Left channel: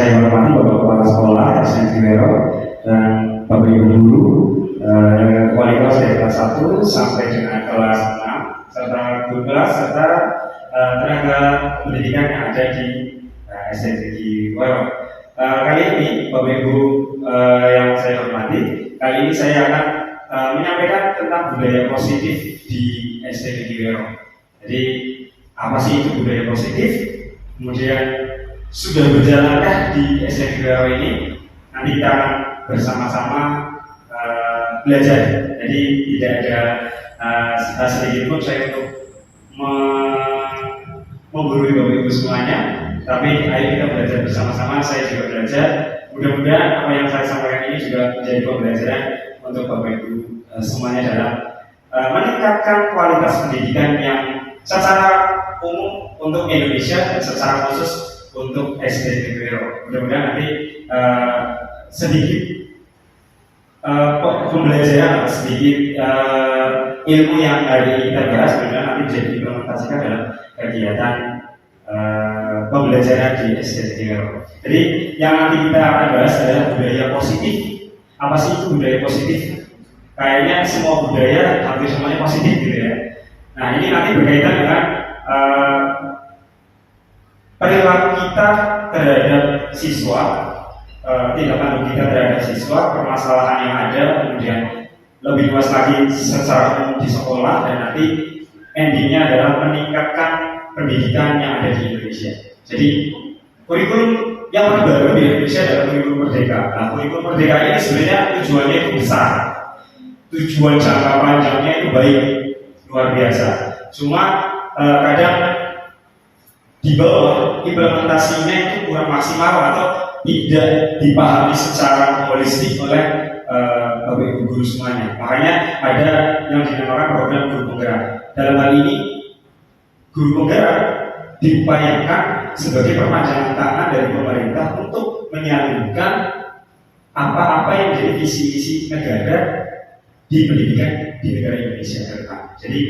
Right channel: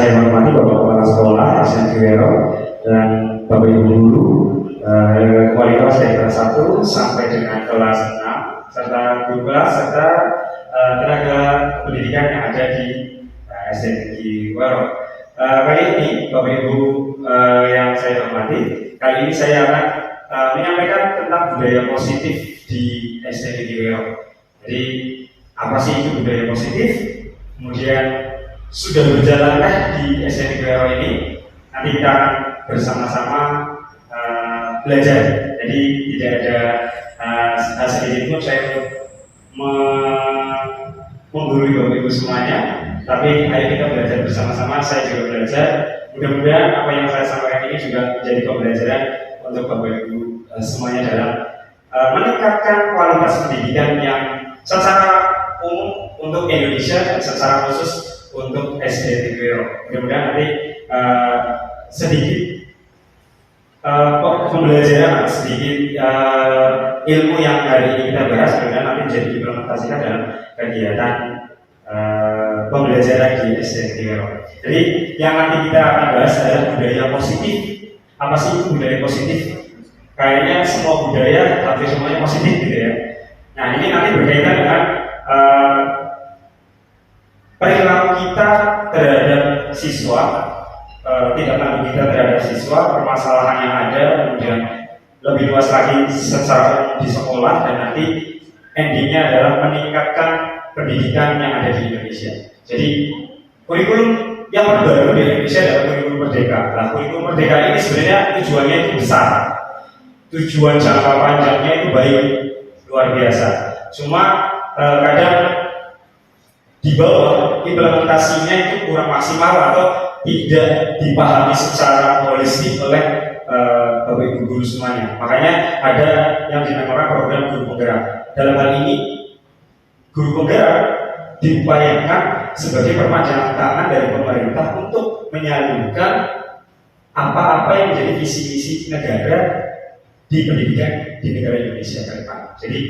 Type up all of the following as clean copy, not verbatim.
saya hormati Bapak Kepala Sekolah SMK Wero dan Bapak Ibu Guru wali kelas dari kelas 1 sampai dengan kelas 6 serta guru kelas serta tenaga pendidikan yang ada di SMK Wero. Kali ini Bapak Ibu yang saya hormati, kali ini saya akan menyampaikan tentang budaya positif di SMK Wero. Jadi apa sih itu budaya positif? Kemudian sudah berjalankah di SMK Wero ini? Nanti kita akan bersama-sama belajar. Jadi tidak ada sedikit pun saya untuk menggurui Bapak Ibu semuanya, tapi ayo kita belajar bersama-sama. Saya juga belajar. Mudah-mudahan apa yang saya sampaikan ini juga menjadi pembelajaran untuk Bapak Ibu semuanya dalam meningkatkan kualitas pendidikan yang secara umum untuk Indonesia dan secara khusus untuk SMK Wero. Mudah-mudahan nanti sedikit pembelajaran, sedikit ilmu yang hari ini kita bahas, mudah-mudahan nanti bisa diimplementasikan dalam kegiatan pembelajaran di SMK Wero. Jadi yang nanti kita akan bahas adalah budaya positif. Apa sih itu budaya positif? Kayaknya semua budaya hampir semuanya positif gitu ya. Nah ini nanti berkaitan dengan perilaku kita terhadap siswa, tindak lanjut kita terhadap siswa, permasalahan yang ada, kemudian lebih luas lagi secara umum di sekolah, dan nanti endingnya adalah meningkatkan pendidikan yang ada di Indonesia. Jadi kurikulum yang terbaru di Indonesia adalah kurikulum Merdeka. Nah, kurikulum Merdeka ini sebenarnya tujuannya itu besar, tujuan jangka panjangnya itu baik, luar biasa. Cuma kadang di bawah implementasinya itu kurang maksimal atau tidak dipahami secara holistik oleh Bapak Ibu guru semuanya. Makanya ada yang dinamakan program guru penggerak. Dalam hal ini guru penggerak diupayakan sebagai perpanjangan tangan dari pemerintah untuk menyalurkan apa-apa yang menjadi visi misi negara di pendidikan di negara Indonesia ke depan. Jadi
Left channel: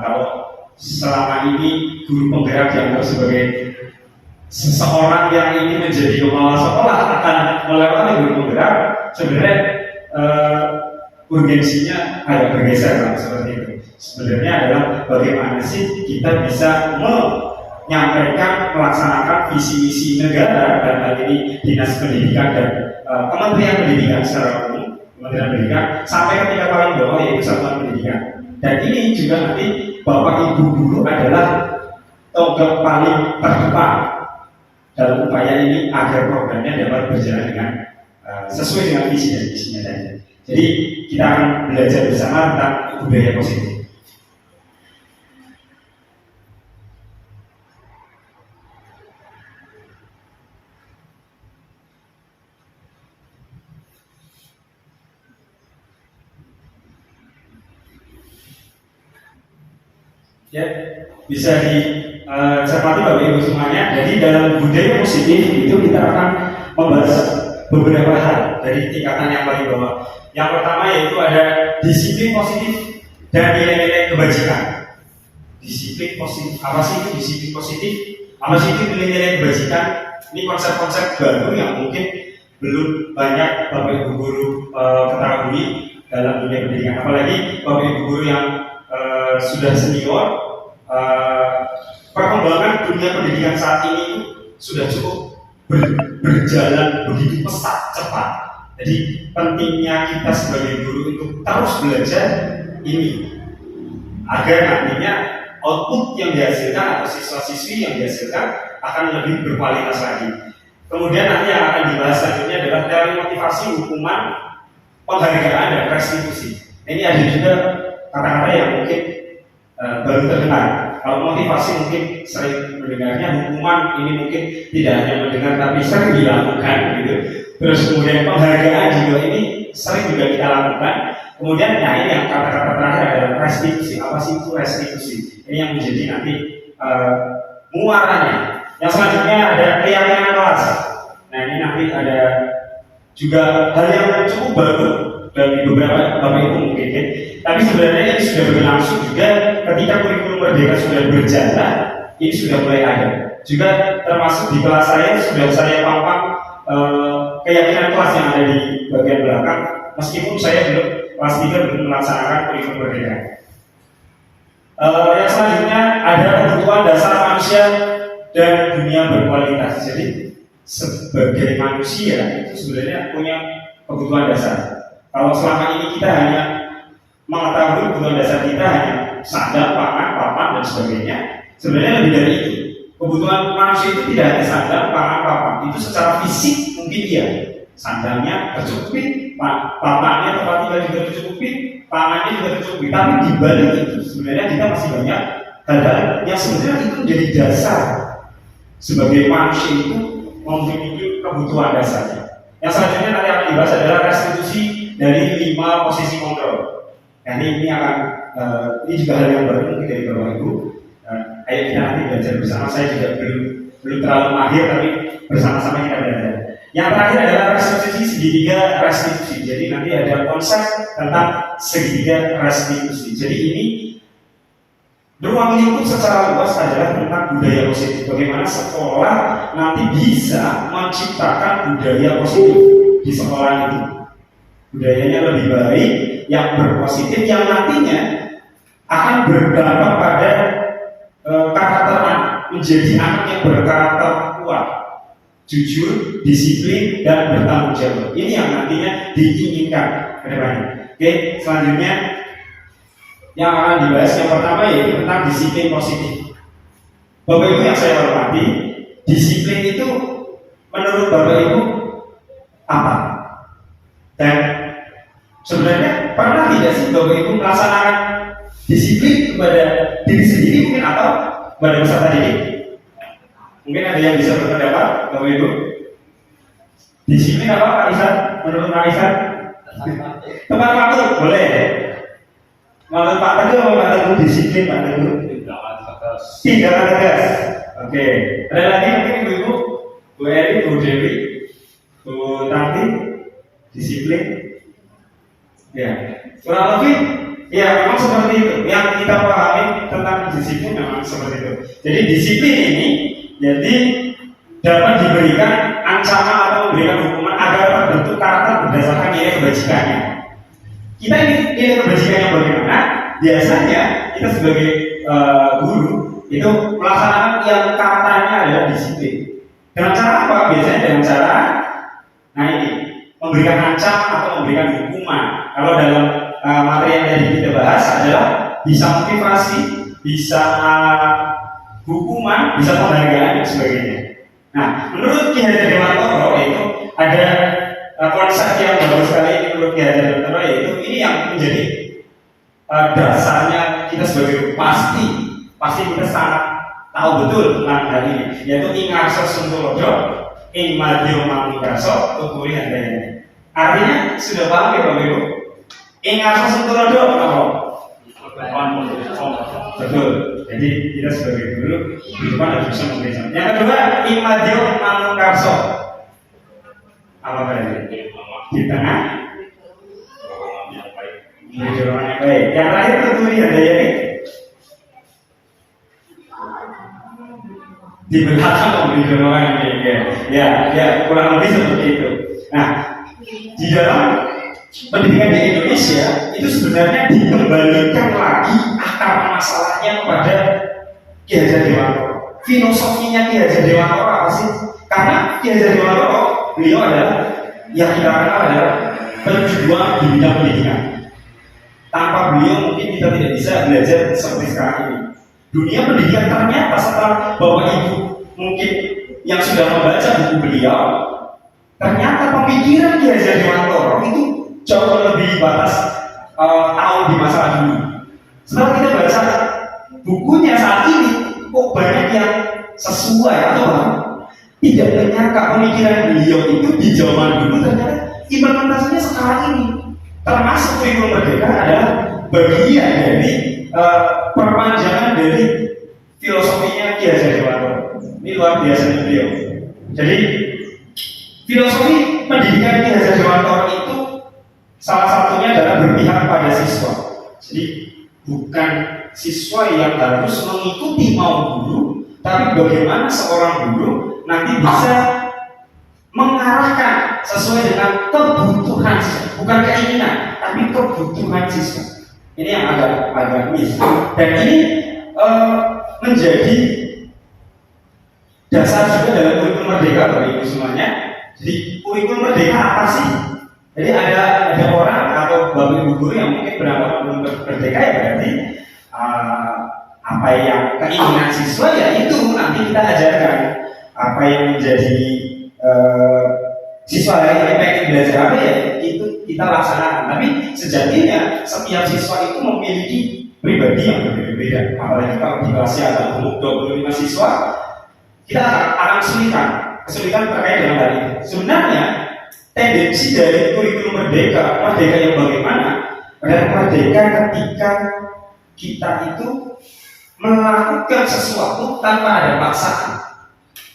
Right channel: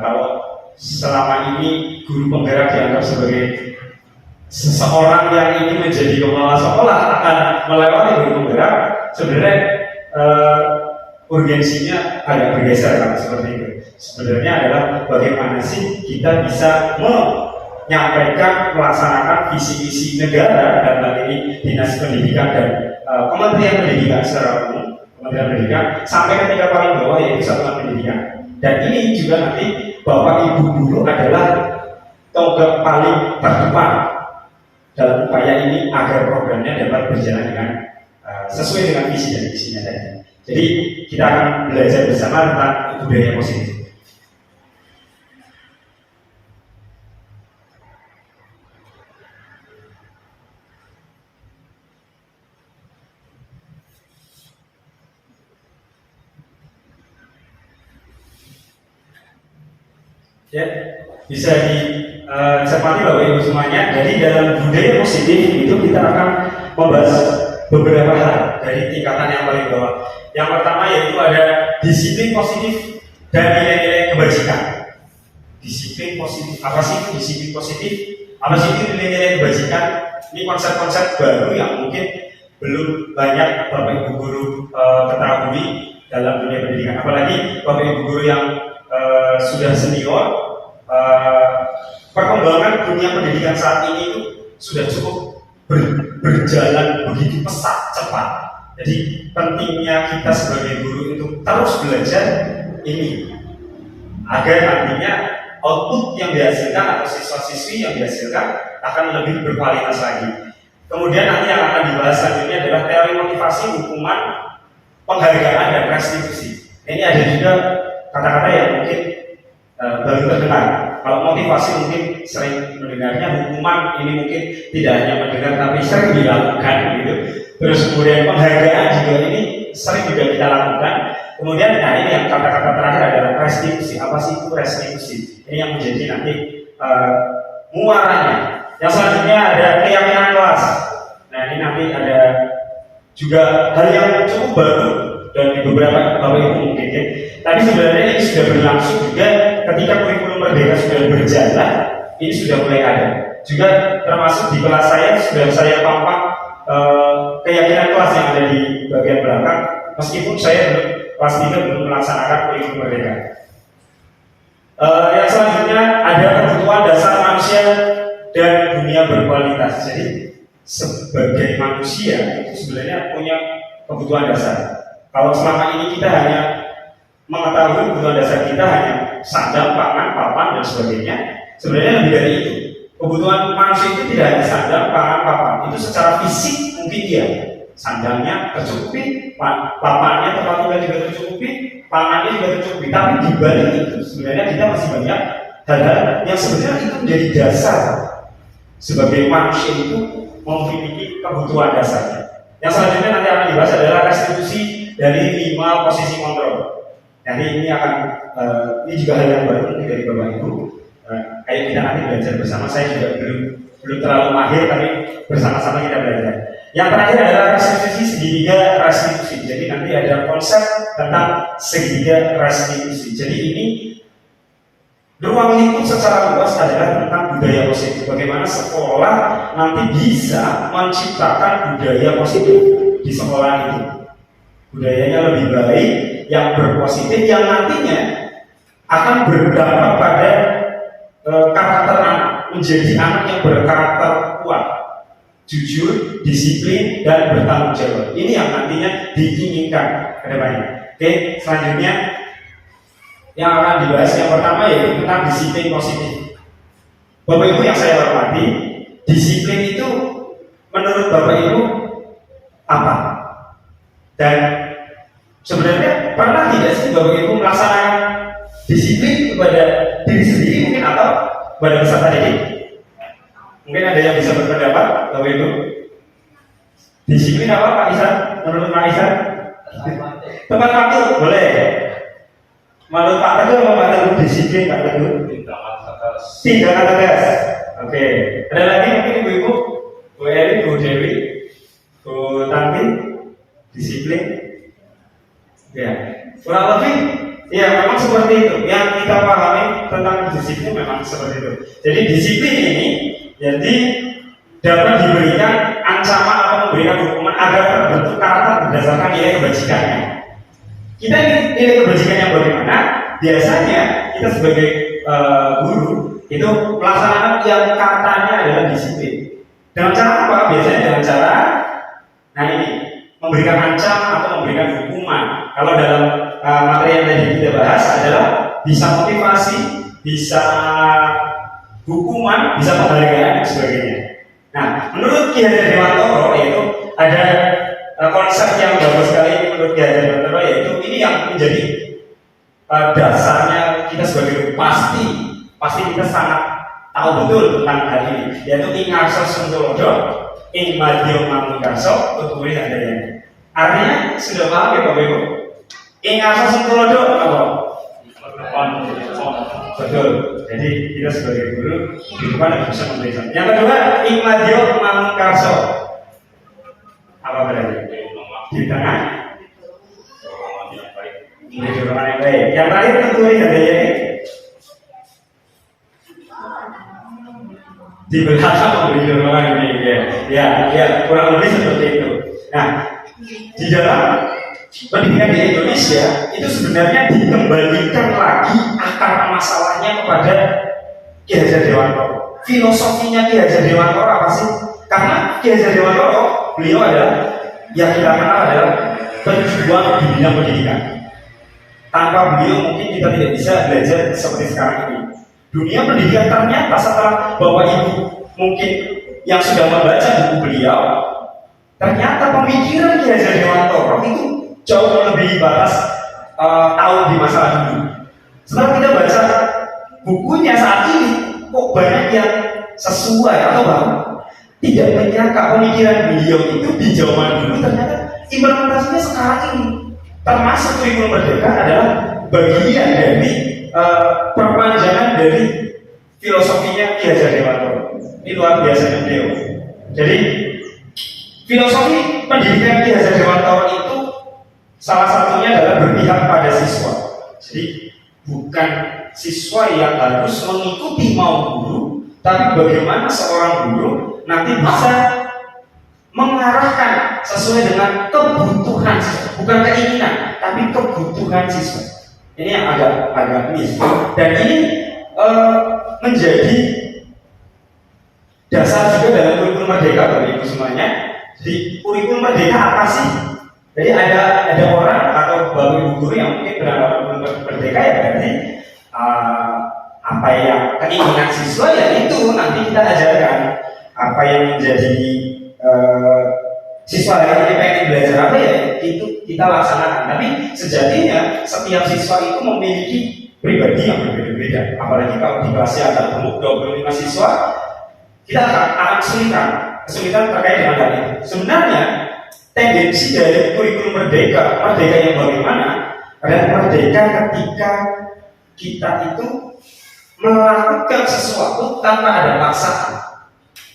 kalau selama ini guru penggerak dianggap sebagai seseorang yang ingin menjadi kepala sekolah akan melewati guru penggerak, sebenarnya urgensinya agak bergeser kan, seperti itu. Sebenarnya adalah bagaimana sih kita bisa menyampaikan, melaksanakan visi misi negara, dan hal ini Dinas Pendidikan dan Kementerian Pendidikan secara umum, Kementerian Pendidikan sampai ke tingkat paling bawah yaitu Satuan Pendidikan. Dan ini juga nanti Bapak Ibu guru adalah tonggak paling terdepan dalam upaya ini agar programnya dapat berjalan dengan sesuai dengan visi dan misinya tadi. Jadi kita akan belajar bersama tentang budaya positif. Ya, bisa dicermati Bapak Ibu semuanya. Jadi dalam budaya positif itu kita akan membahas beberapa hal dari tingkatan yang paling bawah. Yang pertama yaitu ada disiplin positif dan nilai-nilai kebajikan. Disiplin positif, apa sih itu disiplin positif? Apa sih itu nilai-nilai kebajikan? Ini konsep-konsep baru yang mungkin belum banyak Bapak Ibu guru ketahui dalam dunia pendidikan. Apalagi Bapak Ibu guru yang sudah senior, perkembangan dunia pendidikan saat ini itu sudah cukup berjalan begitu pesat, cepat. Jadi pentingnya kita sebagai guru untuk terus belajar ini agar nantinya output yang dihasilkan atau siswa-siswi yang dihasilkan akan lebih berkualitas lagi. Kemudian nanti yang akan dibahas selanjutnya adalah teori motivasi, hukuman, penghargaan, dan restitusi. Ini ada juga kata-kata yang mungkin baru terdengar. Kalau motivasi mungkin sering mendengarnya, hukuman ini mungkin tidak hanya mendengar tapi sering dilakukan gitu. Terus kemudian penghargaan juga ini sering juga kita lakukan. Kemudian nah ini yang kata-kata terakhir adalah restitusi. Apa sih itu restitusi? Ini yang menjadi nanti muaranya. Yang selanjutnya ada keyakinan kelas. Nah ini nanti ada juga hal yang cukup baru dan di beberapa Bapak Ibu mungkin ya. Tapi sebenarnya ini sudah berlangsung juga ketika kurikulum Merdeka sudah berjalan, ini sudah mulai ada. Juga termasuk di kelas saya sudah saya pampang keyakinan kelas yang ada di bagian belakang, meskipun saya belum kelas 3 belum melaksanakan kurikulum merdeka. Yang selanjutnya ada kebutuhan dasar manusia dan dunia berkualitas. Jadi sebagai manusia itu sebenarnya punya kebutuhan dasar. Kalau selama ini kita hanya mengetahui kebutuhan dasar kita hanya sandang, pangan, papan dan sebagainya, sebenarnya lebih dari itu. Kebutuhan manusia itu tidak hanya sandang, pangan, papan. Itu secara fisik mungkin iya. Sandangnya tercukupi, papannya tempat tinggal juga tercukupi, pangannya juga tercukupi. Tapi di balik itu sebenarnya kita masih banyak hal-hal yang sebenarnya itu menjadi dasar sebagai manusia itu memiliki kebutuhan dasarnya. Yang selanjutnya nanti akan dibahas adalah restitusi dari 5 posisi kontrol. Nah ini akan ini juga hal yang baru dari Bapak Ibu. Ayo kita nanti belajar bersama. Saya juga belum terlalu mahir, tapi bersama-sama kita belajar. Yang terakhir adalah restitusi segitiga restitusi. Jadi nanti ada konsep tentang segitiga restitusi. Jadi ini ruang lingkup secara luas adalah tentang budaya positif. Bagaimana sekolah nanti bisa menciptakan budaya positif di sekolah itu. Budayanya lebih baik, yang berpositif, yang nantinya akan berdampak pada karakter anak, menjadi anak yang berkarakter kuat, jujur, disiplin, dan bertanggung jawab. Ini yang nantinya diinginkan ke depannya. Oke, selanjutnya yang akan dibahas yang pertama yaitu tentang disiplin positif. Bapak Ibu yang saya hormati, disiplin itu menurut Bapak Ibu apa? Dan sebenarnya pernah tidak sih Bapak Ibu melaksanakan disiplin kepada diri sendiri mungkin atau kepada peserta didik? Mungkin ada yang bisa berpendapat, Bapak Ibu. Disiplin apa Pak Isan? Menurut Pak Isan? Tepat waktu, boleh. Menurut Pak Teguh apa Pak Teguh disiplin Pak Teguh? Tindakan tegas. Tindakan tegas. Oke. Ada lagi mungkin Ibu-ibu, Bu Eri, Bu Dewi, Bu Tanti, disiplin. Ya, kurang lebih. Ya, memang seperti itu. Yang kita pahami tentang disiplin memang seperti itu. Jadi disiplin ini jadi dapat diberikan ancaman atau memberikan hukuman agar terbentuk karakter berdasarkan nilai kebajikannya. Kita ini nilai kebajikannya bagaimana? Biasanya kita sebagai guru itu melaksanakan yang katanya adalah disiplin. Dengan cara apa? Biasanya dengan cara ini memberikan ancaman atau memberikan hukuman. Kalau dalam materi yang tadi kita bahas adalah bisa motivasi, bisa hukuman, bisa penghargaan dan sebagainya. Nah, menurut Ki Hajar Dewantara itu ada konsep yang bagus sekali menurut Ki Hajar Dewantara, yaitu ini yang menjadi dasarnya kita sebagai guru. Pasti kita sangat tahu betul tentang hal ini, yaitu ingarso suntulodo, ing madyo manungkarso, tuturi handayani. Artinya sudah paham ya Bapak Ibu? Ingarso suntulodo apa? Betul. Jadi kita sebagai guru di depan harus bisa memberikan. Yang kedua, imadio manungkarso. Apa berarti? Di tengah. Di dorongan yang baik. Yang terakhir tentu ini ada ini. Di belakang di dorongan ini. Ya, kurang lebih seperti itu. Nah, di dalam pendidikan di Indonesia itu sebenarnya dikembalikan lagi akar masalahnya kepada Ki Hajar Dewantara. Filosofinya Ki Hajar Dewantara apa sih? Karena Ki Hajar Dewantara beliau adalah yang kita kenal adalah pejuang di bidang pendidikan. Tanpa beliau mungkin kita tidak bisa belajar seperti sekarang ini. Dunia pendidikan ternyata setelah Bapak Ibu mungkin yang sudah membaca buku beliau, ternyata pemikiran Ki Hajar Dewantara itu jauh lebih batas tahun di masa dulu. Setelah kita baca bukunya saat ini, kok banyak yang sesuai atau bahkan tidak menyangka pemikiran beliau itu di zaman dulu ternyata implementasinya sekarang ini. Termasuk kurikulum merdeka adalah bagian dari perpanjangan dari filosofinya Ki Hajar Dewantara. Ini luar biasa beliau. Jadi filosofi pendidikan Ki Hajar Dewantara itu salah satunya adalah berpihak pada siswa. Jadi bukan siswa yang harus mengikuti mau guru, tapi bagaimana seorang guru nanti bisa mengarahkan sesuai dengan kebutuhan siswa, bukan keinginan, tapi kebutuhan siswa. Ini yang agak miss. Dan ini menjadi dasar juga dalam kurikulum merdeka bagi ibu semuanya. Jadi kurikulum merdeka apa sih? Jadi ada orang atau bapak ibu guru yang mungkin beranggapan merdeka ya berarti apa yang keinginan siswa ya itu nanti kita ajarkan. Apa yang menjadi siswa yang pengen belajar apa ya itu kita laksanakan. Tapi sejatinya setiap siswa itu memiliki pribadi yang berbeda-beda. Apalagi kalau di kelasnya ada 25 siswa, kita akan kesulitan terkait dengan hal ini. Sebenarnya tendensi dari kurikulum merdeka yang bagaimana adalah merdeka ketika kita itu melakukan sesuatu tanpa ada paksaan,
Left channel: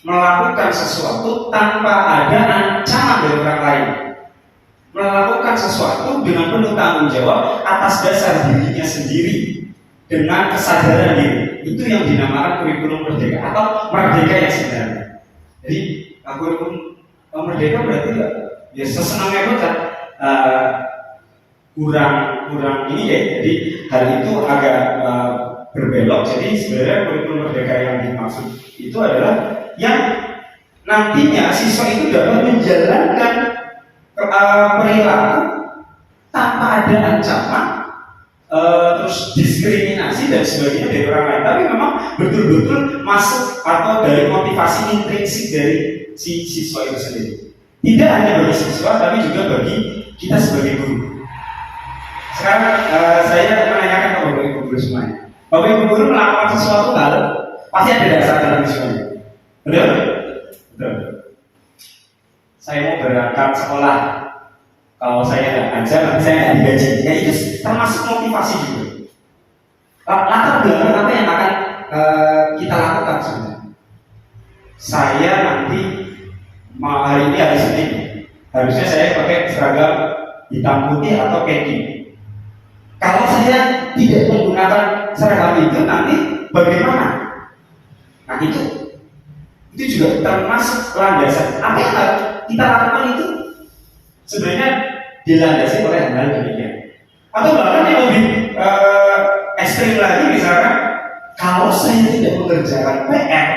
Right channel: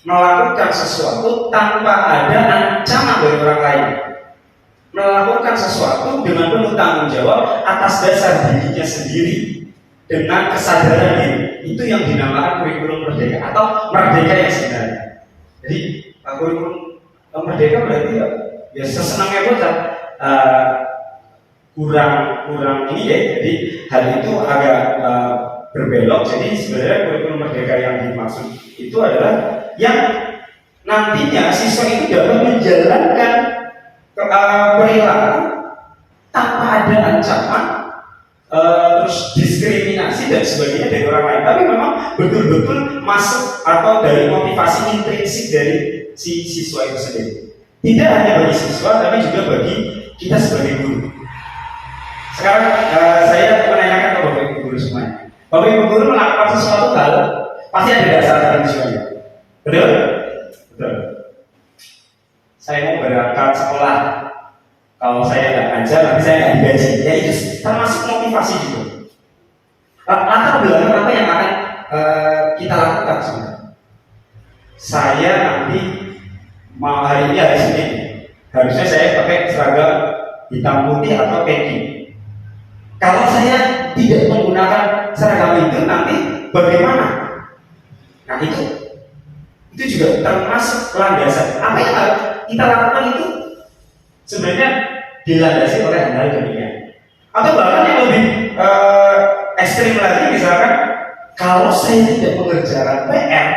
melakukan sesuatu tanpa ada ancaman dari orang lain, melakukan sesuatu dengan penuh tanggung jawab atas dasar dirinya sendiri dengan kesadaran diri. Itu yang dinamakan kurikulum merdeka atau merdeka yang sebenarnya. Jadi kurikulum merdeka berarti ya sesenangnya bocah kurang ini deh. Jadi hal itu agak berbelok. Jadi sebenarnya kurikulum merdeka yang dimaksud itu adalah yang nantinya siswa itu dapat menjalankan perilaku tanpa ada ancaman, terus diskriminasi dan sebagainya dari orang lain. Tapi memang betul-betul masuk atau dari motivasi intrinsik dari si siswa itu sendiri. Tidak hanya bagi siswa, tapi juga bagi kita sebagai guru. Sekarang saya menanyakan ke bapak ibu guru semuanya. Bapak ibu guru melakukan sesuatu hal pasti ada dasar dari siswanya. Betul? Betul. Saya mau berangkat sekolah. Kalau saya tidak ngajar, nanti saya nggak digaji. Ya itu termasuk motivasi juga. Latar belakang apa yang akan kita lakukan sebenarnya? Saya nanti hari ini hari Senin, harusnya saya pakai seragam hitam putih atau peci. Kalau saya tidak menggunakan seragam itu, nanti bagaimana? Nah itu juga termasuk landasan. Apa yang kita lakukan itu sebenarnya dilandasi oleh hal-hal demikian. Atau bahkan yang lebih ekstrim lagi, misalkan kalau saya tidak mengerjakan PR,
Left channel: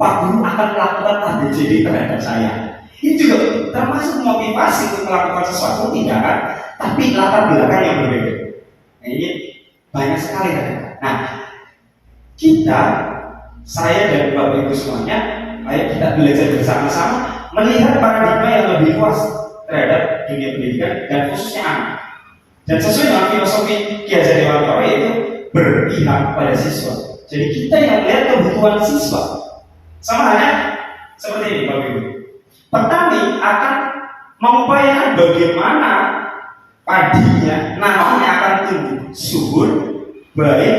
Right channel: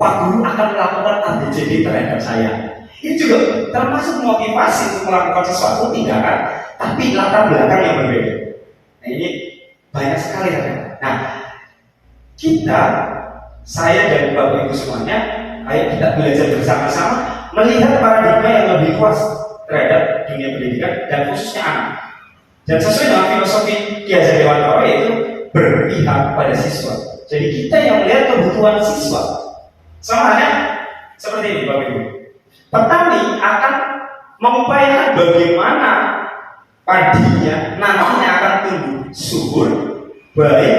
Pak Guru akan melakukan ABCD terhadap saya. Ini juga termasuk motivasi untuk melakukan sesuatu tindakan, tapi latar belakang yang berbeda. Nah ini banyak sekali. Nah saya dan Bapak Ibu semuanya, ayo kita belajar bersama-sama melihat paradigma yang lebih luas terhadap dunia pendidikan dan khususnya anak. Dan sesuai dengan filosofi Ki Hajar Dewantara yaitu berpihak pada siswa. Jadi kita yang melihat kebutuhan siswa. Sama halnya seperti ini Bapak Ibu. Petani akan mengupayakan bagaimana padinya nantinya akan tumbuh subur, baik,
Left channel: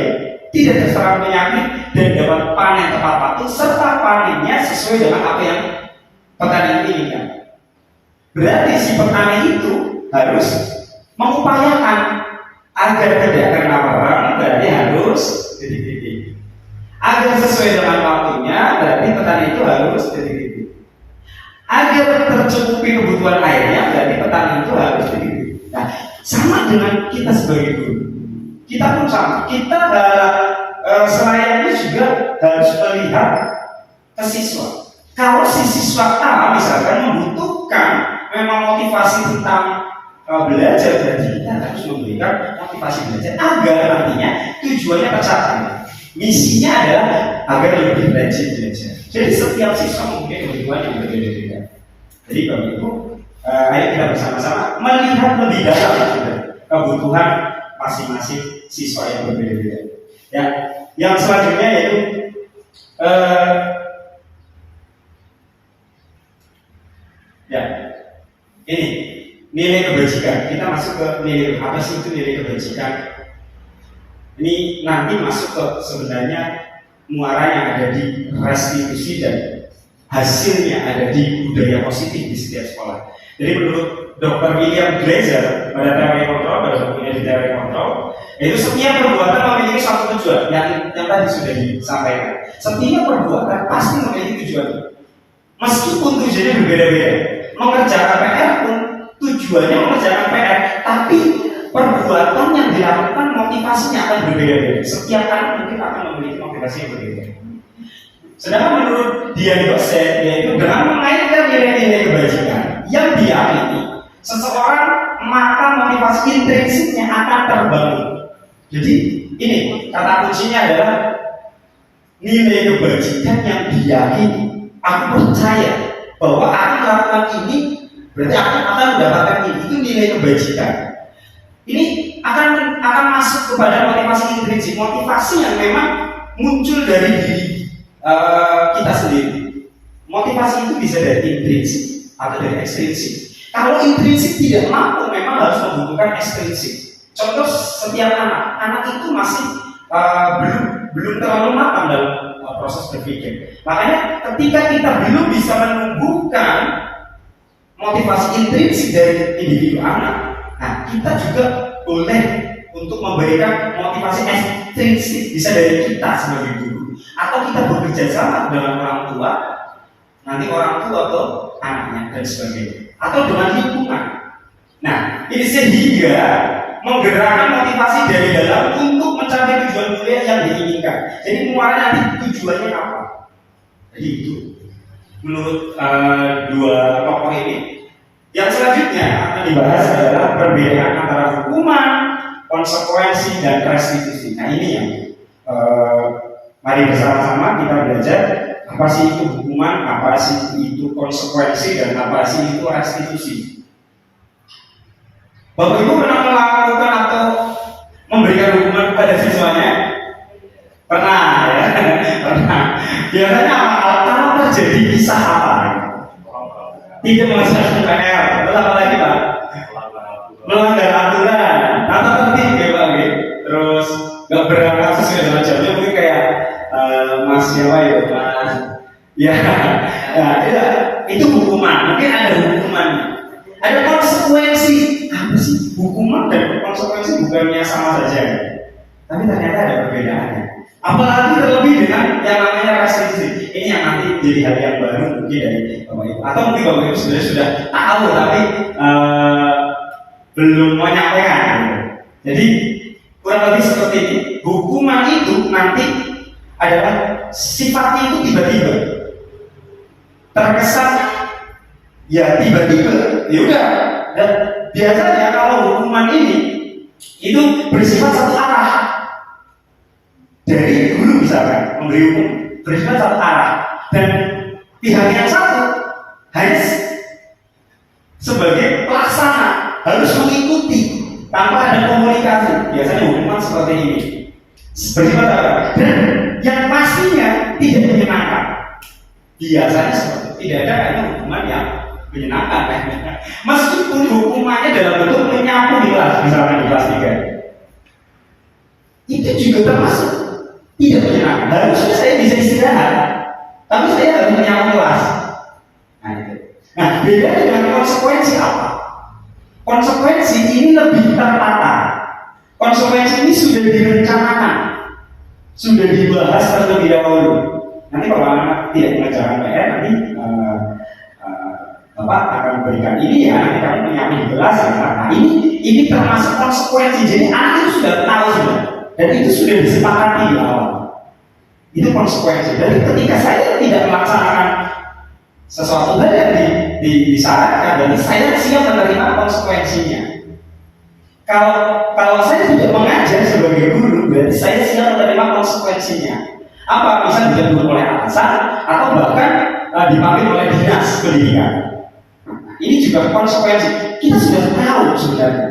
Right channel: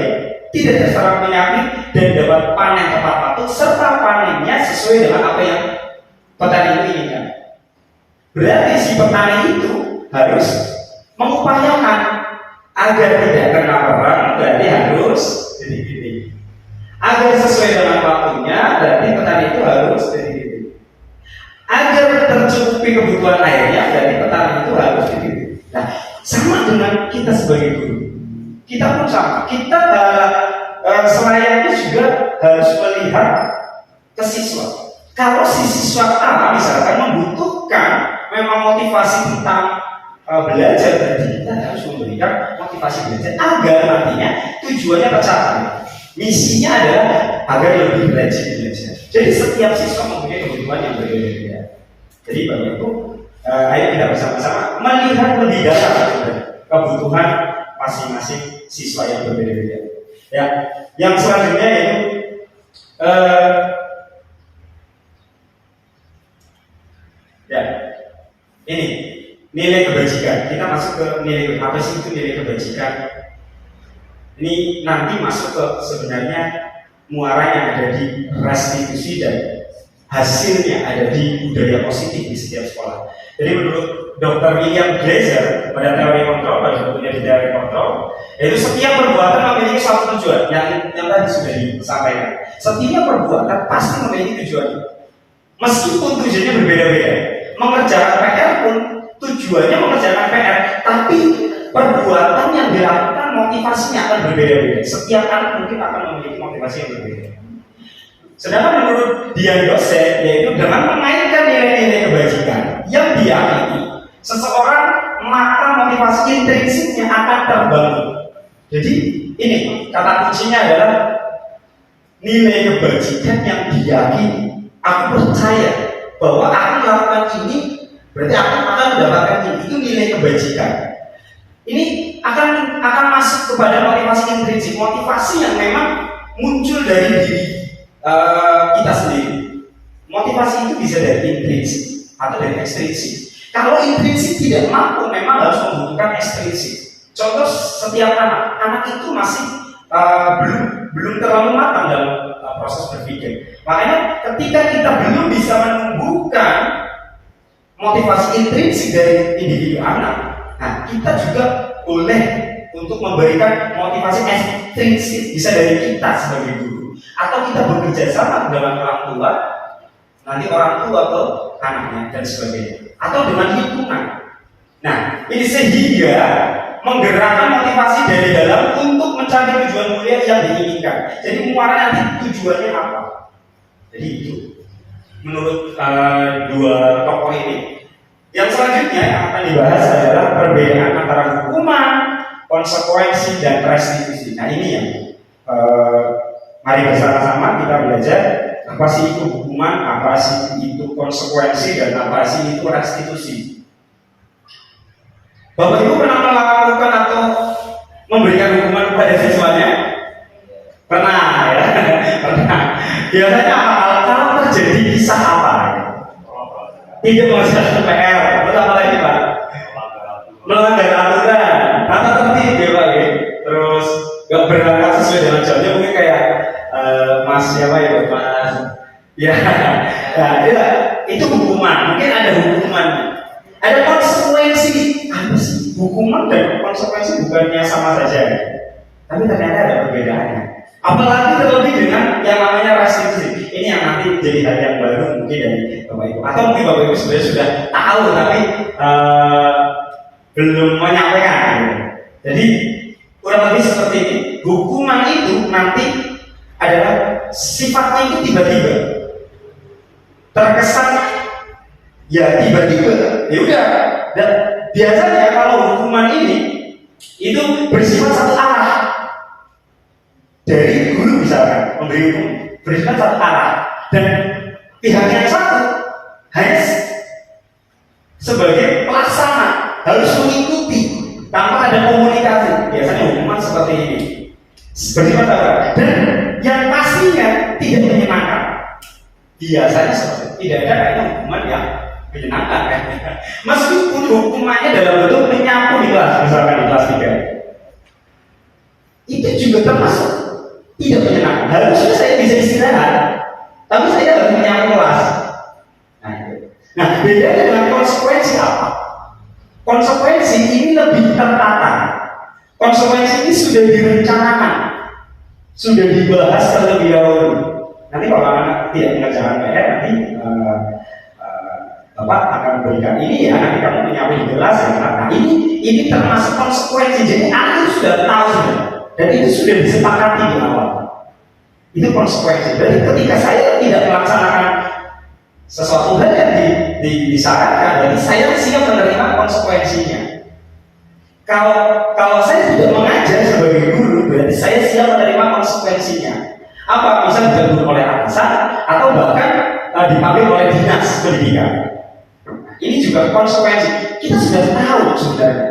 tidak terserang penyakit dan dapat panen tepat waktu serta panennya sesuai dengan apa yang petani inginkan. Berarti si petani itu harus mengupayakan agar tidak kena perang, berarti harus titik-titik. Agar sesuai dengan waktunya, berarti petani itu harus titik-titik. Agar tercukupi kebutuhan airnya, berarti petani itu harus titik-titik. Nah, sama dengan kita sebagai guru. Kita pun sama. Kita selayaknya juga harus melihat ke siswa. Kalau si siswa A misalkan membutuhkan memang motivasi tentang belajar, berarti kita harus memberikan motivasi belajar agar nantinya tujuannya tercapai. Misinya adalah agar lebih rajin belajar. Jadi setiap siswa mempunyai kebutuhan yang berbeda-beda. Jadi Bapak Ibu, ayo kita bersama-sama melihat lebih dalam kebutuhan masing-masing siswa yang berbeda-beda. Ya, yang selanjutnya yaitu ini nilai kebajikan. Kita masuk ke nilai apa sih itu nilai kebajikan? Ini nanti masuk ke sebenarnya muaranya ada di restitusi dan hasilnya ada di budaya positif di setiap sekolah. Jadi menurut Dr. William Glaser pada teori kontrol, pada bukunya di teori kontrol, yaitu setiap perbuatan memiliki suatu tujuan yang tadi sudah disampaikan. Setiap perbuatan pasti memiliki tujuan, meskipun tujuannya berbeda-beda. Mengerjakan PR pun tujuannya mengerjakan PR, tapi perbuatan yang dilakukan motivasinya akan berbeda-beda. Setiap anak mungkin akan memiliki motivasi yang berbeda. Sedangkan menurut Dian Dosen, yaitu dengan memainkan nilai-nilai kebajikan yang diyakini seseorang, maka motivasi intrinsiknya akan terbangun. Jadi ini kata kuncinya adalah nilai kebajikan yang diyakini. Aku percaya bahwa aku melakukan ini berarti aku akan mendapatkan ini. Itu nilai kebajikan. Ini akan masuk kepada motivasi intrinsik, motivasi yang memang muncul dari diri kita sendiri. Motivasi itu bisa dari intrinsik atau dari ekstrinsik. Kalau intrinsik tidak mampu, memang harus membutuhkan ekstrinsik. Contoh setiap anak itu masih belum terlalu matang dalam proses berpikir. Makanya ketika kita belum bisa menumbuhkan motivasi intrinsik dari individu anak, nah kita juga boleh untuk memberikan motivasi ekstrinsik, bisa dari kita sebagai guru, atau kita bekerja sama dengan orang tua, nanti orang tua atau anaknya dan sebagainya, atau dengan lingkungan. Nah, ini sehingga menggerakkan motivasi dari dalam untuk mencapai tujuan kuliah yang diinginkan. Jadi muaranya nanti tujuannya apa? Jadi itu menurut dua tokoh ini. Yang selanjutnya akan dibahas adalah perbedaan antara hukuman, konsekuensi, dan restitusi. Nah ini yang mari bersama-sama kita belajar apa sih itu hukuman, apa sih itu konsekuensi, dan apa sih itu restitusi. Bapak Ibu pernah melakukan atau memberikan hukuman kepada siswanya? Pernah ya? Pernah. Biasanya apa? Kalau terjadi kisah apa? Tidak mengerjakan PR, terus apa lagi Pak? Melanggar aturan, atau tertib ya Pak? Terus nggak berangkat sesuai dengan jamnya, mungkin kayak Mas siapa ya Mas? Ya, nah, itu hukuman. Mungkin ada hukumannya. Ada konsekuensi. Apa sih? Hukuman dan konsekuensi bukannya sama saja, tapi ternyata ada perbedaannya. Apalagi terlebih dengan yang namanya restitusi. Ini yang nanti jadi hal yang baru mungkin dari Bapak Ibu. Atau mungkin Bapak Ibu sebenarnya sudah tahu tapi belum menyampaikan. Jadi kurang lebih seperti ini. Hukuman itu nanti adalah sifatnya itu tiba-tiba. Terkesan ya tiba-tiba. Ya udah. Dan biasanya kalau hukuman ini itu bersifat satu arah. Dari guru misalkan memberi hukum bersifat satu arah, dan pihak yang satu hanya sebagai pelaksana harus mengikuti tanpa ada komunikasi. Biasanya hukuman seperti ini bersifat apa? Dan yang pastinya tidak menyenangkan. Biasanya seperti tidak ada kayaknya hukuman yang menyenangkan kan? Meskipun hukumannya dalam bentuk menyapu di kelas, misalkan di kelas 3, itu juga termasuk tidak menyenangkan. Harusnya saya bisa istirahat, tapi saya harus menyapu kelas. Nah itu. Nah bedanya dengan konsekuensi apa? Konsekuensi ini lebih tertata. Konsekuensi ini sudah direncanakan, sudah dibahas terlebih dahulu. Nanti kalau anak tidak mengerjakan PR, nanti Bapak akan memberikan ini ya, nanti kamu menyapu di kelas ya. Nah ini termasuk konsekuensi. Jadi anak itu sudah tahu sudah. Dan itu sudah disepakati di awal. Itu konsekuensi. Jadi ketika saya tidak melaksanakan sesuatu hal yang disarankan, berarti saya siap menerima konsekuensinya. Kalau saya tidak mengajar sebagai guru, berarti saya siap menerima konsekuensinya. Apa? Bisa ditegur oleh atasan atau bahkan dipanggil oleh dinas pendidikan. Ini juga konsekuensi. Kita sudah tahu sebenarnya.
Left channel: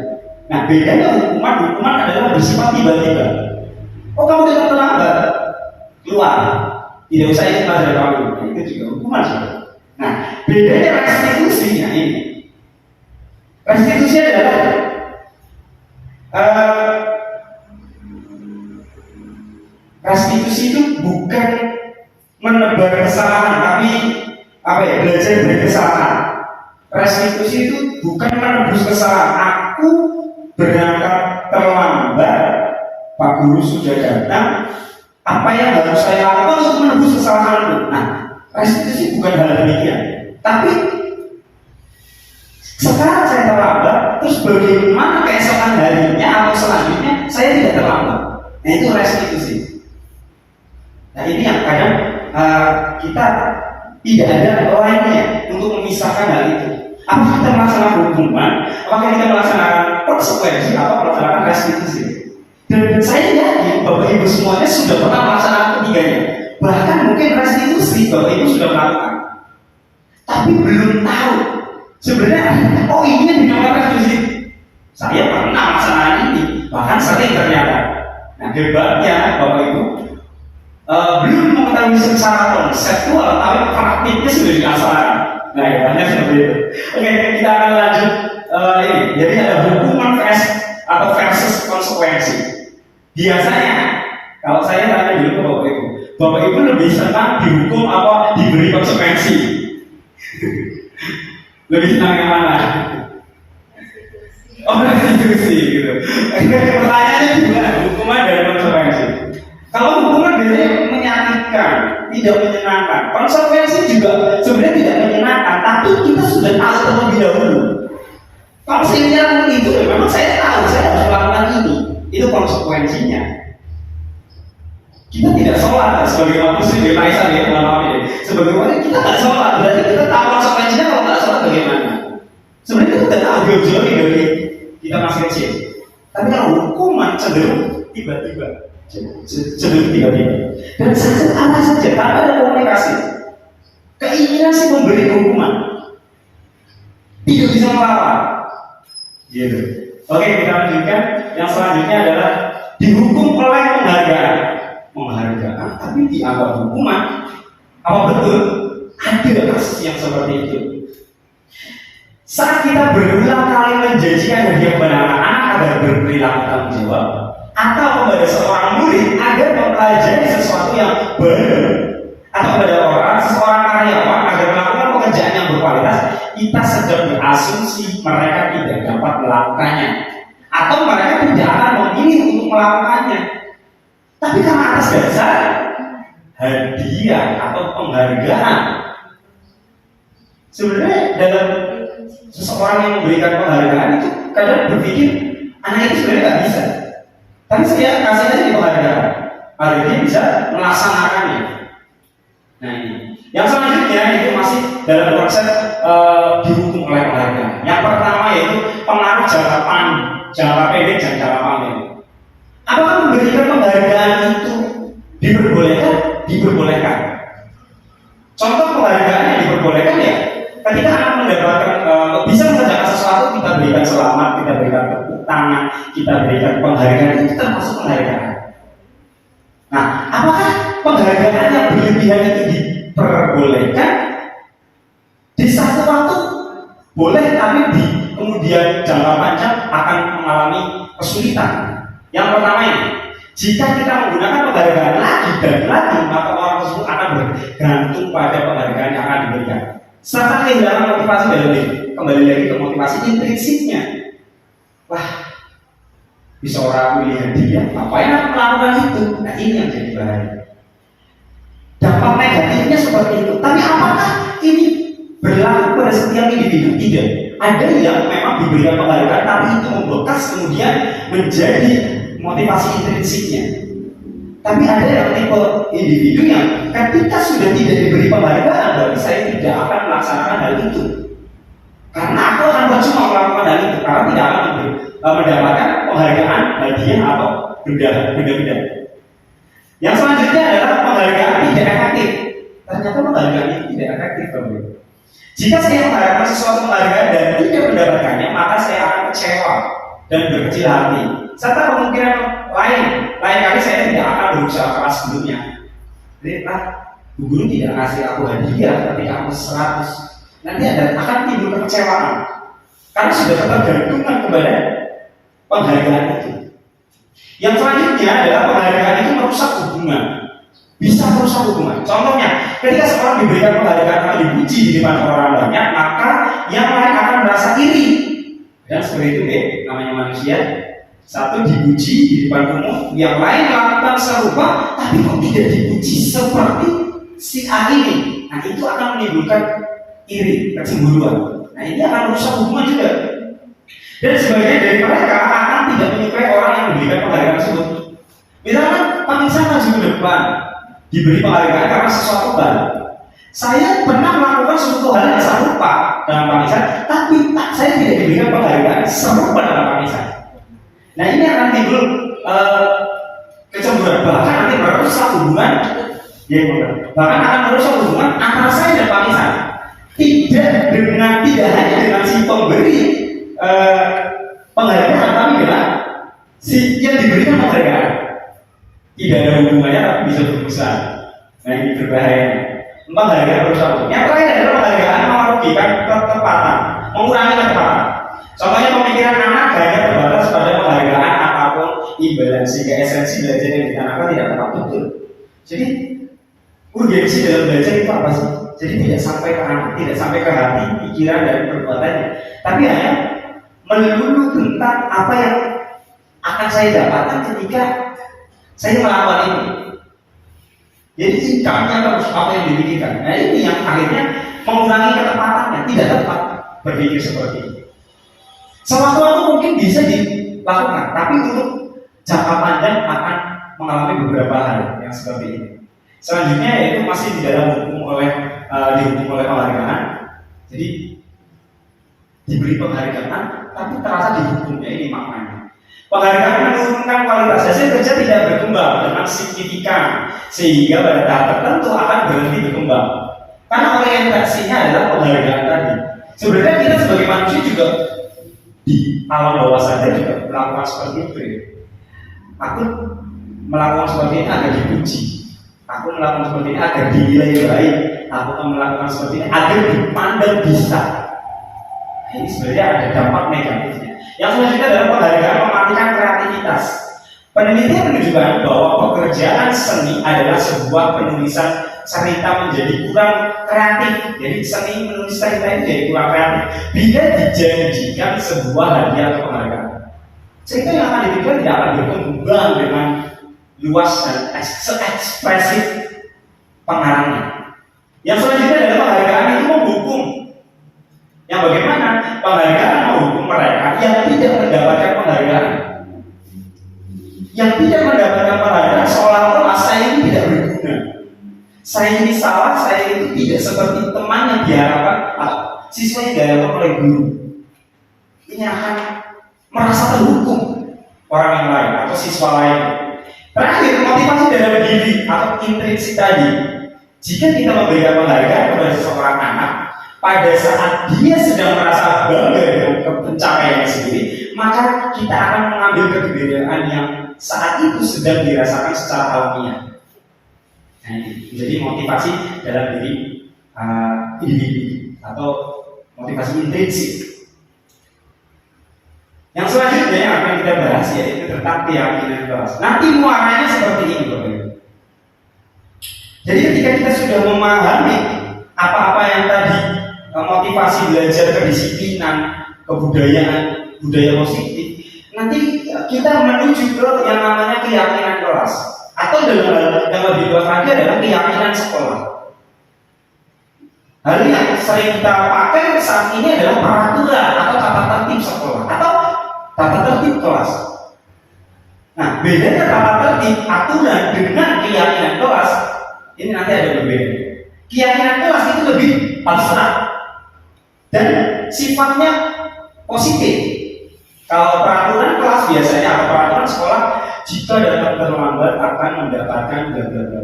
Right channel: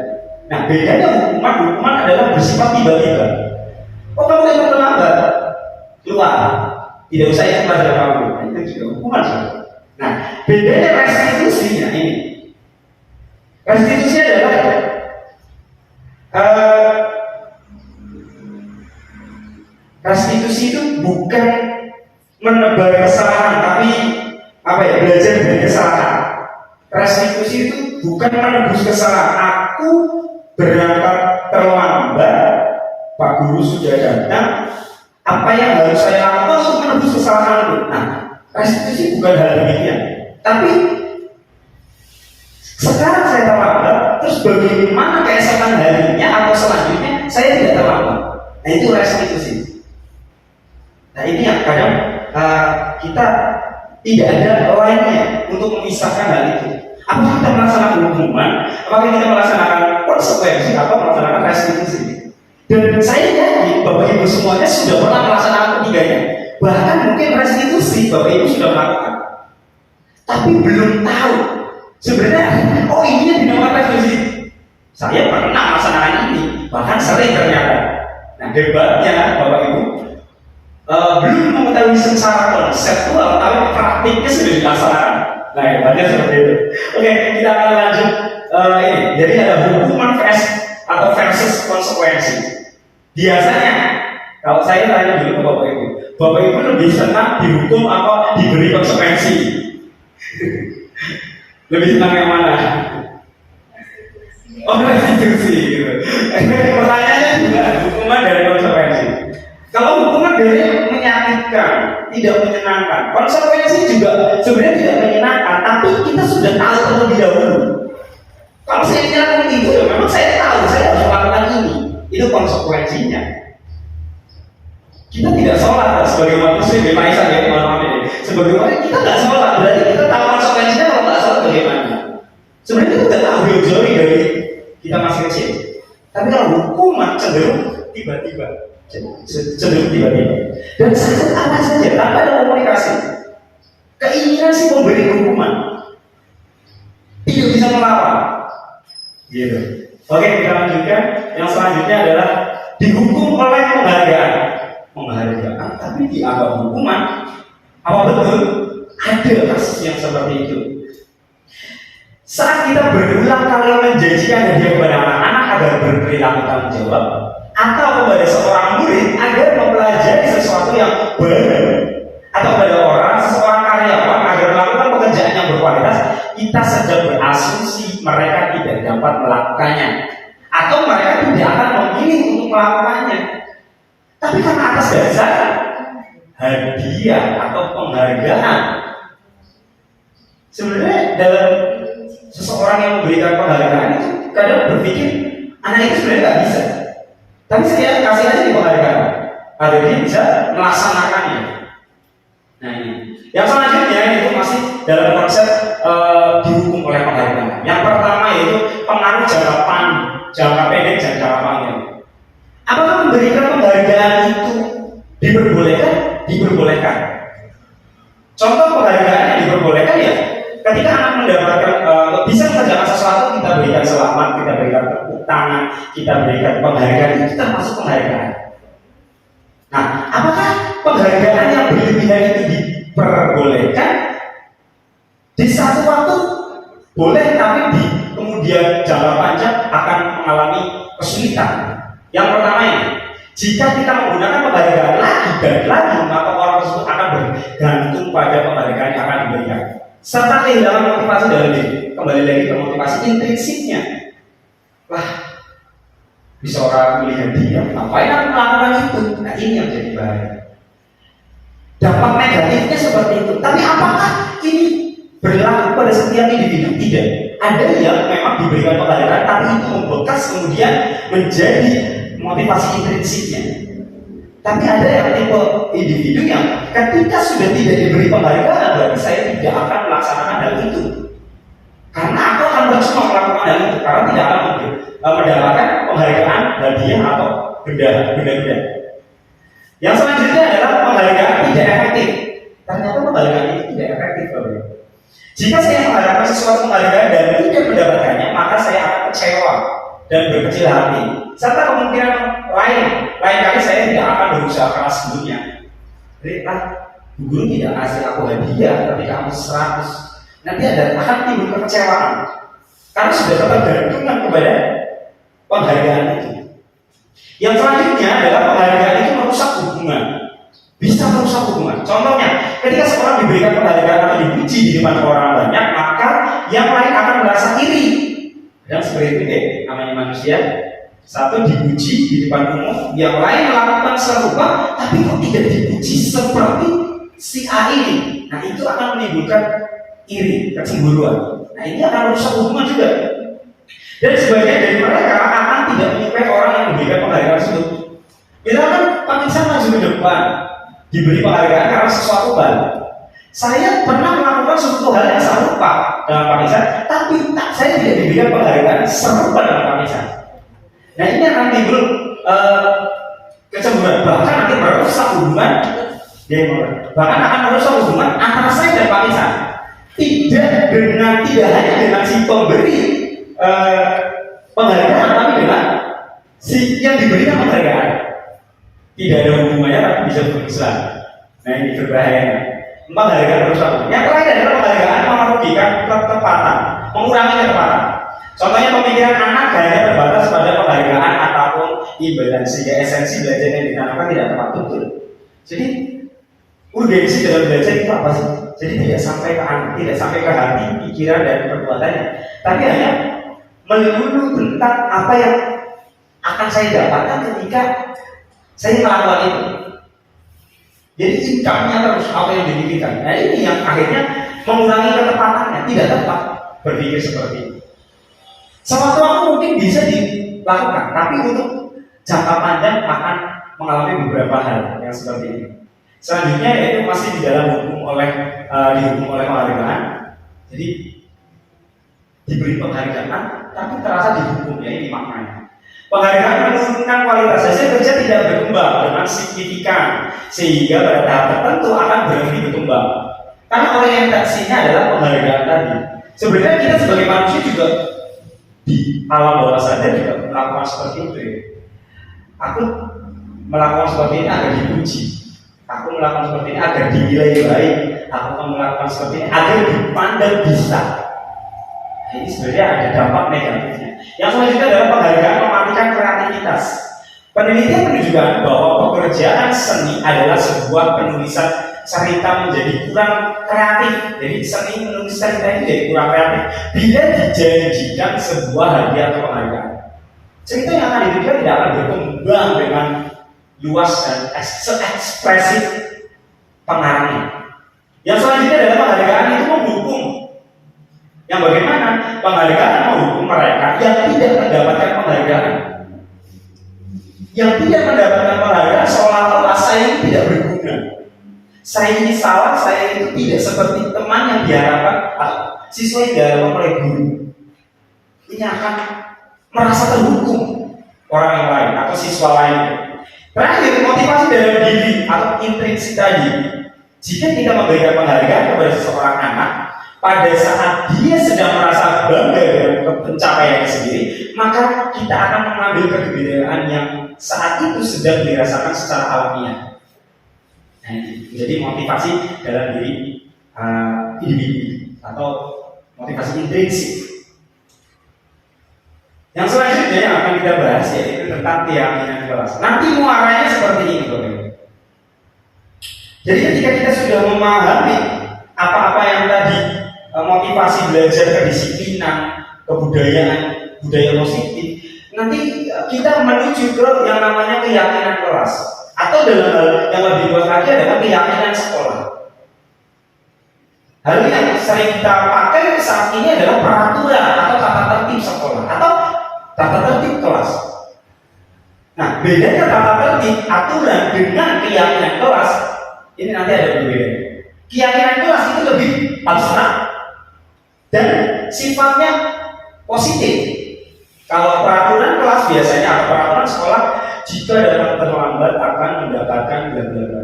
Nah, bedanya hukuman adalah bersifat tiba-tiba. Oh, kamu ikut terlambat, keluar, tidak usah ikut pelajaran kamu. Nah, itu juga hukuman saudara. Nah, bedanya restitusi ini. Restitusi adalah restitusi itu bukan menebar kesalahan, tapi belajar dari kesalahan. Restitusi restitusi itu bukan menebus kesalahan. Aku berangkat terlambat, Pak Guru sudah datang. Apa yang harus saya lakukan untuk menebus kesalahan itu? Nah, restitusi bukan hal demikian. Tapi sekarang saya terlambat, terus bagaimana keesokan harinya atau selanjutnya saya tidak terlambat? Nah, itu restitusi. Nah, ini yang kadang kita tidak ada lainnya untuk memisahkan hal itu. Apakah kita melaksanakan hukuman, apakah kita melaksanakan konsekuensi, atau melaksanakan restitusi? Dan saya yakin Bapak Ibu semuanya sudah pernah melaksanakan ketiganya. Bahkan mungkin restitusi Bapak Ibu sudah melakukan, tapi belum tahu sebenarnya, oh ini yang dinamakan restitusi. Saya pernah melaksanakan ini, bahkan sering ternyata. Nah, hebatnya Bapak Ibu belum mengetahui secara konseptual, tapi praktiknya sudah dilaksanakan. Nah, hebatnya seperti itu. Oke, kita akan lanjut ini. Jadi ada hukuman versus konsekuensi. Biasanya, kalau saya tanya dulu ke Bapak Ibu lebih senang dihukum apa diberi konsekuensi? Lebih senang yang mana? Oh, restitusi gitu. Pertanyaannya juga hukuman dari konsekuensi. Kalau hukuman dari menyakitkan, tidak menyenangkan, konsekuensi juga sebenarnya tidak menyenangkan, tapi kita sudah tahu terlebih dahulu. Kalau saya lakukan itu, ya memang saya tahu saya harus melakukan ini. Itu konsekuensinya. Kita tidak sholat sebagai umat muslim di Malaysia ya teman-teman ini. Sebagaimana kita tidak sholat, berarti kita tahu konsekuensinya kalau tidak sholat bagaimana. Sebenarnya kita tidak tahu jauh-jauh dari kita masih kecil. Tapi kalau hukuman cenderung tiba-tiba. Dan saja tanpa ada komunikasi. Keinginan si pemberi hukuman tidak bisa melawan. Gitu. Oke, kita lanjutkan. Yang selanjutnya adalah dihukum oleh penghargaan, tapi dianggap hukuman. Apa betul? Ada kasus yang seperti itu. Saat kita berulang kali menjanjikan hadiah kepada anak-anak agar berperilaku tanggung jawab, atau kepada seorang murid agar mempelajari sesuatu yang baru, atau kepada seorang karyawan agar melakukan pekerjaan yang berkualitas, kita sedang berasumsi mereka tidak dapat melakukannya, atau mereka tidak akan memilih untuk melakukannya. Tapi karena atas dasar hadiah atau penghargaan, sebenarnya dalam seseorang yang memberikan penghargaan itu kadang berpikir anak itu sebenarnya nggak bisa, tapi saya kasih aja di penghargaan agar dia bisa melaksanakannya. Nah, ini yang selanjutnya itu masih dalam konsep dihukum oleh penghargaan. Yang pertama yaitu pengaruh jangka pendek dan jangka panjang. Apakah memberikan penghargaan itu diperbolehkan? Diperbolehkan. Contoh penghargaan yang diperbolehkan ya ketika anak mendapatkan bisa mengerjakan sesuatu, kita berikan selamat, kita berikan tepuk tangan, kita berikan penghargaan, itu termasuk penghargaan. Nah, apakah penghargaan yang berlebihan itu diperbolehkan? Di satu waktu boleh, tapi di kemudian jangka panjang akan mengalami kesulitan. Yang pertama ini, jika kita menggunakan penghargaan lagi dan lagi, maka orang tersebut akan bergantung pada penghargaan yang akan diberikan, serta kehilangan motivasi dalam diri. Kembali lagi ke motivasi intrinsiknya. Wah, bisa orang melihat dia, ngapain aku melakukan itu? Nah, ini yang jadi bahaya. Dampak negatifnya seperti itu. Tapi apakah ini berlaku pada setiap individu? Tidak. Ada yang memang diberikan penghargaan, tapi itu membekas kemudian menjadi motivasi intrinsiknya. Tapi ada yang tipe individu yang ketika sudah tidak diberi penghargaan, berarti saya tidak akan melaksanakan hal itu. Karena aku akan percuma melakukan hal itu, karena tidak akan mendapatkan penghargaan, hadiah atau benda-benda. Yang selanjutnya adalah penghargaan tidak efektif. Ternyata penghargaan ini tidak efektif, Bapak. Jika saya mengharapkan sesuatu penghargaan dan tidak mendapatkannya, maka saya akan kecewa dan berkecil hati. Serta kemungkinan lain kali saya tidak akan berusaha keras sebelumnya. Jadi, guru tidak ngasih aku hadiah ketika aku 100. Nanti akan timbul kekecewaan karena sudah tergantungan kepada penghargaan itu. Yang selanjutnya adalah penghargaan itu merusak hubungan. Bisa merusak hubungan. Contohnya, ketika seorang diberikan penghargaan atau dipuji di depan orang banyak, maka yang lain akan merasa Dan seperti itu deh, namanya manusia. Satu dipuji di depan umum, yang lain melakukan serupa, tapi kok tidak dipuji seperti si A ini. Nah itu akan menimbulkan iri, kecemburuan. Nah ini akan merusak hubungan juga. Dan sebagian dari mereka akan tidak menyukai orang yang memberikan penghargaan tersebut. Misalkan Pak Misan maju ke depan, diberi penghargaan karena sesuatu hal. Saya pernah melakukan suatu hal yang serupa dalam Pak Misan, tapi saya tidak diberikan penghargaan serupa dalam Pak Misan. Nah ini akan timbul kecemburuan, bahkan nanti merusak hubungan. Bahkan akan merusak hubungan antara saya dan Pak Misan. Tidak hanya dengan si pemberi penghargaan, tapi dengan si yang diberikan penghargaan. Tidak ada hubungannya, tapi bisa berbesar. Nah ini berbahaya. Penghargaan merusak hubungan. Yang lain adalah penghargaan merugikan ketepatan, mengurangi ketepatan. Contohnya pemikiran anak hanya terbatas pada penghargaan ataupun imbalan, sehingga esensi belajar yang ditanamkan tidak tepat betul. Jadi urgensi dalam belajar itu apa sih? Jadi tidak sampai ke anak, tidak sampai ke hati, pikiran dan perbuatannya, tapi hanya melulu tentang apa yang akan saya dapatkan ketika saya melakukan itu. Jadi sikapnya terus apa yang dipikirkan. Nah ini yang akhirnya mengurangi ketepatannya, tidak tepat berpikir seperti itu. Sewaktu-waktu mungkin bisa dilakukan, tapi untuk jangka panjang akan mengalami beberapa hal yang seperti ini. Selanjutnya yaitu masih di dalam dihukum oleh penghargaan. Jadi diberi penghargaan, tapi terasa dihukumnya, ini maknanya. Penghargaan menurunkan kualitas hasil kerja, tidak berkembang dengan signifikan, sehingga pada tahap tertentu akan berhenti berkembang. Karena orientasinya adalah penghargaan tadi. Sebenarnya kita sebagai manusia juga di alam bawah sadar juga melakukan seperti itu ya. Aku melakukan seperti ini agar dipuji, aku melakukan seperti ini agar dinilai baik, aku melakukan seperti ini agar dipandang bisa. Nah, ini sebenarnya ada dampak negatifnya. Yang selanjutnya adalah penghargaan mematikan kreativitas. Penelitian menunjukkan bahwa pekerjaan seni adalah sebuah penulisan cerita menjadi kurang kreatif. Jadi seni menulis cerita ini jadi kurang kreatif bila dijanjikan sebuah hadiah atau penghargaan. Cerita yang akan diberikan tidak akan berkembang dengan luas dan ekspresif pengarangnya. Yang selanjutnya adalah penghargaan itu menghukum. Yang bagaimana? Penghargaan menghukum mereka yang tidak mendapatkan penghargaan. Yang tidak mendapatkan penghargaan seolah-olah saya ini tidak berguna. Saya ini salah, saya itu tidak seperti teman yang diharapkan atau siswa yang diharapkan oleh guru. Ini akan merasa terhukum orang yang lain atau siswa lain. Terakhir, motivasi dalam diri atau intrinsik tadi. Jika kita memberikan penghargaan kepada seseorang anak, pada saat dia sedang merasa bangga dengan pencapaiannya sendiri, maka kita akan mengambil kegembiraan yang saat itu sedang dirasakan secara alamiah. Nah, ini menjadi motivasi dalam diri individu atau motivasi intrinsik. Yang selanjutnya yang akan kita bahas yaitu tentang keyakinan kelas. Nanti muaranya seperti ini, Bapak Ibu. Jadi ketika kita sudah memahami apa-apa yang tadi, motivasi belajar, kedisiplinan, kebudayaan, budaya positif, nanti kita menuju ke yang namanya keyakinan kelas. Atau dalam hal yang lebih luas lagi adalah keyakinan sekolah. Hal ini yang sering kita pakai saat ini adalah peraturan atau tata tertib sekolah atau tata tertib kelas. Nah, bedanya tata tertib aturan dengan keyakinan kelas ini nanti ada berbeda. Keyakinan kelas itu lebih abstrak dan sifatnya positif. Kalau peraturan kelas biasanya atau peraturan sekolah, jika datang terlambat akan mendapatkan bla bla bla.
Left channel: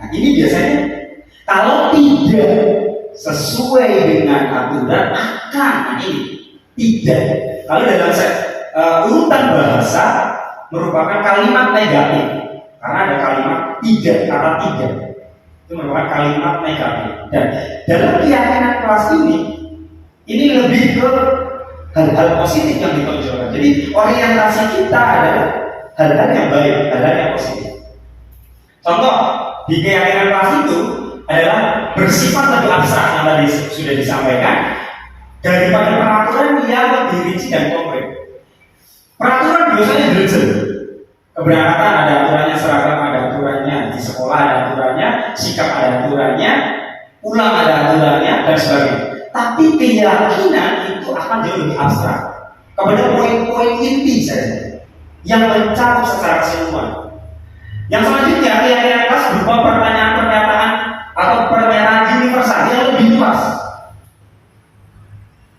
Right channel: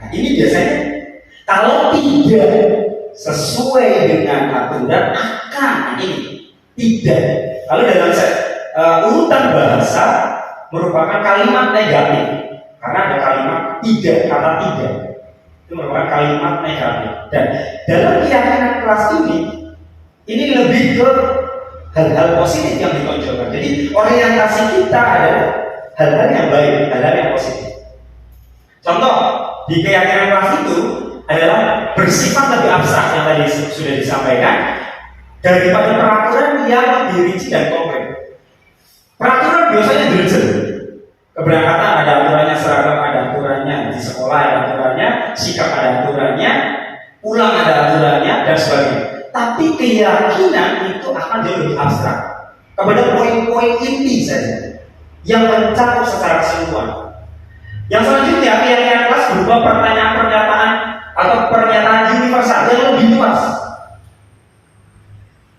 Nah, ini biasanya kalau tidak sesuai dengan aturan akan, nah ini tidak. Kalau dalam urutan bahasa merupakan kalimat negatif karena ada kalimat tidak, kata tidak itu merupakan kalimat negatif. Dan dalam keyakinan kelas ini lebih ke hal-hal positif yang ditonjolkan. Jadi orientasi kita adalah hal-hal yang baik, hal-hal yang positif. Contoh di keyakinan kelas itu adalah bersifat lebih abstrak yang tadi sudah disampaikan. daripada peraturan yang lebih rinci dan konkret. Peraturan biasanya detail. Keberangkatan ada aturannya, seragam ada aturannya, di sekolah ada aturannya, sikap ada aturannya, pulang ada aturannya, dan sebagainya. Tapi keyakinan itu akan jauh lebih abstrak kepada poin-poin inti saja yang mencakup secara keseluruhan. Yang selanjutnya keyakinan kelas berupa pertanyaan-pernyataan atau pernyataan universal yang lebih luas.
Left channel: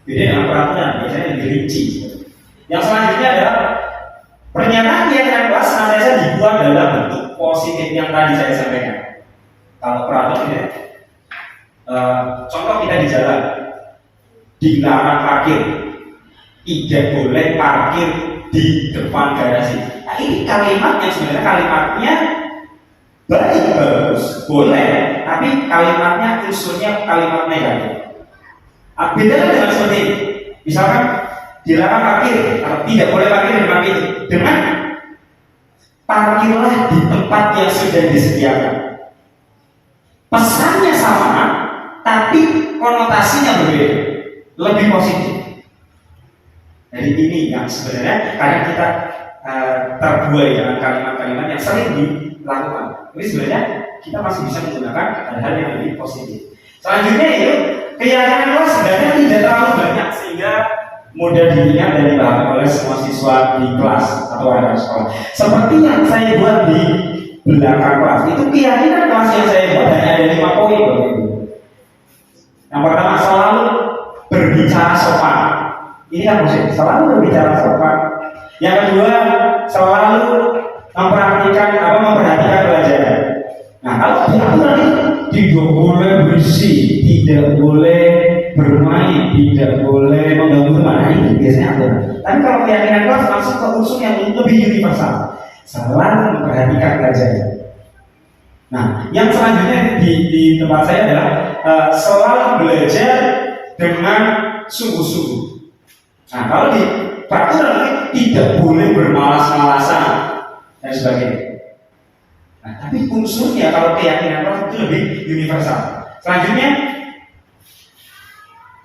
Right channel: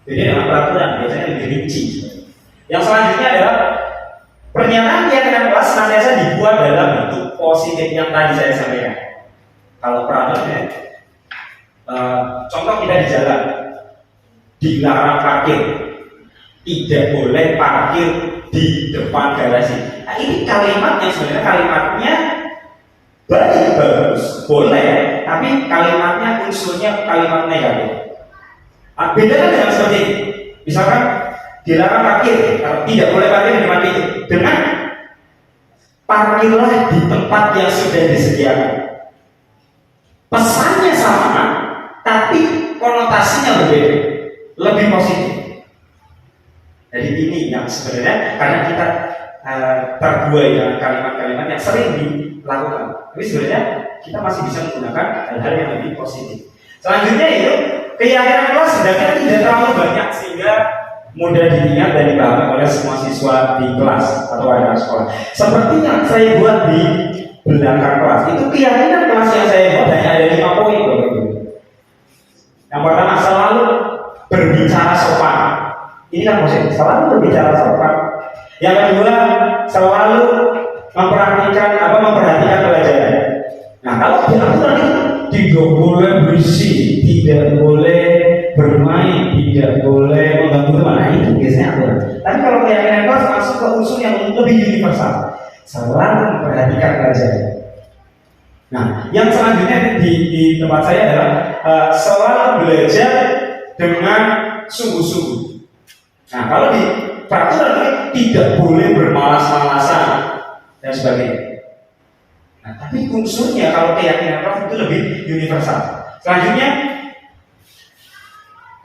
Jadi dalam peraturan biasanya lebih rinci. Yang selanjutnya adalah pernyataan keyakinan kelas senantiasa dibuat dalam bentuk positif yang tadi saya sampaikan. Kalau peraturan ya, contoh kita di jalan, dilarang parkir, tidak boleh parkir di depan garasi. Nah, ini kalimat yang sebenarnya kalimatnya bagus, boleh, tapi kalimatnya unsurnya kalimat negatif. Beda dengan seperti ini. Misalkan dilarang parkir, atau tidak boleh parkir di depan itu, dengan parkirlah di tempat yang sudah disediakan. Pesannya sama, tapi konotasinya berbeda, lebih positif. Jadi ini yang sebenarnya karena kita terbuai dengan kalimat-kalimat yang sering dilakukan. Tapi sebenarnya kita masih bisa menggunakan hal-hal yang lebih positif. Selanjutnya itu keyakinan kelas sebenarnya tidak terlalu banyak sehingga mudah diingat dan dipahami oleh semua siswa di kelas atau anak sekolah. Seperti yang saya buat di belakang kelas, itu keyakinan kelas yang saya buat hanya ada 5 poin, Bapak Ibu. Yang pertama, selalu berbicara sopan. Ini kan maksudnya selalu berbicara sopan. Yang kedua, selalu memperhatikan pelajaran. Nah, kalau di aturan itu tidak boleh berisik, tidak boleh bermain, tidak boleh mengganggu teman. Nah, itu biasanya aturan. Tapi kalau keyakinan kelas masuk ke unsur yang lebih universal, selalu memperhatikan pelajaran. Nah, yang selanjutnya di tempat saya adalah selalu belajar dengan sungguh-sungguh. Nah, kalau di peraturan tidak boleh bermalas-malasan dan sebagainya. Nah, tapi unsurnya kalau keyakinan kelas itu lebih universal. Selanjutnya,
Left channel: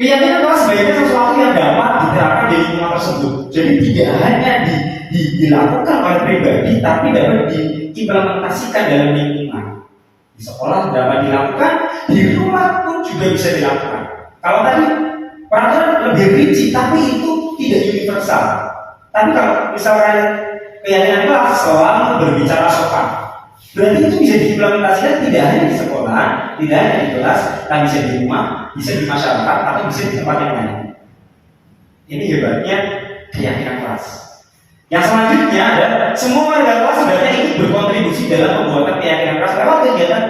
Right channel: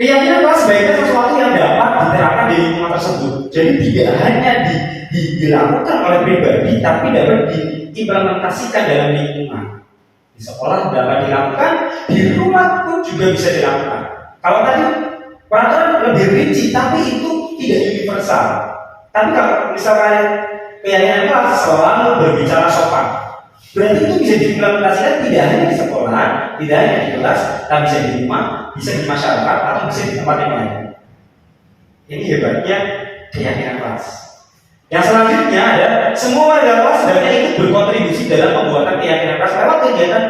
keyakinan kelas sebaiknya sesuatu yang dapat diterapkan di lingkungan tersebut. Jadi tidak hanya dilakukan oleh pribadi, tapi dapat diimplementasikan dalam lingkungan. Di sekolah dapat dilakukan, di rumah pun juga bisa dilakukan. Kalau tadi peraturan lebih rinci, tapi itu tidak universal. Tapi kalau misalnya keyakinan kelas selalu berbicara sopan, berarti itu bisa diimplementasikan tidak hanya di sekolah, tidak hanya di kelas, tapi bisa di rumah, bisa di masyarakat, atau bisa di tempat yang lain. Ini hebatnya keyakinan kelas. Yang selanjutnya adalah semua warga kelas sebenarnya ikut berkontribusi dalam pembuatan keyakinan kelas lewat kegiatan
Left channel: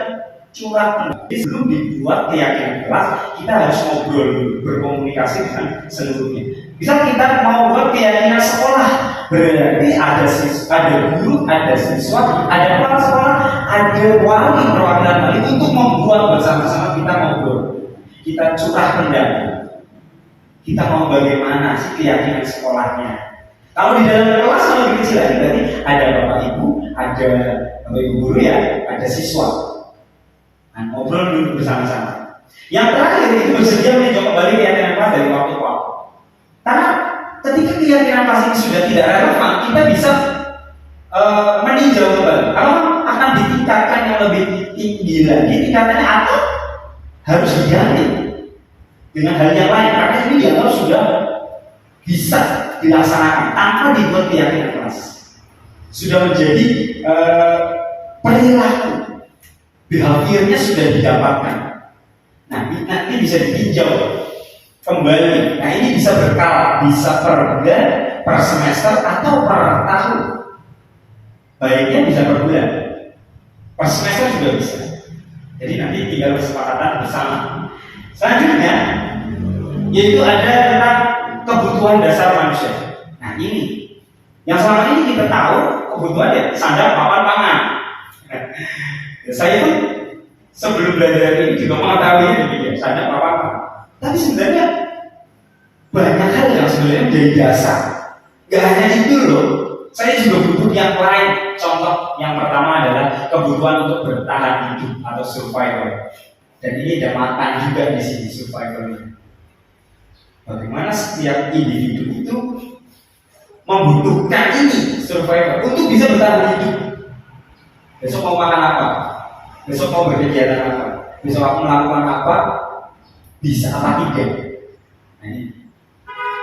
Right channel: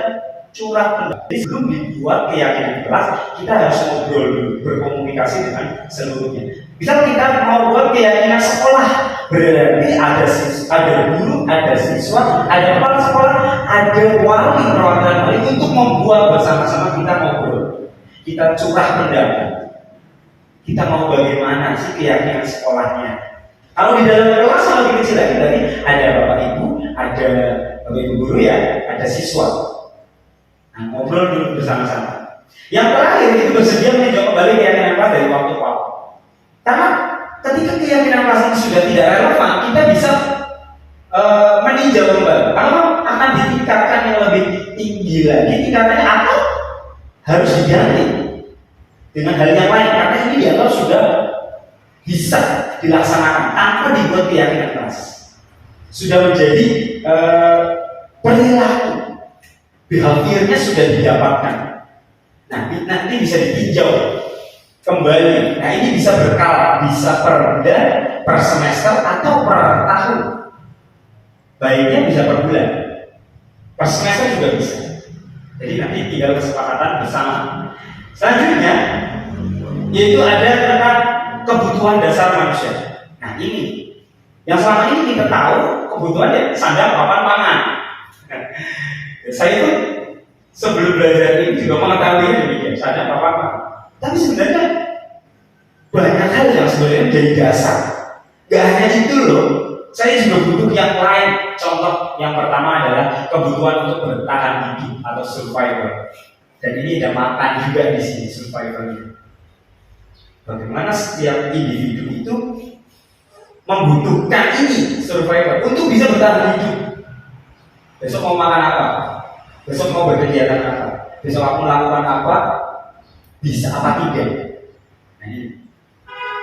curah pendapat. Jadi sebelum dibuat keyakinan kelas, kita harus ngobrol dulu, berkomunikasi dengan seluruhnya. Misal kita mau buat keyakinan sekolah, berarti ada guru, ada siswa, ada kepala sekolah, ada wali, perwakilan wali untuk membuat bersama-sama. Kita ngobrol, kita curah pendapat. Kita mau bagaimana sih keyakinan sekolahnya. Kalau di dalam kelas kalau lebih kecil lagi, berarti ada bapak ibu, ada bapak ibu guru ya, ada siswa. Nah, ngobrol dulu bersama-sama. Yang terakhir itu bersedia meninjau kembali keyakinan kelas dari waktu ke waktu. Karena ketika keyakinan kelas ini sudah tidak relevan, kita bisa meninjau kembali. Kalau akan ditingkatkan yang lebih tinggi lagi tingkatannya, atau harus diganti dengan hal yang lain. Karena ini dianggap sudah bisa dilaksanakan tanpa dibuat keyakinan kelas. Sudah menjadi perilaku, behaviornya sudah didapatkan. Nah, nanti bisa ditinjau kembali. Nah, ini bisa berkala, bisa per bulan, per semester, atau per tahun. Baiknya bisa per bulan, per semester juga bisa. Jadi nanti tinggal kesepakatan bersama. Selanjutnya, yaitu ada tentang kebutuhan dasar manusia. Nah, ini yang selama ini kita tahu kebutuhan ya sandang, papan, pangan. Saya itu sebelum belajar ini juga mengetahui demikian, sandang, papan, pangan. Tapi sebenarnya banyak hal yang sebenarnya menjadi dasar. Gak hanya itu loh. Saya juga butuh yang lain. Contoh yang pertama adalah kebutuhan untuk bertahan hidup atau survival. Dan ini ada makan juga di sini survival ini. Bagaimana setiap individu itu membutuhkan ini survival untuk bisa bertahan hidup. Besok mau makan apa? Besok mau berkegiatan apa? Besok aku melakukan apa? Bisa apa tidak? Nah, ini.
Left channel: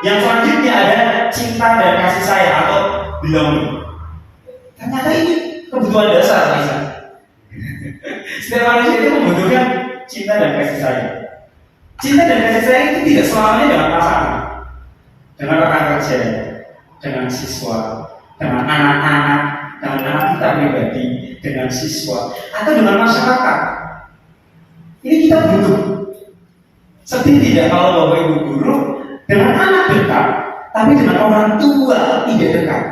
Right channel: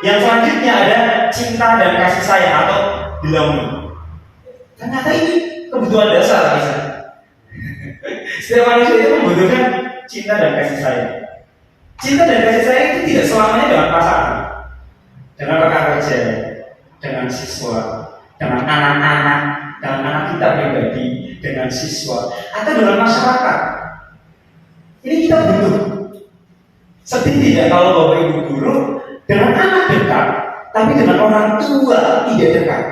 Yang selanjutnya ada cinta dan kasih sayang atau belonging. Ternyata ini kebutuhan dasar. Setiap manusia itu membutuhkan cinta dan kasih sayang. Cinta dan kasih sayang itu tidak selamanya dengan pasangan, dengan rekan kerja, dengan siswa, dengan anak-anak, dengan anak kita pribadi, dengan siswa, atau dengan masyarakat. Ini kita butuh. Sedih tidak kalau Bapak Ibu guru dengan anak dekat, tapi dengan orang tua tidak dekat.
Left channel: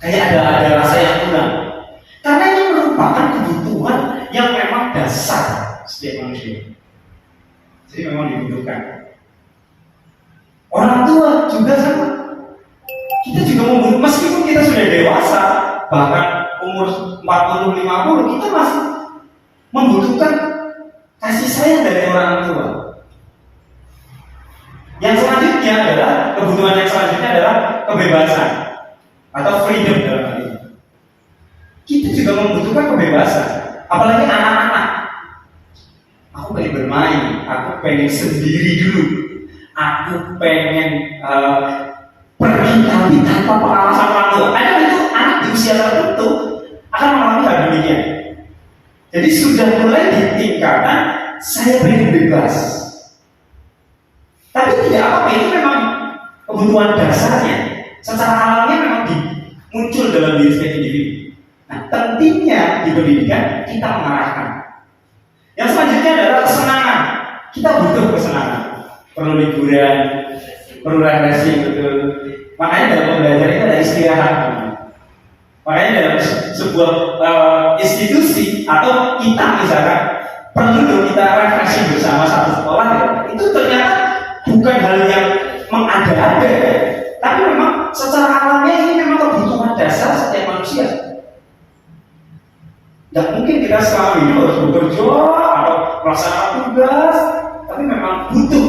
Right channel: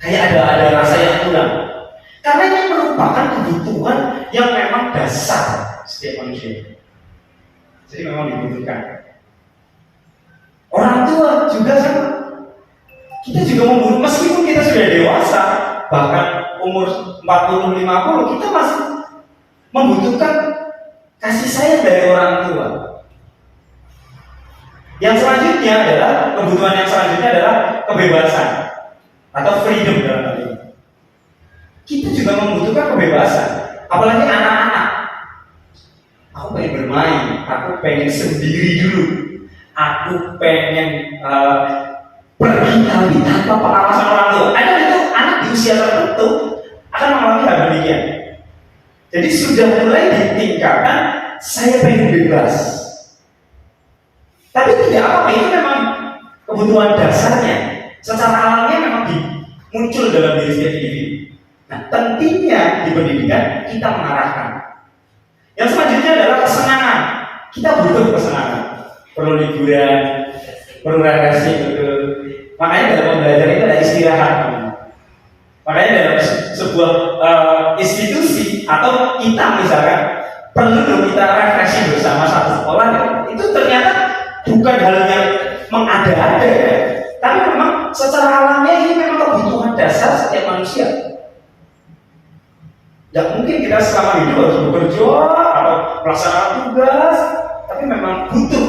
Kayak ada rasa yang kurang. Karena ini merupakan kebutuhan yang memang dasar setiap manusia. Jadi memang dibutuhkan. Orang tua juga sama. Kita juga membutuhkan, meskipun kita sudah dewasa, bahkan umur 40-50, kita masih membutuhkan kasih sayang dari orang tua. Yang selanjutnya adalah, kebutuhan yang selanjutnya adalah kebebasan atau freedom dalam hal ini. Kita juga membutuhkan kebebasan, apalagi anak-anak. Aku pengen bermain, aku pengen sendiri dulu, aku pengen pergi tapi tanpa pengawasan orang tua. Ada itu anak di usia tertentu akan mengalami hal demikian. Jadi sudah mulai ditingkatkan, saya pengen bebas. Tapi tidak apa, ini memang kebutuhan dasarnya. Secara alamnya memang muncul dalam diri setiap individu. Nah, pentingnya di pendidikan kita mengarahkan. Yang selanjutnya adalah kesenangan. Kita butuh kesenangan, perlu liburan, perlu refreshing, betul. Makanya dalam pembelajaran itu ada istirahat. Makanya dalam sebuah institusi atau kita misalkan perlu kita refreshing bersama satu sekolah, ya, itu ternyata bukan hal yang mengada-ada, ya. Tapi memang secara alamnya ini memang kebutuhan dasar setiap manusia. Tidak mungkin kita selama hidup harus bekerja atau melaksanakan tugas, tapi memang butuh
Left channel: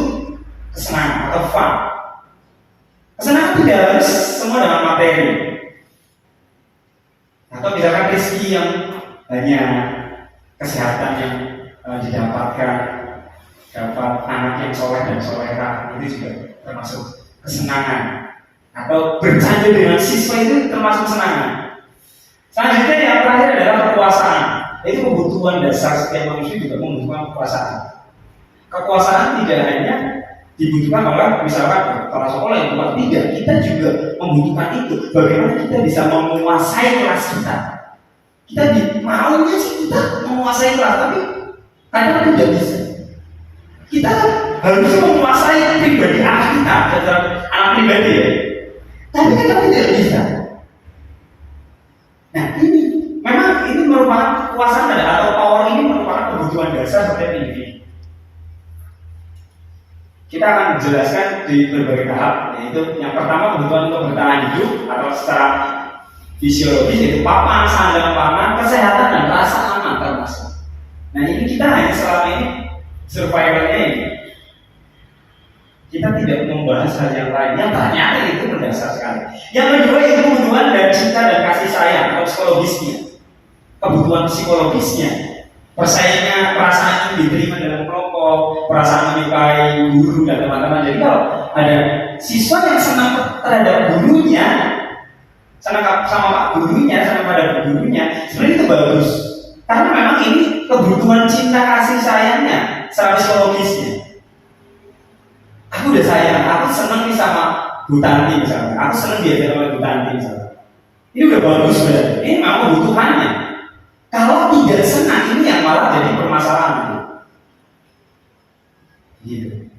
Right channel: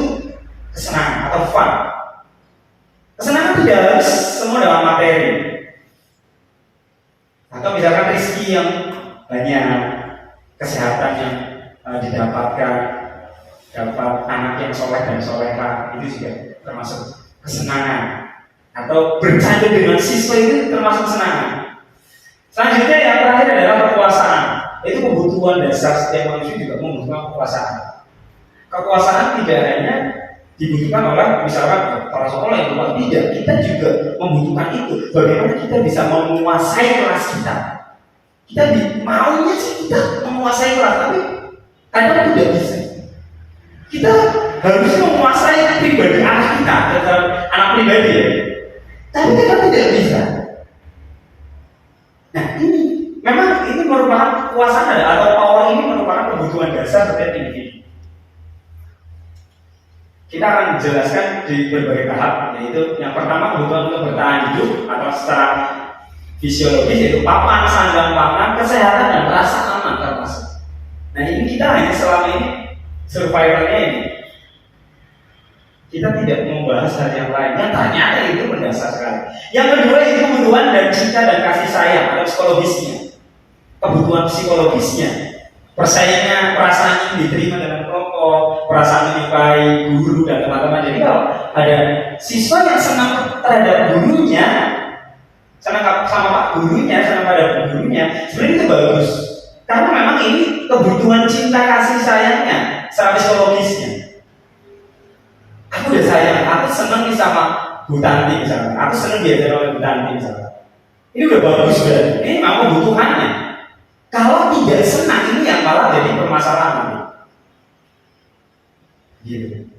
kesenangan atau fun. Kesenangan tidak harus semua dalam materi. Atau misalkan rezeki yang banyak, kesehatan yang didapatkan, dapat anak yang soleh dan soleha, itu juga termasuk kesenangan. Atau bercanda dengan siswa itu termasuk kesenangan. Selanjutnya yang terakhir adalah kekuasaan. Itu kebutuhan dasar setiap manusia juga membutuhkan kekuasaan. Kekuasaan tidak hanya dibutuhkan oleh misalkan para sekolah yang kuat, tidak. Kita juga membutuhkan itu. Bagaimana kita bisa menguasai kelas kita. Kita maunya sih kita menguasai kelas, tapi kadang tidak bisa. Kita harus menguasai pribadi anak kita, anak pribadi ya. Tapi kadang tidak bisa. Nah ini memang ini merupakan kekuasaan atau power ini merupakan kebutuhan dasar setiap individu. Kita akan menjelaskan di berbagai tahap, yaitu yang pertama kebutuhan untuk bertahan hidup atau secara fisiologis, yaitu papan, sandang pangan, kesehatan dan rasa aman termasuk. Nah ini kita hanya selama ini survivalnya ini. Kita tidak membahas hal yang lain yang ternyata itu mendasar sekali. Yang kedua itu kebutuhan dan cinta dan kasih sayang atau psikologisnya. Kebutuhan psikologisnya, perasaan ingin diterima dalam kelompok, perasaan menyukai guru dan teman-teman. Jadi kalau ada siswa yang senang terhadap gurunya, senang sama pak gurunya, senang pada gurunya, sebenarnya itu bagus. Karena memang ini kebutuhan cinta kasih sayangnya, secara psikologisnya. Aku udah sayang, aku seneng nih sama Bu Tanti misalnya, aku seneng diajar oleh Bu Tanti misalnya. Ini udah bagus berarti, ini memang kebutuhannya. Kalau tidak senang, ini yang malah jadi permasalahan. Gitu.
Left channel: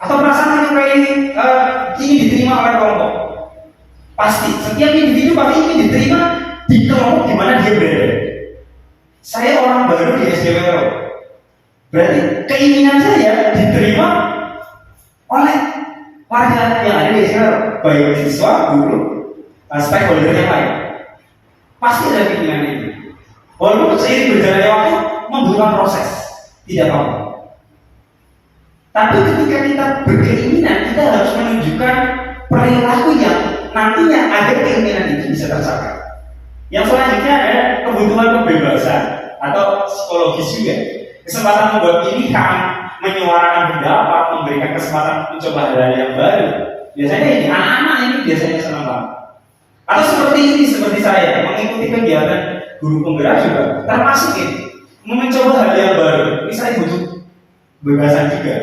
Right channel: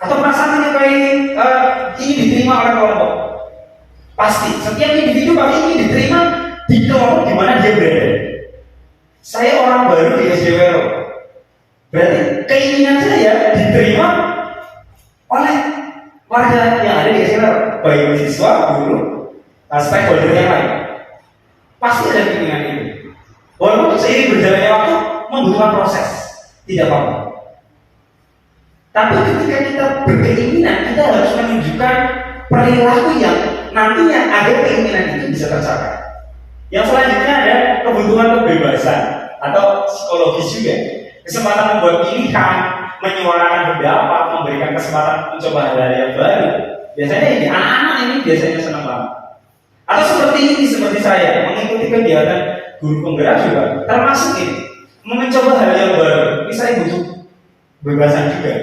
Atau perasaan menyukai ini diterima oleh kelompok. Pasti, setiap individu pasti ingin diterima di kelompok di mana dia berada. Saya orang baru di SDWR, berarti keinginan saya diterima oleh warga yang ada di SDWR, baik siswa, guru, stakeholder yang lain. Pasti ada keinginan itu. Walaupun seiring berjalannya waktu membutuhkan proses, tidak apa-apa. Tapi ketika kita berkeinginan, kita harus menunjukkan perilaku yang nantinya agar keinginan itu bisa tercapai. Yang selanjutnya ada kebutuhan kebebasan atau psikologis juga. Kesempatan membuat pilihan, menyuarakan pendapat, memberikan kesempatan mencoba hal-hal yang baru. Biasanya ini anak-anak ini biasanya senang banget. Atau seperti ini, seperti saya mengikuti kegiatan guru penggerak juga termasuk ini, mencoba hal yang baru. Ini saya butuh kebebasan juga.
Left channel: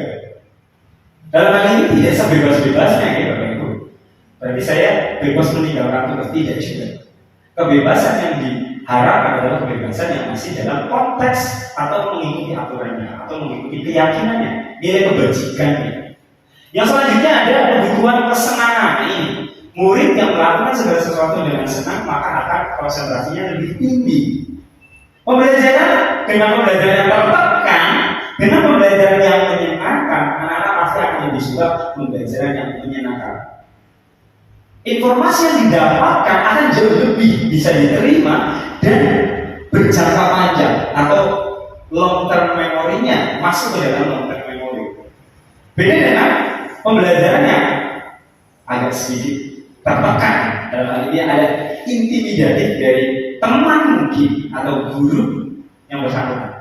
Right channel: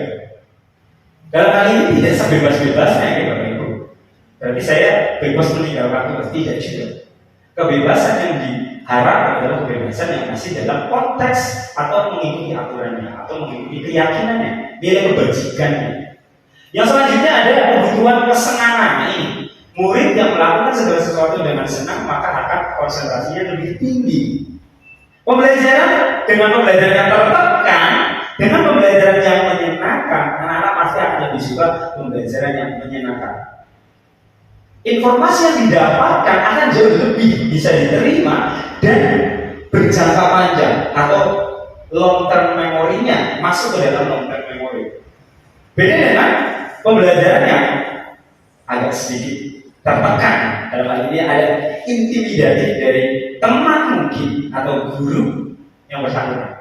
Dalam hal ini tidak sebebas-bebasnya ya Bapak Ibu. Berarti saya bebas meninggalkan tugas, tidak juga. Kebebasan yang diharapkan adalah kebebasan yang masih dalam konteks atau mengikuti aturannya atau mengikuti keyakinannya, nilai kebajikannya. Yang selanjutnya ada kebutuhan kesenangan ini. Murid yang melakukan segala sesuatu dengan senang maka akan konsentrasinya lebih tinggi. Pembelajaran dengan pembelajaran yang tertekan, dengan pembelajaran yang menyenangkan, anak-anak pasti akan lebih suka pembelajaran yang menyenangkan. Informasi yang didapatkan akan jauh lebih bisa diterima dan berjangka panjang atau long term memorinya masuk ke dalam long term memory. Beda dengan pembelajaran yang agak sedikit tertekan. Dalam hal ini ada intimidatif dari teman mungkin atau guru yang bersangkutan.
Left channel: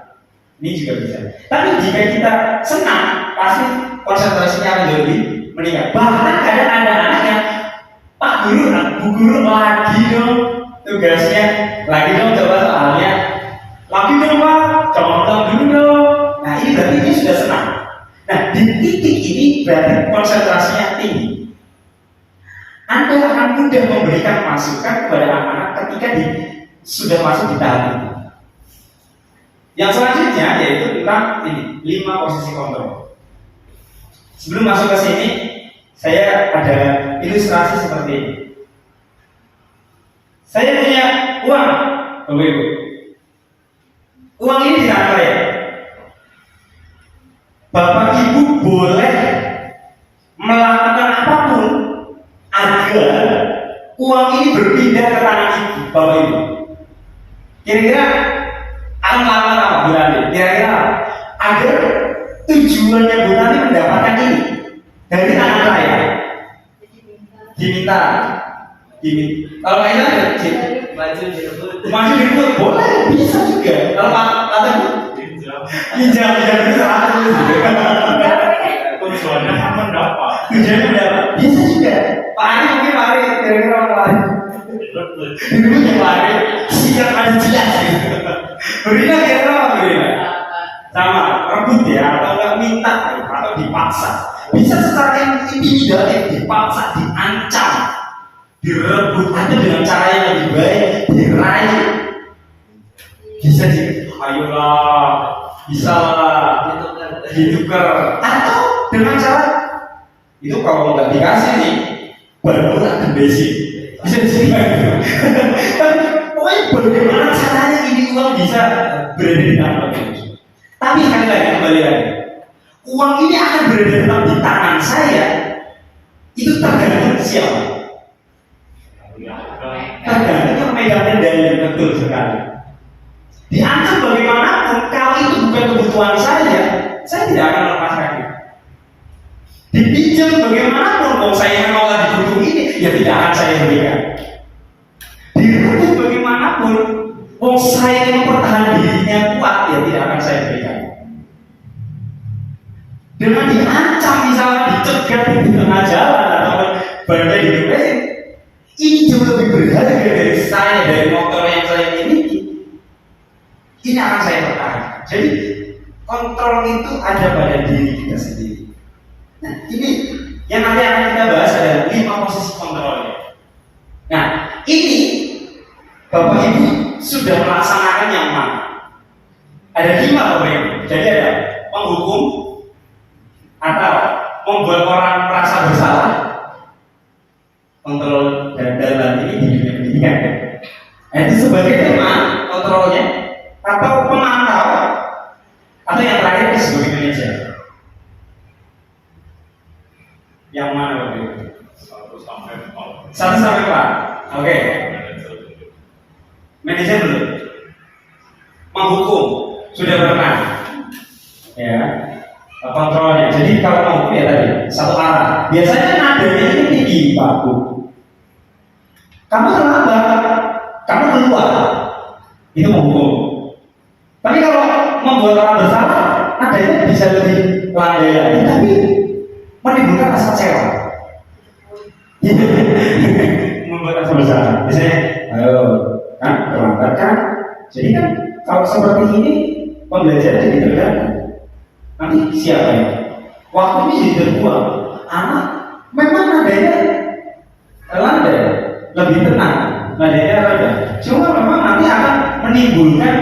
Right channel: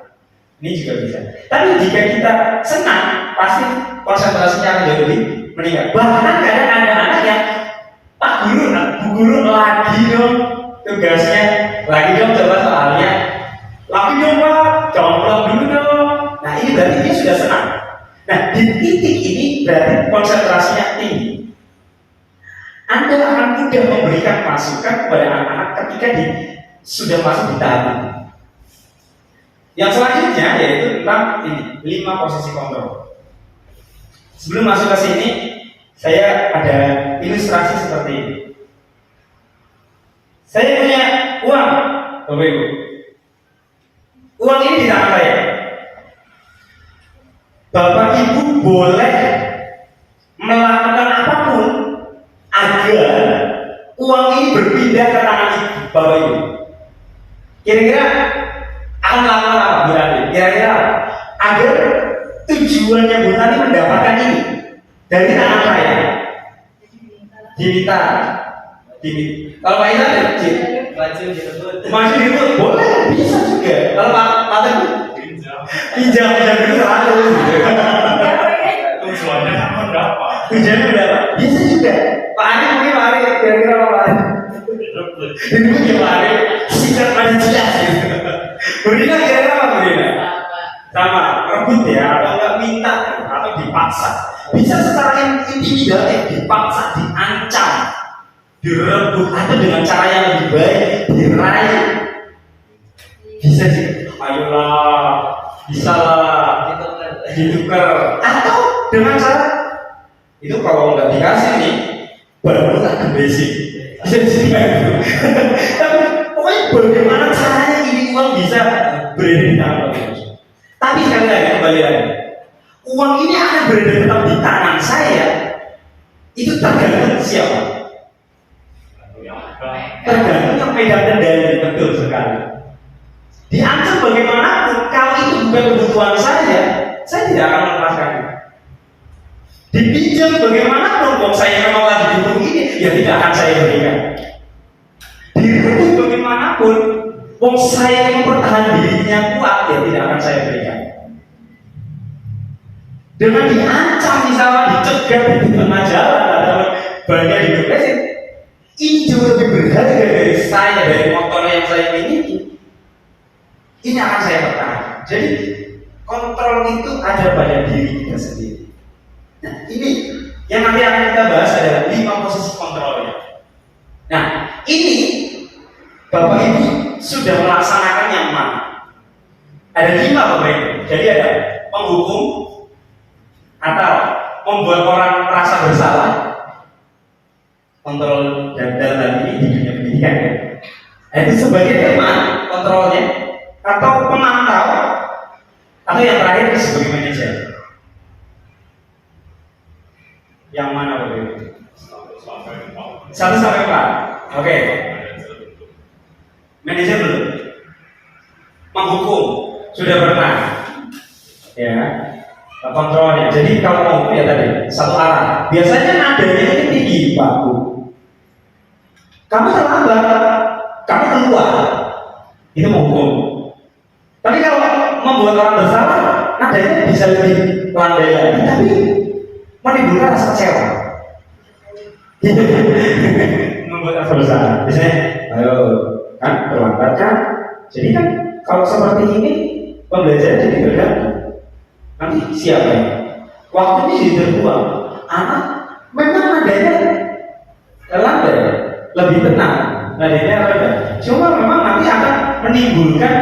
Ini juga bisa. Tapi jika kita senang, pasti konsentrasinya akan jauh lebih meningkat. Bahkan kadang ada anak yang Pak Guru, Bu Guru lagi dong tugasnya, lagi dong coba soalnya, lagi dong Pak, jangan pulang dulu dong. Nah ini berarti dia sudah senang. Nah di titik ini berarti konsentrasinya tinggi. Anda akan mudah memberikan masukan kepada anak-anak ketika sudah masuk di tahap ini. Yang selanjutnya yaitu tentang ini 5 posisi kontrol. Sebelum masuk ke sini, saya ada ilustrasi seperti ini. Saya punya uang, Bapak Ibu. Uang ini di tangan saya. Bapak Ibu boleh melakukan apapun agar uang ini berpindah ke tangan Ibu, Bapak Ibu. Kira-kira akan melakukan apa, Bu Rani? Kira-kira agar tujuannya Bu Rani mendapatkan ini dari tangan saya diminta. Kalau Pak Isa maju direbut boleh, bisa juga. Kalau kata itu pinjam bisa tujuannya berapa? Tujuannya berapa? Bisa juga. Pak Ani mungkin lari, kira-kira lari direbut yang lari sikap ada jelas gitu. Berina kira-kira apa Berina? Sama, rebut ya, atau nggak minta atau dipaksa. Bisa secara intimidatif, dipaksa, diancam, direbut, atau dengan cara yang lebih baik, dirayu. Bisa sih, ayolah, bisa lah, ditukar. Atau dengan cara itu kalau nggak dikasih nih, baru tak basic. Bisa gitu. Pokoknya bagaimana caranya ini uang bisa berada di tangan. Tapi sekali lagi kembali lagi. Uang ini akan berada tetap di tangan saya. Itu tergantung siapa? Tergantung yang megang kendali, betul sekali. Diancam bagaimanapun, kalau itu bukan kebutuhan saya tidak akan melepaskannya. Dipinjam bagaimanapun, kalau saya memang lagi butuh ini, ya tidak akan saya berikan. Direbut bagaimanapun, kalau saya mempertahankan dirinya kuat, ya tidak akan saya berikan. Dengan diancam misalnya dicegat di tengah jalan atau banyak di depresi, ini jauh lebih berharga dari saya, dari motor yang saya miliki. Ini akan saya pertahankan. Jadi kontrol itu ada pada diri kita sendiri. Nah ini yang nanti akan kita bahas adalah 5 posisi kontrolnya. Nah ini Bapak Ibu sudah melaksanakan yang mana? Ada 5 Bapak Ibu. Jadi ada penghukum, atau membuat orang merasa bersalah, kontrol dan dalam hal ini di dunia pendidikan ya. Itu sebagai teman kontrolnya, atau pemantau, atau yang terakhir sebagai manajer. Yang mana Bapak Ibu? 1 sampai 4. Oke. Manajer belum. Menghukum sudah pernah. Ya. Kontrolnya. Jadi kalau mau ya tadi satu arah. Biasanya nadanya ini tinggi, Pak Bu. Kamu terlambat, kamu keluar, itu menghukum. Tapi kalau membuat orang bersalah, nadanya bisa lebih landai lagi, tapi menimbulkan rasa kecewa. Membuat rasa bersalah. Misalnya, ayo kan terlambat kan. Jadi kan kalau seperti ini pembelajaran jadi terganggu. Nanti siapa ya? Waktu ini jadi terbuang. Anak memang nadanya landai, lebih tenang, nadanya rendah. Cuma memang nanti akan menimbulkan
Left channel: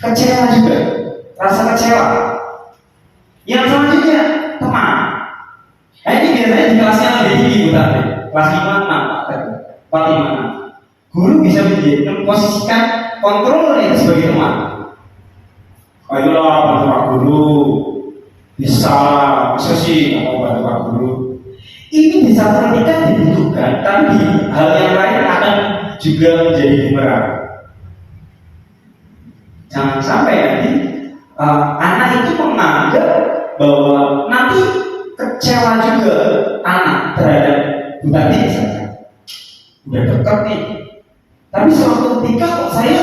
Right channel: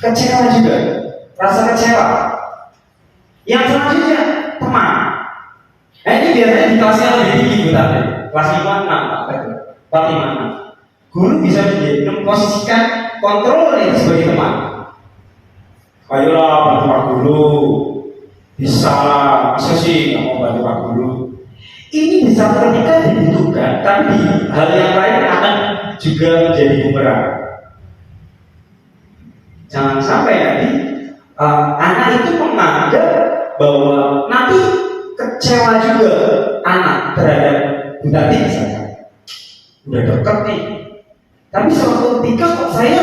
kecewa juga, rasa kecewa. Yang selanjutnya teman. Ini biasanya di kelasnya lebih tinggi, Bu Tante. Kelas 5, 6, Pak 5. Guru bisa memposisikan kontrol itu sebagai teman. Ayolah bantu Pak Guru. Bisa, masa sih mau bantu Pak Guru? Ini bisa ketika dibutuhkan, tapi di hal yang lain akan juga menjadi bumerang. Jangan sampai nanti anak itu menganggap bahwa nanti kecewa juga anak terhadap Bu Tati misalnya. Udah dekat nih, tapi suatu ketika kok saya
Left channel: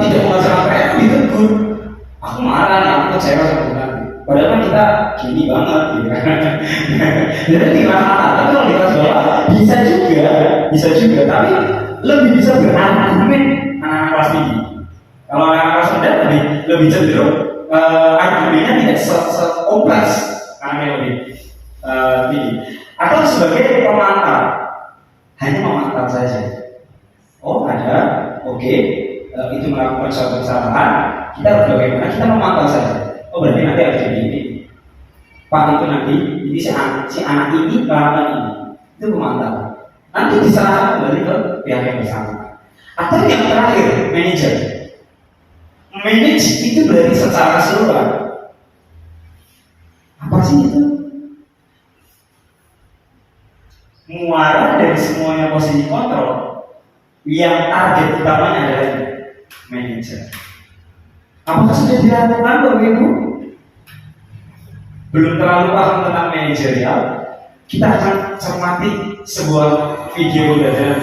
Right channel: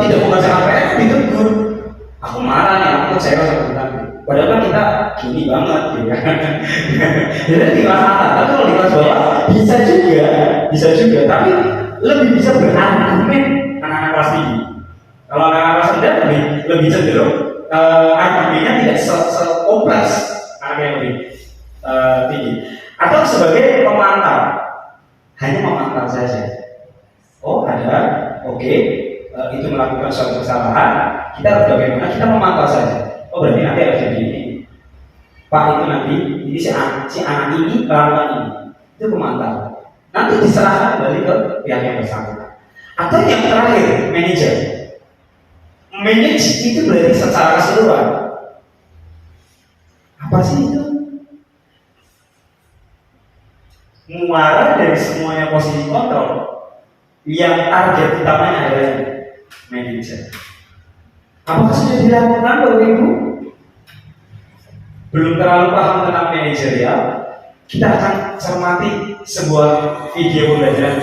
tidak mengajar APR ditegur, aku marah nih, aku kecewa sama Bu Tati. Padahal kan kita gini banget, gitu kan. Jadi di kelas atas, tapi kalau di kelas bawah bisa juga, tapi lebih bisa berargumen anak-anak kelas tinggi. Kalau anak kelas rendah lebih cenderung argumennya tidak sekompleks anak yang lebih tinggi. Atau sebagai pemantau, hanya memantau saja. Oh ada, oke, itu melakukan suatu kesalahan, kita harus bagaimana? Kita memantau saja. Oh berarti nanti harus jadi ini. Pak itu nanti, ini si anak ini melakukan ini, itu memantau. Nanti diserahkan kembali ke pihak yang bersangkutan. Atau yang terakhir, manajer. Manage itu berarti secara keseluruhan. Apa sih itu? Muara dari semuanya posisi kontrol, yang target utamanya adalah manajer. Apakah sudah dilakukan Bapak Ibu? Belum terlalu paham tentang manajerial? Kita akan cermati sebuah video pembelajaran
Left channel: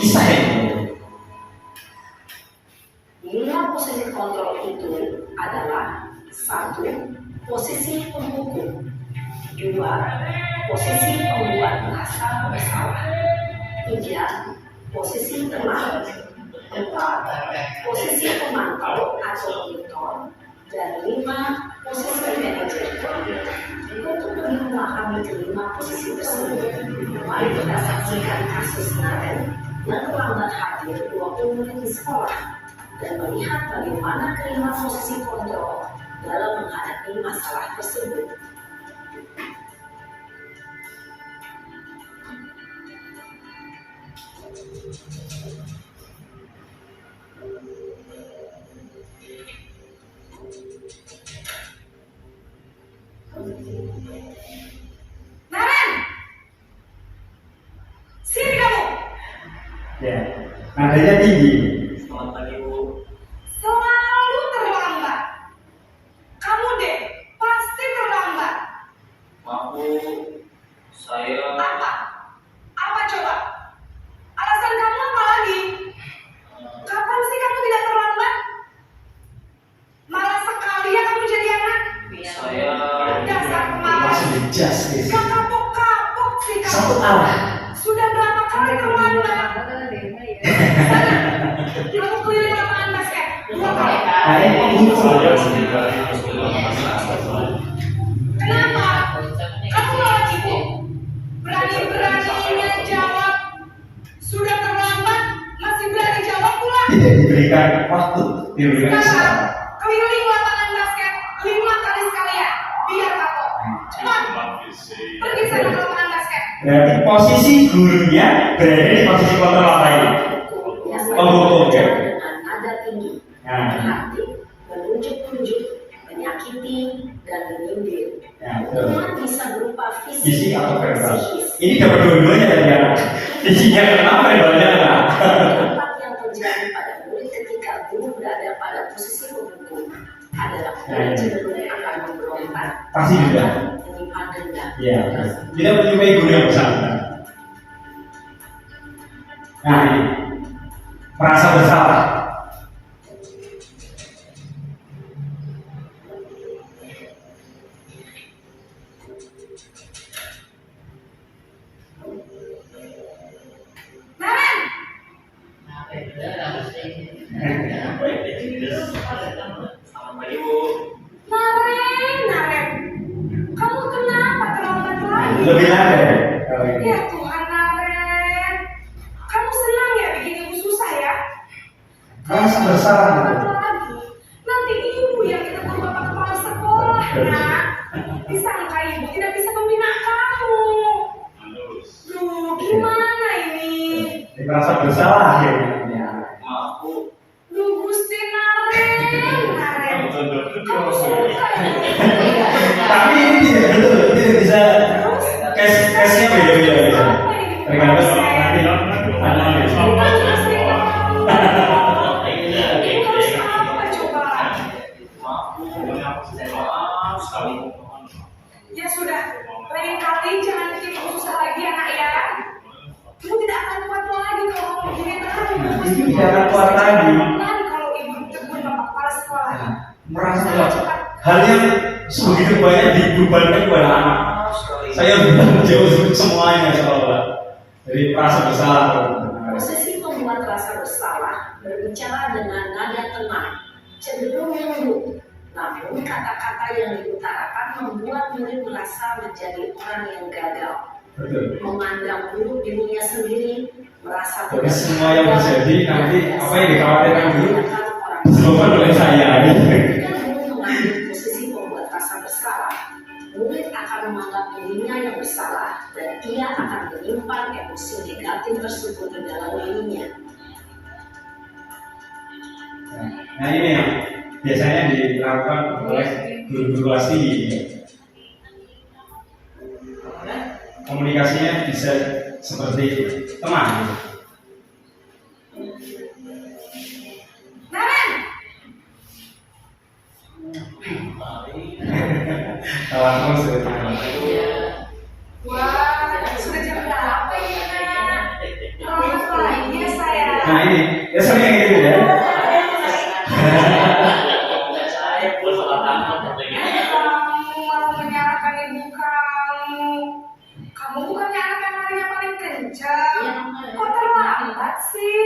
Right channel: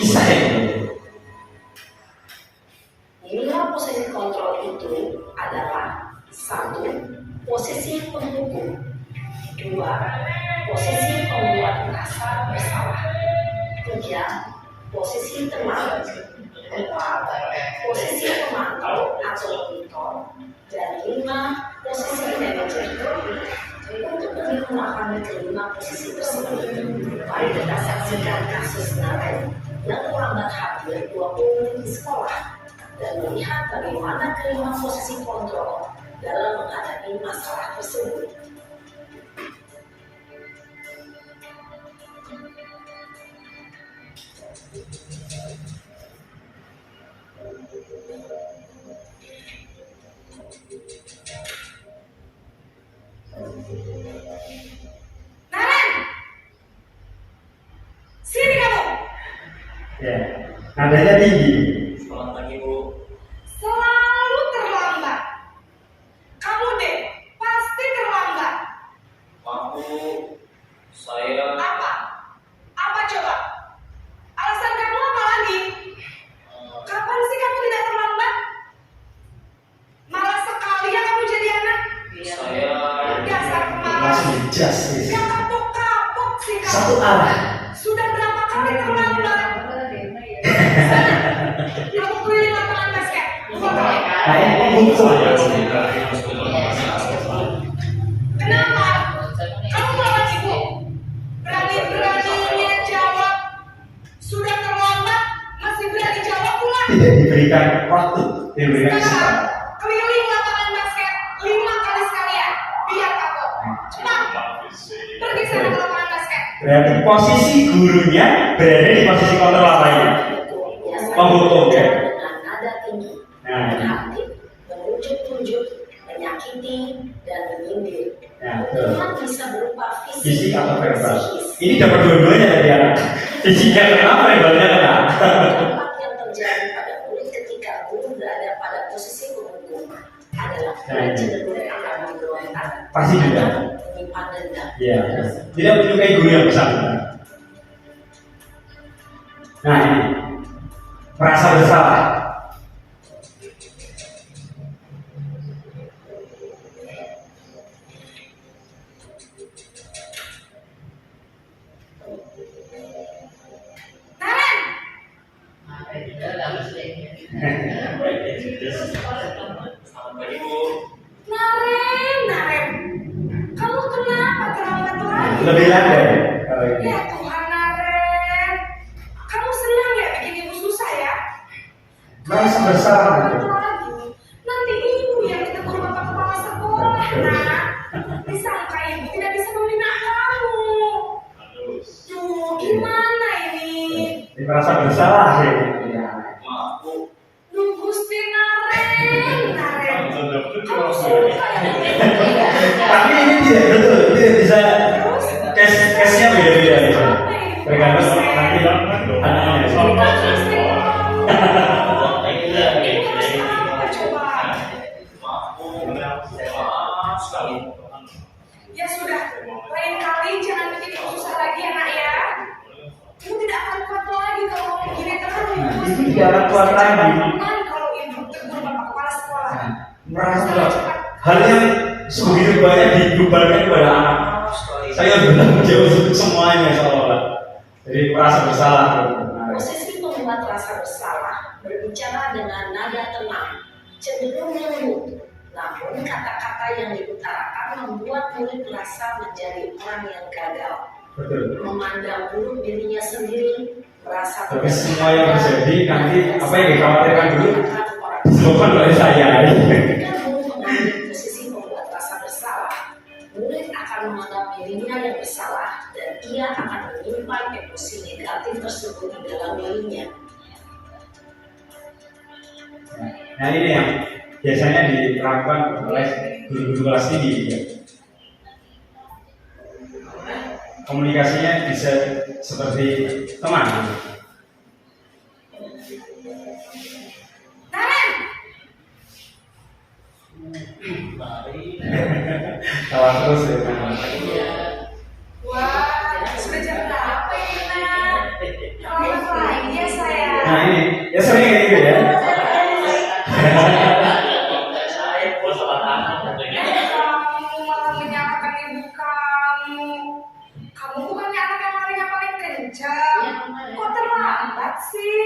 kisah ini. Nilai posisi kontrol itu adalah 1. Posisi penghukum, 2. Posisi pembuat merasa bersalah, 3. Posisi teman, 4. Posisi pemantau atau monitor, dan 5. Posisi manajer. Untuk lebih memahami kelima posisi tersebut, mari kita saksikan kasus Naren yang terlambat hadir 20 menit di sekolah dan melihat bagaimana kelima posisi kontrol dalam menghadapi masalah tersebut. Naren, sini kamu. Ya, nadanya tinggi. Selamat pagi, Bu. Selalu terlambat. Kamu deh, pasti terlambat. Maaf, Bu. Saya Apa? Apa coba? Alasan kamu apa lagi? Kapan sih kamu tidak terlambat? Malas sekali ya kamu jadi anak. saya Dasar pemalas. Langsung dijas gitu. Gak kapok-kapok sih kamu. Satu arah. Sudah berapa kali terlambat? Sana, kamu keliling lapangan basket. 2 kali. Muncul. Kenapa? Kamu lawan ibu. Berani-beraninya jawab. Sudah terlambat, masih berani jawab pula. Tidak diberikan waktu, diberikan Sekarang, kesempatan. keliling lapangan basket 5 kali sekalian. Biar kapok. Cepat, pergi sana ke lapangan basket. Berarti posisi gurunya berada di posisi kontrol apa ini? Penghukum, ya? Dengan nada tinggi, Nah, berhati, menunjuk-nunjuk, menyakiti, dan menyindir. nah betul. Teman bisa berupa Fisik atau verbal? psikis, Ini dapat dua-duanya dari anak. Fisiknya kenapa, verbalnya kenapa? dampak yang terjadi pada murid ketika guru berada pada posisi penghukum adalah murid cenderung akan memberontak Keempat, Pasti juga. menyimpan dendam. Ya, tidak menyukai guru yang bersangkutan. Nah ini, merasa bersalah. Naren, Selamat pagi Bu. Naren, kamu kenapa terlambat lagi? Lebih ada kalau ini. Ya Tuhan Naren, kamu senang ya bikin ibu susah ya? Merasa bersalah. Terlambat lagi, nanti ibu yang ditegur bapak kepala sekolah, nak. Disangka ibu tidak bisa membina kamu. Duh, gimana ini? Ini merasa bersalah ya. Maaf Bu. Duh, Gusti Naren. Kamu suka ya? Tapi ini tidak betul, tidak bisa. Case-nya beda-beda gitu. Tergantung kalau nanti anak-anak itu. Ibu harus apa coba? Maaf Bu. Maaf sekali. Ya sudah, lain kali jangan bikin ibu susah lagi ya nak ya. Ibu tidak akan kuat lagi kalau ngomong gini terus. Itu tidak akan kuat lagi. Nanti kalau ibu tegur bapak kepala sekolah. Merasa hal yang sebegitu banyak dibebankan kepada anak. Maaf sekali. Saya bertanggung jawab untuk semuanya seolah. Jadi merasa bersalah. Posisi pembuat rasa bersalah berbicara dengan nada tenang, cenderung lembut. Namun kata-kata yang diutarakan membuat murid merasa menjadi orang yang gagal, Betul. memandang buruk dirinya sendiri, merasa Tapi semua yang terjadi nanti apa yang dikhawatirkan dulu Tindakan orang disebabkan oleh saya. Ketika murid mengambil posisi pembuat rasa bersalah, murid akan menganggap dirinya yang bersalah dan ia akan menyimpan emosi negatif tersebut di dalam dirinya. Nah ini yang biasanya dilakukan oleh guru-guru kelas tinggi. Komunikasinya bisa seperti teman. Naren, Kawan terus ya. wah sudah jam berapa ini nak? Selamat pagi ya sayang. Nah ini ya sering kayak gitu ya. Saya Bu salah tangan. Kamu malah menyalahkan ibu kamu. Kamu bukannya anak yang larinya paling kencang. Kok terlambat sih?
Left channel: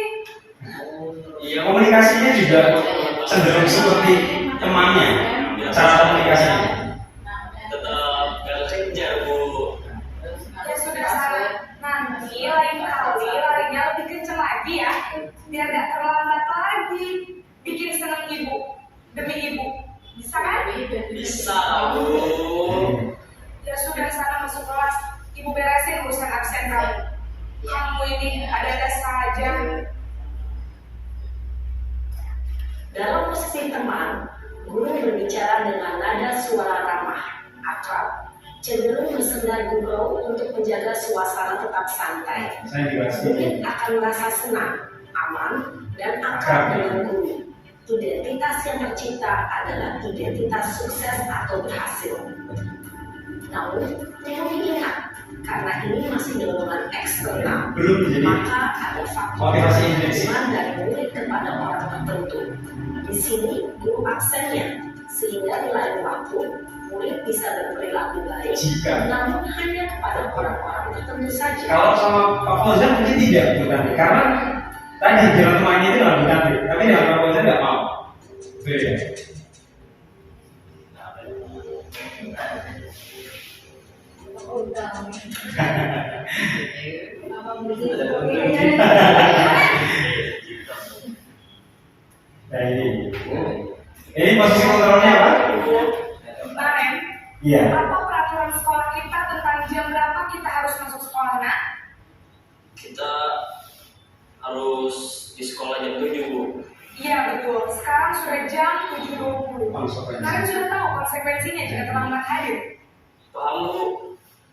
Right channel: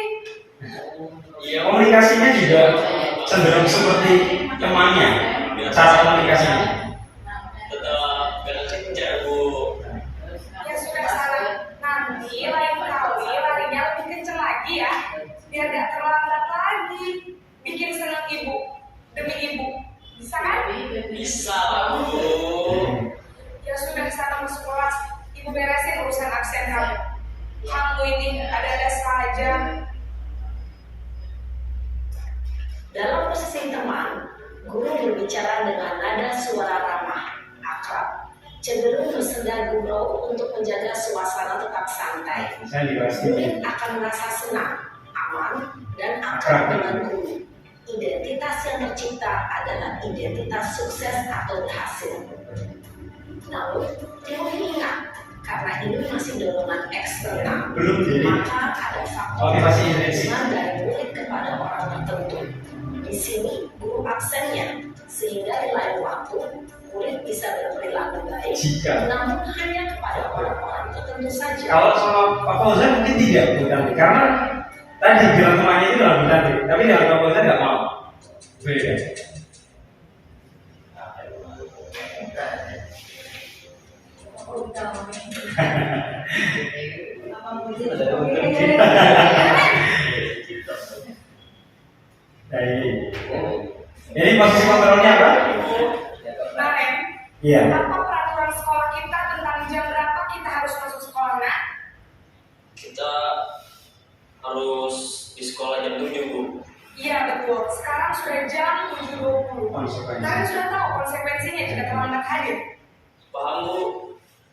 Iya. Komunikasinya juga cenderung seperti temannya. Cara komunikasinya. Tetap kerja Bu. Ya sudah sana. Nanti lain kali larinya lebih kencang lagi ya. Biar gak terlambat lagi. Bikin senang ibu demi ibu. Bisa kan? Bisa Bu. Ya sudah sana masuk kelas. Ibu beresin urusan absen kamu. Kamu ini ada-ada saja. Dalam posisi teman, guru berbicara dengan nada suara ramah, akrab, cenderung bersenda gurau untuk menjaga suasana tetap santai. Saya di kelas tinggi. Murid akan merasa senang, aman, dan akrab dengan guru. Identitas yang tercipta adalah identitas sukses atau berhasil. Namun, perlu diingat, karena ini masih dorongan eksternal, Belum jadi maka ada faktor motivasi intrinsik. penerimaan dari murid kepada orang tertentu. Di sini, guru absennya, sehingga di lain waktu, murid bisa berperilaku baik, Jika namun hanya kepada orang-orang tertentu saja. kalau sama Pak Fauzan mungkin tidak bukan karena tadi bilang temannya itu lah bukan tapi dengan Pak Fauzan nggak mau. Beda. Nah, ini posisi kontrolnya apa? Naren, Iya. apa peraturan sekolah kita tentang jam berapa kita harus masuk sekolah, nak? Kita harus di sekolah jam 7 Bu. Iya betul, sekarang sudah jam 7.20. Naren sudah tahu konsekuensinya jika terlambat hadir. Paham Bu.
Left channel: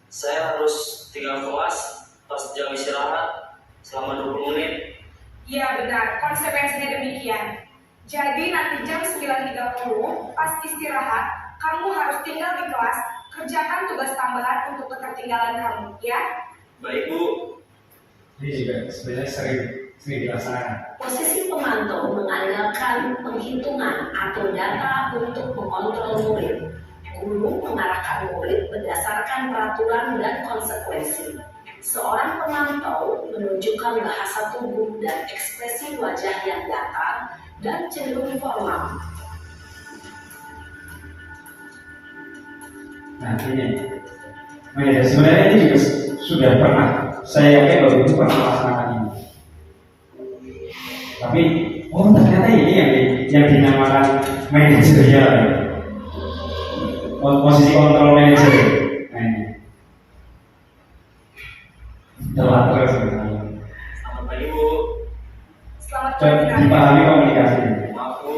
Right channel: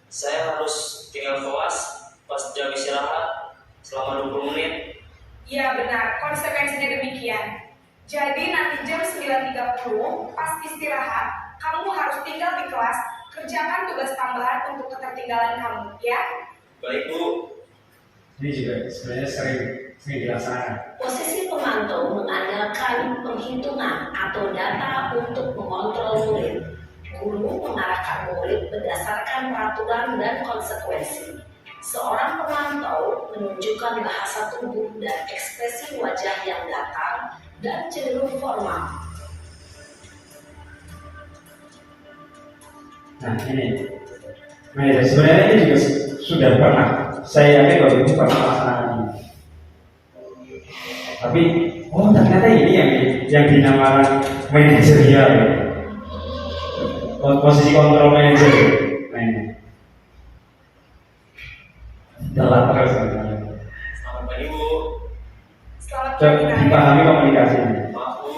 Saya harus tinggal kelas pas jam istirahat selama 20 menit. Iya benar, konsekuensinya demikian. Jadi nanti jam 9.30 pas istirahat, Kamu harus tinggal di kelas, kerjakan tugas tambahan untuk ketertinggalan kamu, ya. Baik, Bu. Ini juga sebenarnya sering dilaksanakan. Posisi pemantau mengandalkan penghitungan atau data untuk mengontrol murid. Guru mengarahkan murid berdasarkan peraturan dan konsekuensi. Seorang pemantau menunjukkan bahasa tubuh dan ekspresi wajah yang datar dan cenderung formal. Nah ini, manajer sebenarnya ini juga sudah pernah. Saya yakin Bapak Ibu pernah melaksanakan ini. Tapi, oh ternyata ini yang dinamakan manajerial. Posisi kontrol manajer. Nah ini. Telat terus. Selamat pagi, Bu. Selamat Coba pagi, Naren. dipahami komunikasinya. Maaf, Bu.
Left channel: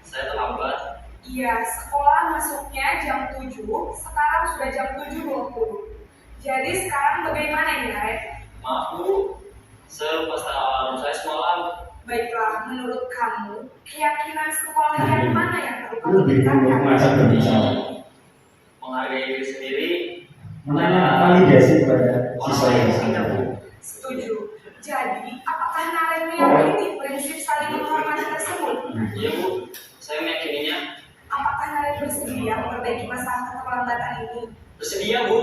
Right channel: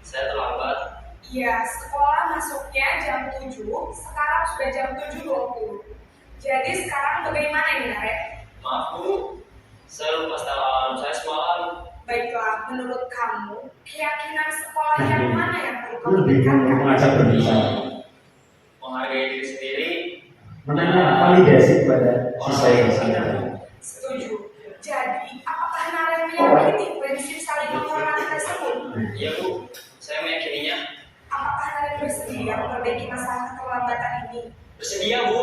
Saya terlambat. Iya, sekolah masuknya jam 7, sekarang sudah jam 7.20. Jadi sekarang bagaimana ini, Naren? Maaf, Bu. Saya lupa setel alarm saya semalam. Baiklah, menurut kamu, keyakinan sekolah Nah, yang ini. mana yang perlu kamu Lebih tingkatkan? mengajak berbicara. Menghargai diri sendiri. Menanya validasi kepada siswa yang bersama. Setuju. Jadi, apakah Naren meyakini prinsip saling menghormati tersebut? Iya, Bu. Saya meyakininya. Apakah Naren bersedia memperbaiki masalah keterlambatan ini? Bersedia, Bu.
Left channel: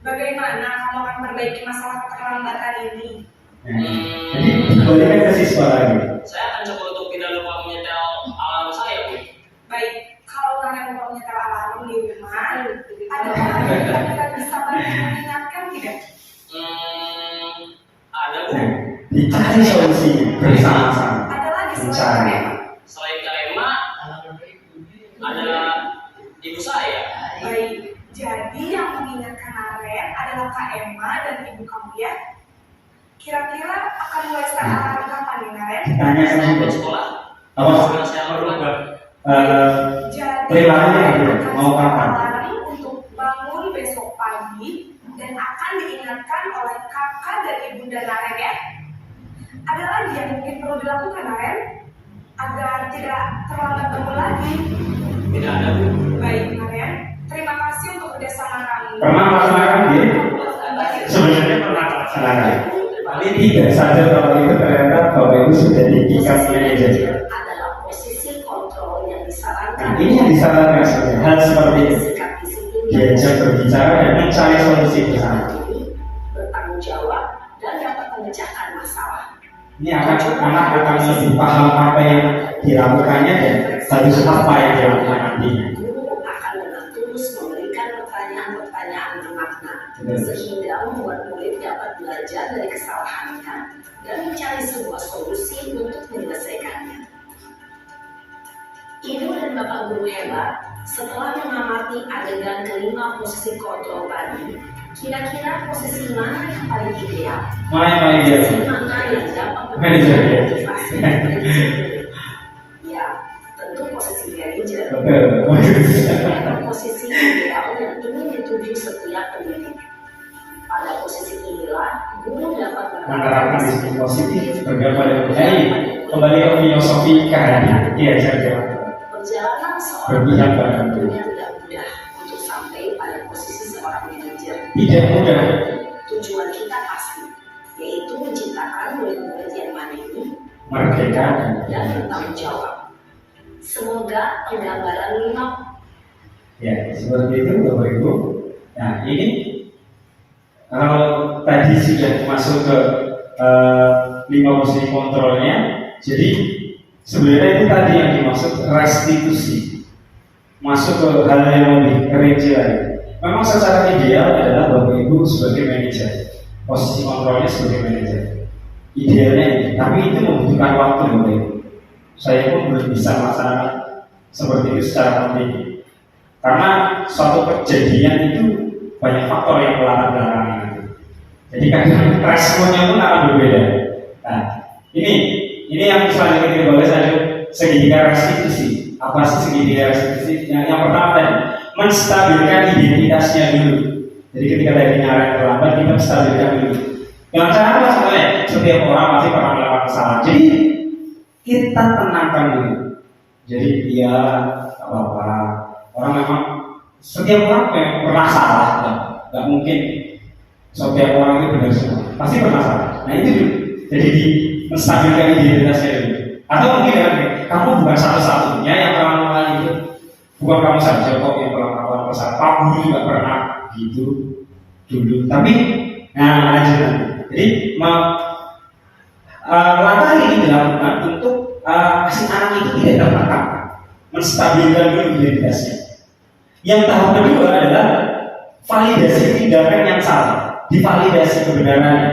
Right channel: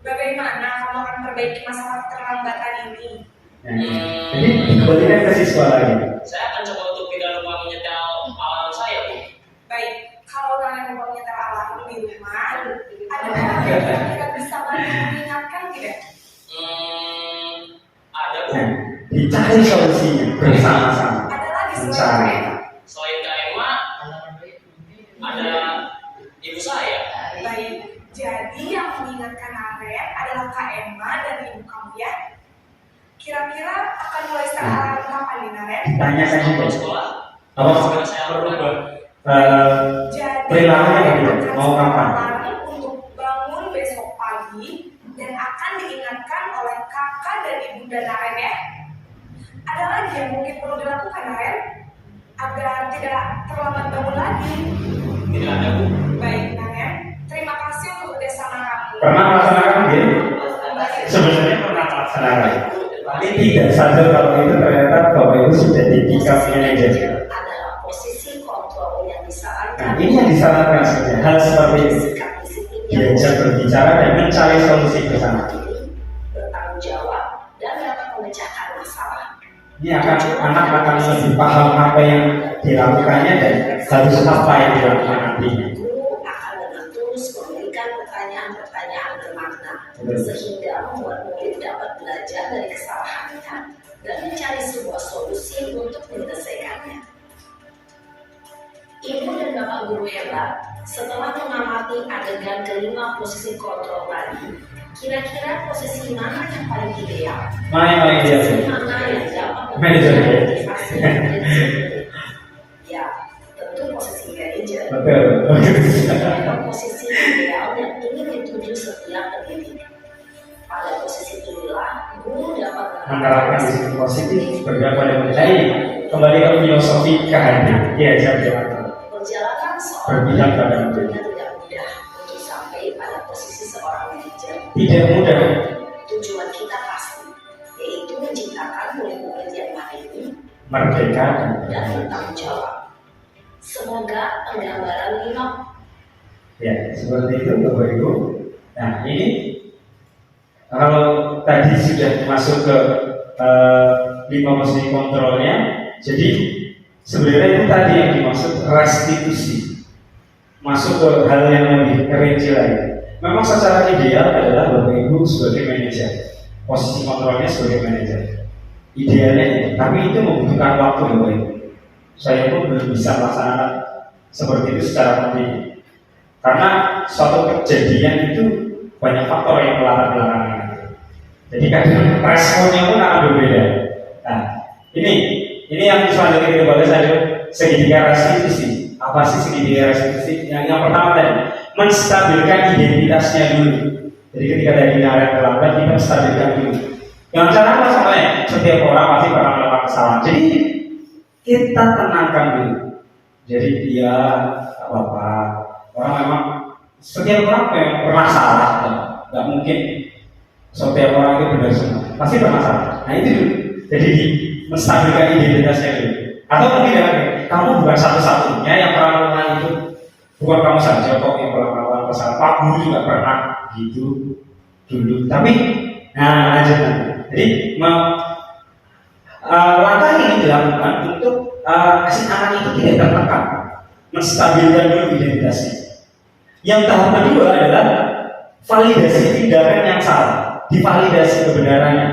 Bagaimana kamu akan memperbaiki masalah keterlambatan ini? Nah, jadi dikembalikan ke siswa lagi. Saya akan coba untuk tidak lupa menyetel alarm saya, Bu. Baik, kalau Naren mau menyetel alarm di rumah, ada orang yang kira-kira bisa bantu mengingatkan tidak? Ada, Bu. Nah, dicari solusinya bersama-sama. Ada lagi Mencari. selain Selain Kak Emma, ada ibu saya. Baik, jadi yang mengingatkan Naren adalah Kak Emma dan ibu kamu ya. Kira-kira akan mulai start alarm kapan nih Naren? Ditanyakan Saya juga. mau sekolah. Apa? Segera saya lakukan. Eh, Jadi Perilakunya Naren gitu, akan mau start kapan? alarm untuk bangun besok pagi dan akan diingatkan oleh kakak dan ibunda Naren ya. Ada lagi yang mungkin perlu dilakukan Naren agar tidak terlambat bangun lagi. Tidak ada, Bu. Baik Naren, terima kasih untuk kerjasama kamu. Pernah melaksanakan gini? Sebenarnya pernah melaksanakan. Tapi tidak sadar kalau itu ternyata Bapak Ibu sudah di tingkat manajer. Adalah posisi kontrol yang Nah, disarankan. ini yang disarankan sebenarnya hal seperti ini. Sikap disiplin yang Diajak berbicara dan mencari solusi bersama. mandiri, bertanggung jawab, dan dapat memecahkan masalah. Ini anak akan lebih paham apa yang dilakukannya dan harus apa yang dilakukan nantinya. Guru akan dengan tulus memberikan pertanyaan-pertanyaan bermakna, Betul. sehingga membuat murid dapat belajar dari kesalahannya dan mencari sebuah solusi untuk menyelesaikannya. Ibu dan Bapak guru hebat, setelah mengamati adegan kelima posisi kontrol tadi, kira-kira posisi mana yang paling ideal? Mana yang paling ideal? Posisi mana yang dapat Manajer, ya? memotivasi manajer? Ya, tentu posisi manajer. Betul. Posisi ideal yang ingin dituju setiap pendidik. Pada posisi inilah guru dapat Menerapkan disiplin positif bergerak pada menjadi kembali ke filosofi kehadiran. Iya, saya perjalanan seorang Berpihak pada pendidik tentunya tidak mudah untuk sampai pada posisi seorang manajer. tidak mudah. Tujuan kita pasti, yaitu menciptakan murid-murid yang mandiri Merdeka dan bertanggung jawab. Semoga penggambaran 5 ya seperti itu Bapak Ibu. Nah ini kalau tadi sudah masuk ke 5 posisi kontrolnya, jadi sebenarnya itu tadi yang dimaksud restitusi, masuk ke hal yang lebih rinci lagi. Memang secara ideal adalah Bapak Ibu sebagai manajer, posisi kontrolnya sebagai manajer. Idealnya itu, tapi itu membutuhkan waktu Bapak Ibu. Saya pun belum bisa melaksanakan seperti itu secara mandiri. Karena suatu kejadian itu banyak faktor yang melatar belakangnya. Jadi kadang responnya pun akan berbeda. Nah, ini yang selanjutnya kita bahas adalah segitiga restitusi. Apa sih segitiga restitusi? Yang pertama tadi menstabilkan identitasnya dulu. Jadi ketika dari Naren terlambat kita menstabilkan dulu. Dengan cara apa sebenarnya? Setiap orang pasti pernah melakukan kesalahan. Jadi kita tenangkan dulu. Jadi dia apa-apa. Orang memang Setiap orang memang pernah salah, nggak mungkin setiap orang itu benar semua, pasti pernah salah. Nah itu dulu. Jadi di menstabilkan identitasnya dulu. Atau mungkin ya, kamu bukan satu-satunya yang pernah melakukan itu, bukan kamu saja kok yang pernah melakukan kesalahan. Pak Guru juga pernah gitu dulu. Tapi, nah lanjut nanti. Jadi langkah ini dilakukan untuk si anak itu tidak tertekan, menstabilkan dulu identitasnya. Yang tahap kedua adalah validasi tindakan yang salah, divalidasi kebenarannya.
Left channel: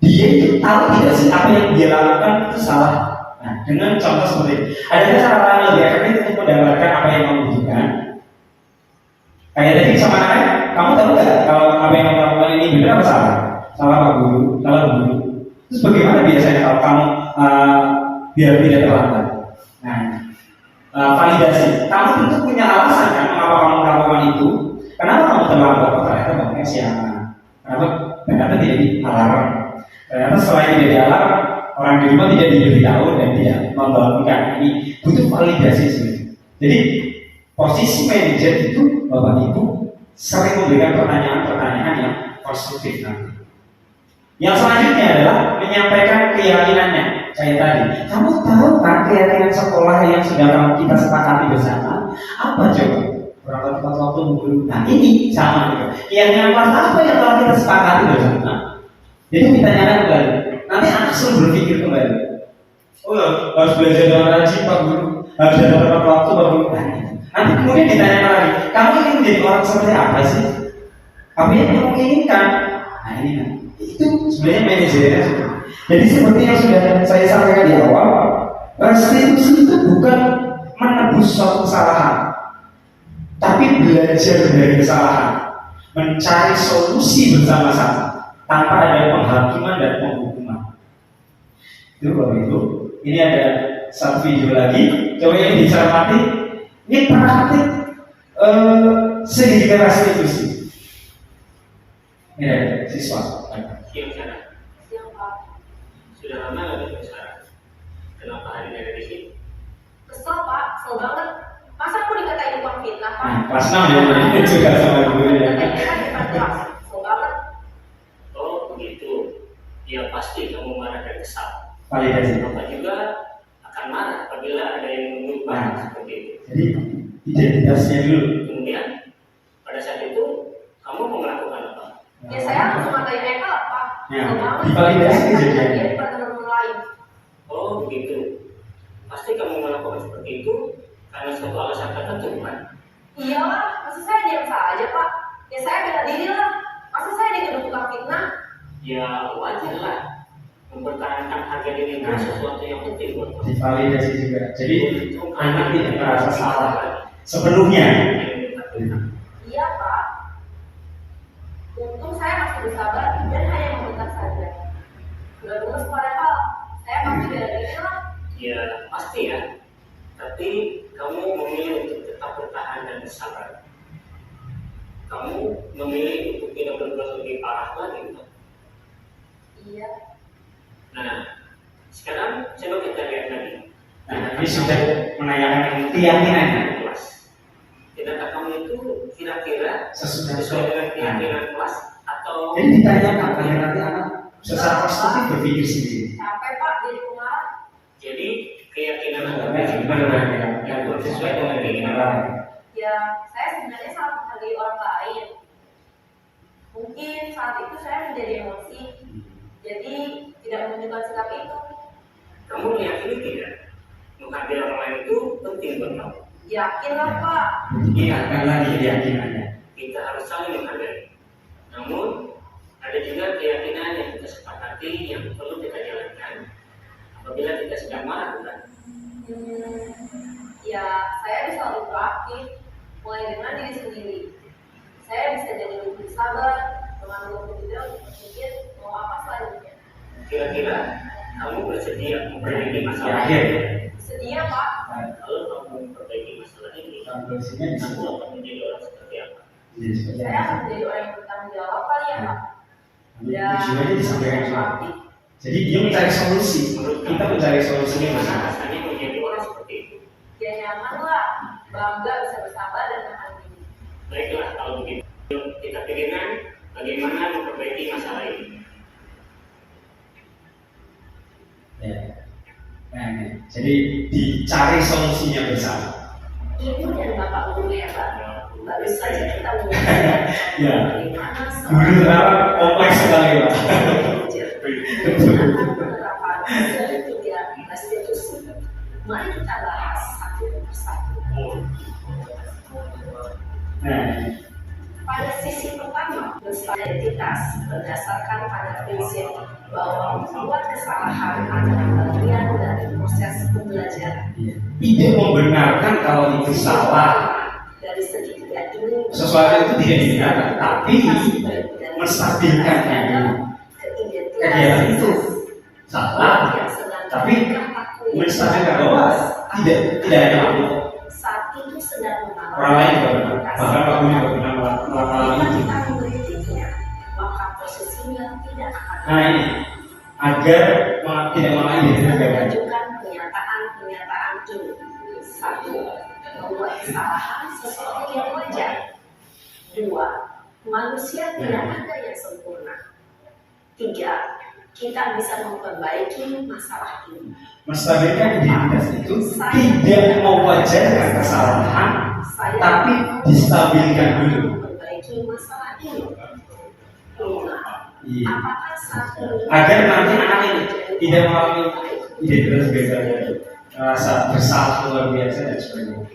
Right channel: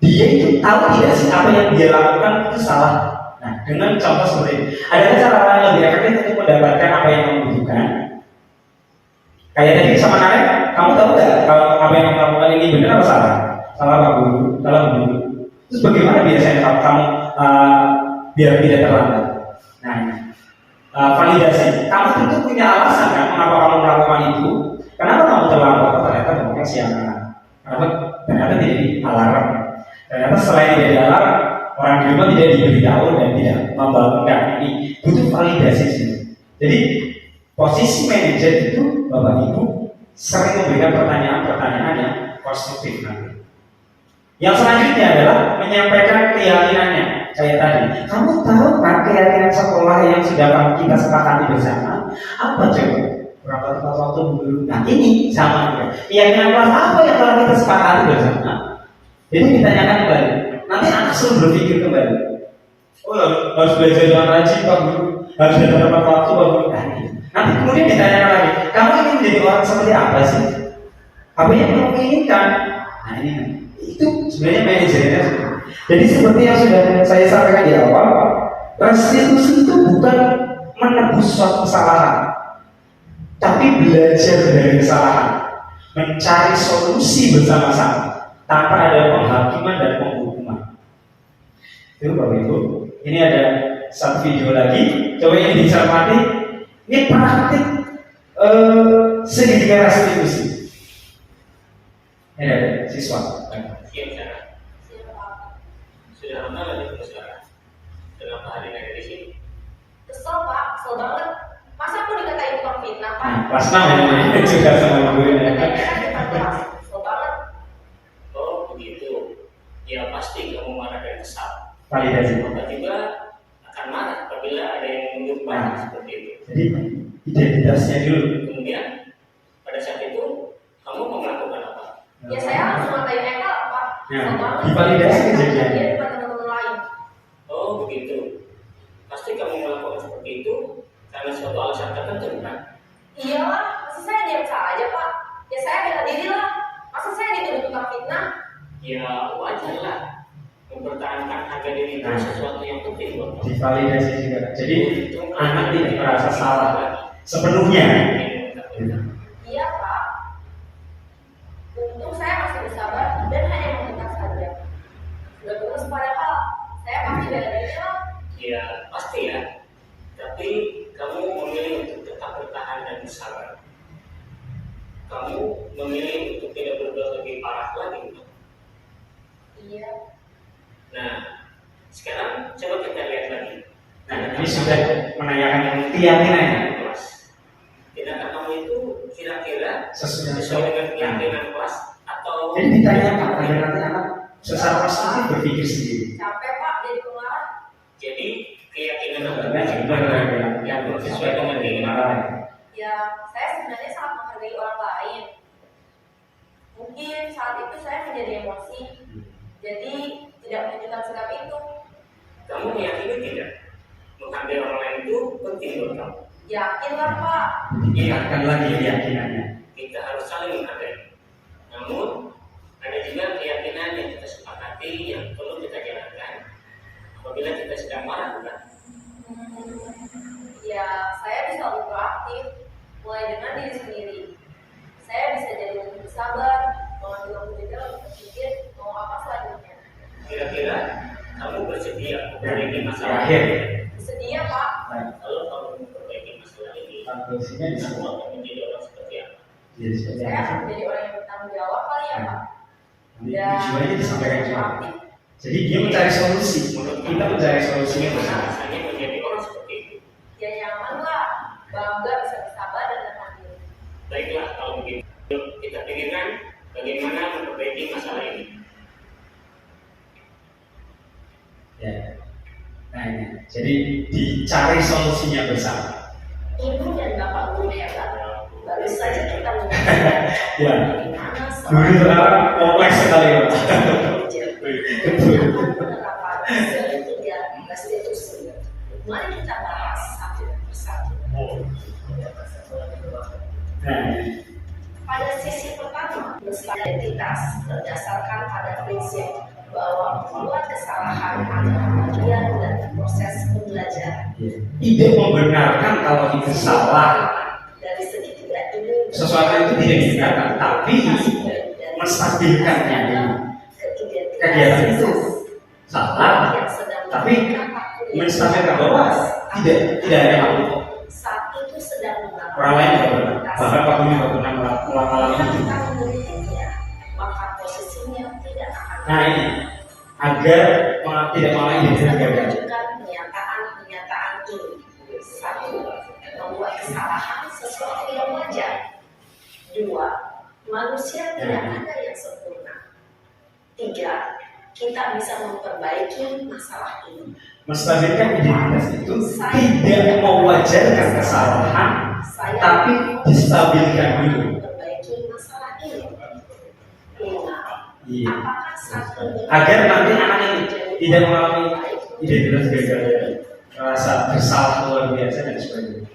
Dia itu tahu tidak sih apa yang dia lakukan itu salah. Nah, dengan contoh seperti ini, ada cara lain lebih efektif untuk mendapatkan apa yang kamu butuhkan. Kayak tadi sama Naya, kamu tahu nggak kalau apa yang kamu lakukan ini benar atau salah? Salah Pak Guru, salah Guru. Terus bagaimana biasanya kalau kamu biar tidak terlambat? Nah, validasi. Kamu tentu punya alasan kan mengapa kamu melakukan itu. Kenapa kamu terlambat? Ternyata bangunnya siangan. Kenapa? Ternyata tidak di alarm. Ternyata selain tidak di alarm, orang di rumah tidak diberitahu dan tidak membangunkan. Ini butuh validasi sih. Jadi posisi manajer itu Bapak Ibu sering memberikan pertanyaan-pertanyaan yang konstruktif nanti. Yang selanjutnya adalah menyampaikan keyakinannya. Kayak tadi, kamu tahu kan keyakinan sekolah yang sudah kita sepakati bersama? Apa coba? Berapa tepat waktu dulu? Nah ini sama juga. Keyakinan kelas apa yang telah kita sepakati bersama? Jadi ditanyakan kembali. Nanti anak suruh berpikir kembali. Oh ya, harus belajar dengan rajin Pak Guru. Harus datang tepat waktu Pak Guru. Nanti kemudian ditanyakan lagi. Kamu ingin menjadi orang seperti apa sih? Apa yang kamu inginkan? Nah ini kan. Itu sebenarnya manajernya. Jadi seperti yang sudah saya sampaikan di awal, restitusi itu bukan menebus suatu kesalahan, tapi belajar dari kesalahan, mencari solusi bersama-sama tanpa ada penghakiman dan penghukuman. Itu Bapak Ibu. Ini ada satu video lagi. Coba ini dicermati. Ini praktik segitiga restitusi. Ini ada siswa. Siang sana. Siang Pak. Sudah lama nggak di sekarang? Kenapa hari ini ada di sini? Kesel Pak, kesel banget. Masa aku dikatain tukang fitnah Pak? Nah, kelas 6 ya, ini juga sama gurunya. Katanya kan depan kelas, kesel banget. Oh begitu. Ya pasti kamu marah dan kesal. Validasi. Bapak juga akan marah apabila ada yang menuduh seperti itu. Jadi identitasnya dulu. Kemudian pada saat itu kamu mau melakukan apa? Ya saya langsung ngatain Eka Pak. Ya, Kesel banget. divalidasi Saya kejadian. dia depan teman-teman lain. Oh begitu. Pasti kamu melakukan seperti itu karena suatu alasan tertentu bukan? Iyalah, masa saya diam saja Pak? Ya saya bela diri lah. Masa saya dituduh tukang fitnah? Ya wajar lah. Mempertahankan harga diri itu sesuatu yang penting buat kamu. Divalidasi juga. Jadi Itu anak tidak merasa salah lagi. sepenuhnya. Iya Pak. Untung saya masih bersabar dan hanya meminta saja. Sudah tulus padahal saya pasti bela diri lah. Ya pasti ya. Tapi kamu memilih untuk tetap bertahan dan bersabar. Kamu memilih untuk tidak berbuat lebih parah lagi bukan? Iya. Nah, sekarang coba kita lihat lagi. Nah, ini sudah menanyakan keyakinannya. Kelas. Tindakan kamu itu kira-kira Sesudah sesuai dengan keyakinan kelas atau? Jadi ditanyakan agar nanti anak secara konstruktif berpikir sendiri. Capek Pak jadi pengarah. Jadi keyakinan Anda Benar, yang sesuai dengan keinginan. Ya, saya sebenarnya sangat menghargai orang lain. Mungkin saat itu saya menjadi emosi, jadi tidak menunjukkan sikap itu. Kamu meyakini tidak? Menghargai orang lain itu penting buat kamu. Yakin lah Pak. Ingatkan lagi keyakinannya. Kita harus saling menghargai. Namun ada juga keyakinan yang kita sepakati yang perlu kita jalankan apabila kita sedang marah bukan? Ya, saya bisa lebih proaktif, mulai dengan diri sendiri. Saya bisa jadi lebih bersabar, mengambil waktu jeda untuk berpikir mau apa selanjutnya. Kira-kira kamu bersedia memperbaiki masalah Yakin. ini? Bersedia Pak. Kalau kamu memperbaiki masalah ini, Konklusinya di kamu situ. akan menjadi orang seperti apa? Jadi seperti Saya akan apa? menjadi orang yang bertanggung jawab kali ya Pak. Tujuannya disampaikan juga. proaktif. Jadi dia mencari solusi. Menurut Kita kamu, mencari solusinya bagaimana bersama. rasanya menjadi orang seperti itu? Ya nyaman lah, bangga bisa bersabar dan tahan diri. Nah, ini. Jadi dicari solusinya bersama. Ibu dan bapak guru hebat. Baru saja kita menyaksikan Ya. bagaimana Guru itu apa? Kompleks sekali, Pak. menggunakan penerapan ketiga restitusi. Mari kita bahas satu persatu. Nah, Pada sisi pertama, identitas berdasarkan pada prinsip bahwa membuat kesalahan adalah bagian dari proses pembelajaran. tidak membenarkan kalau itu salah. Dari segi tidak ini, Sesuatu itu tidak dibenarkan, tapi menstabilkannya dulu. Kegiatan itu salah, yang sedang tapi berlaku menstabilkan bahwa tidak ada apa. saat itu sedang mengalami Orang lain juga benar. Bahkan Pak Guru juga pernah mengalami jika itu. kita mengkritiknya, maka posisinya tidak akan Nah ini agar tidak malah ini bisa gagal. menunjukkan pernyataan ini. Satu, membuat kesalahan sesuatu yang wajar. Dua, manusia tidak ada yang sempurna. Tiga, kita bisa memperbaiki masalah ini. Menstabilkan identitas itu tidak mewajarkan kesalahan, Saya tapi distabilkan dulu. memperbaiki masalah ini. Lima, Iya. apakah saat ini Agar nanti anak ini tidak mengalami identitas gagal, merasa bersalah luar biasa dan sebagainya.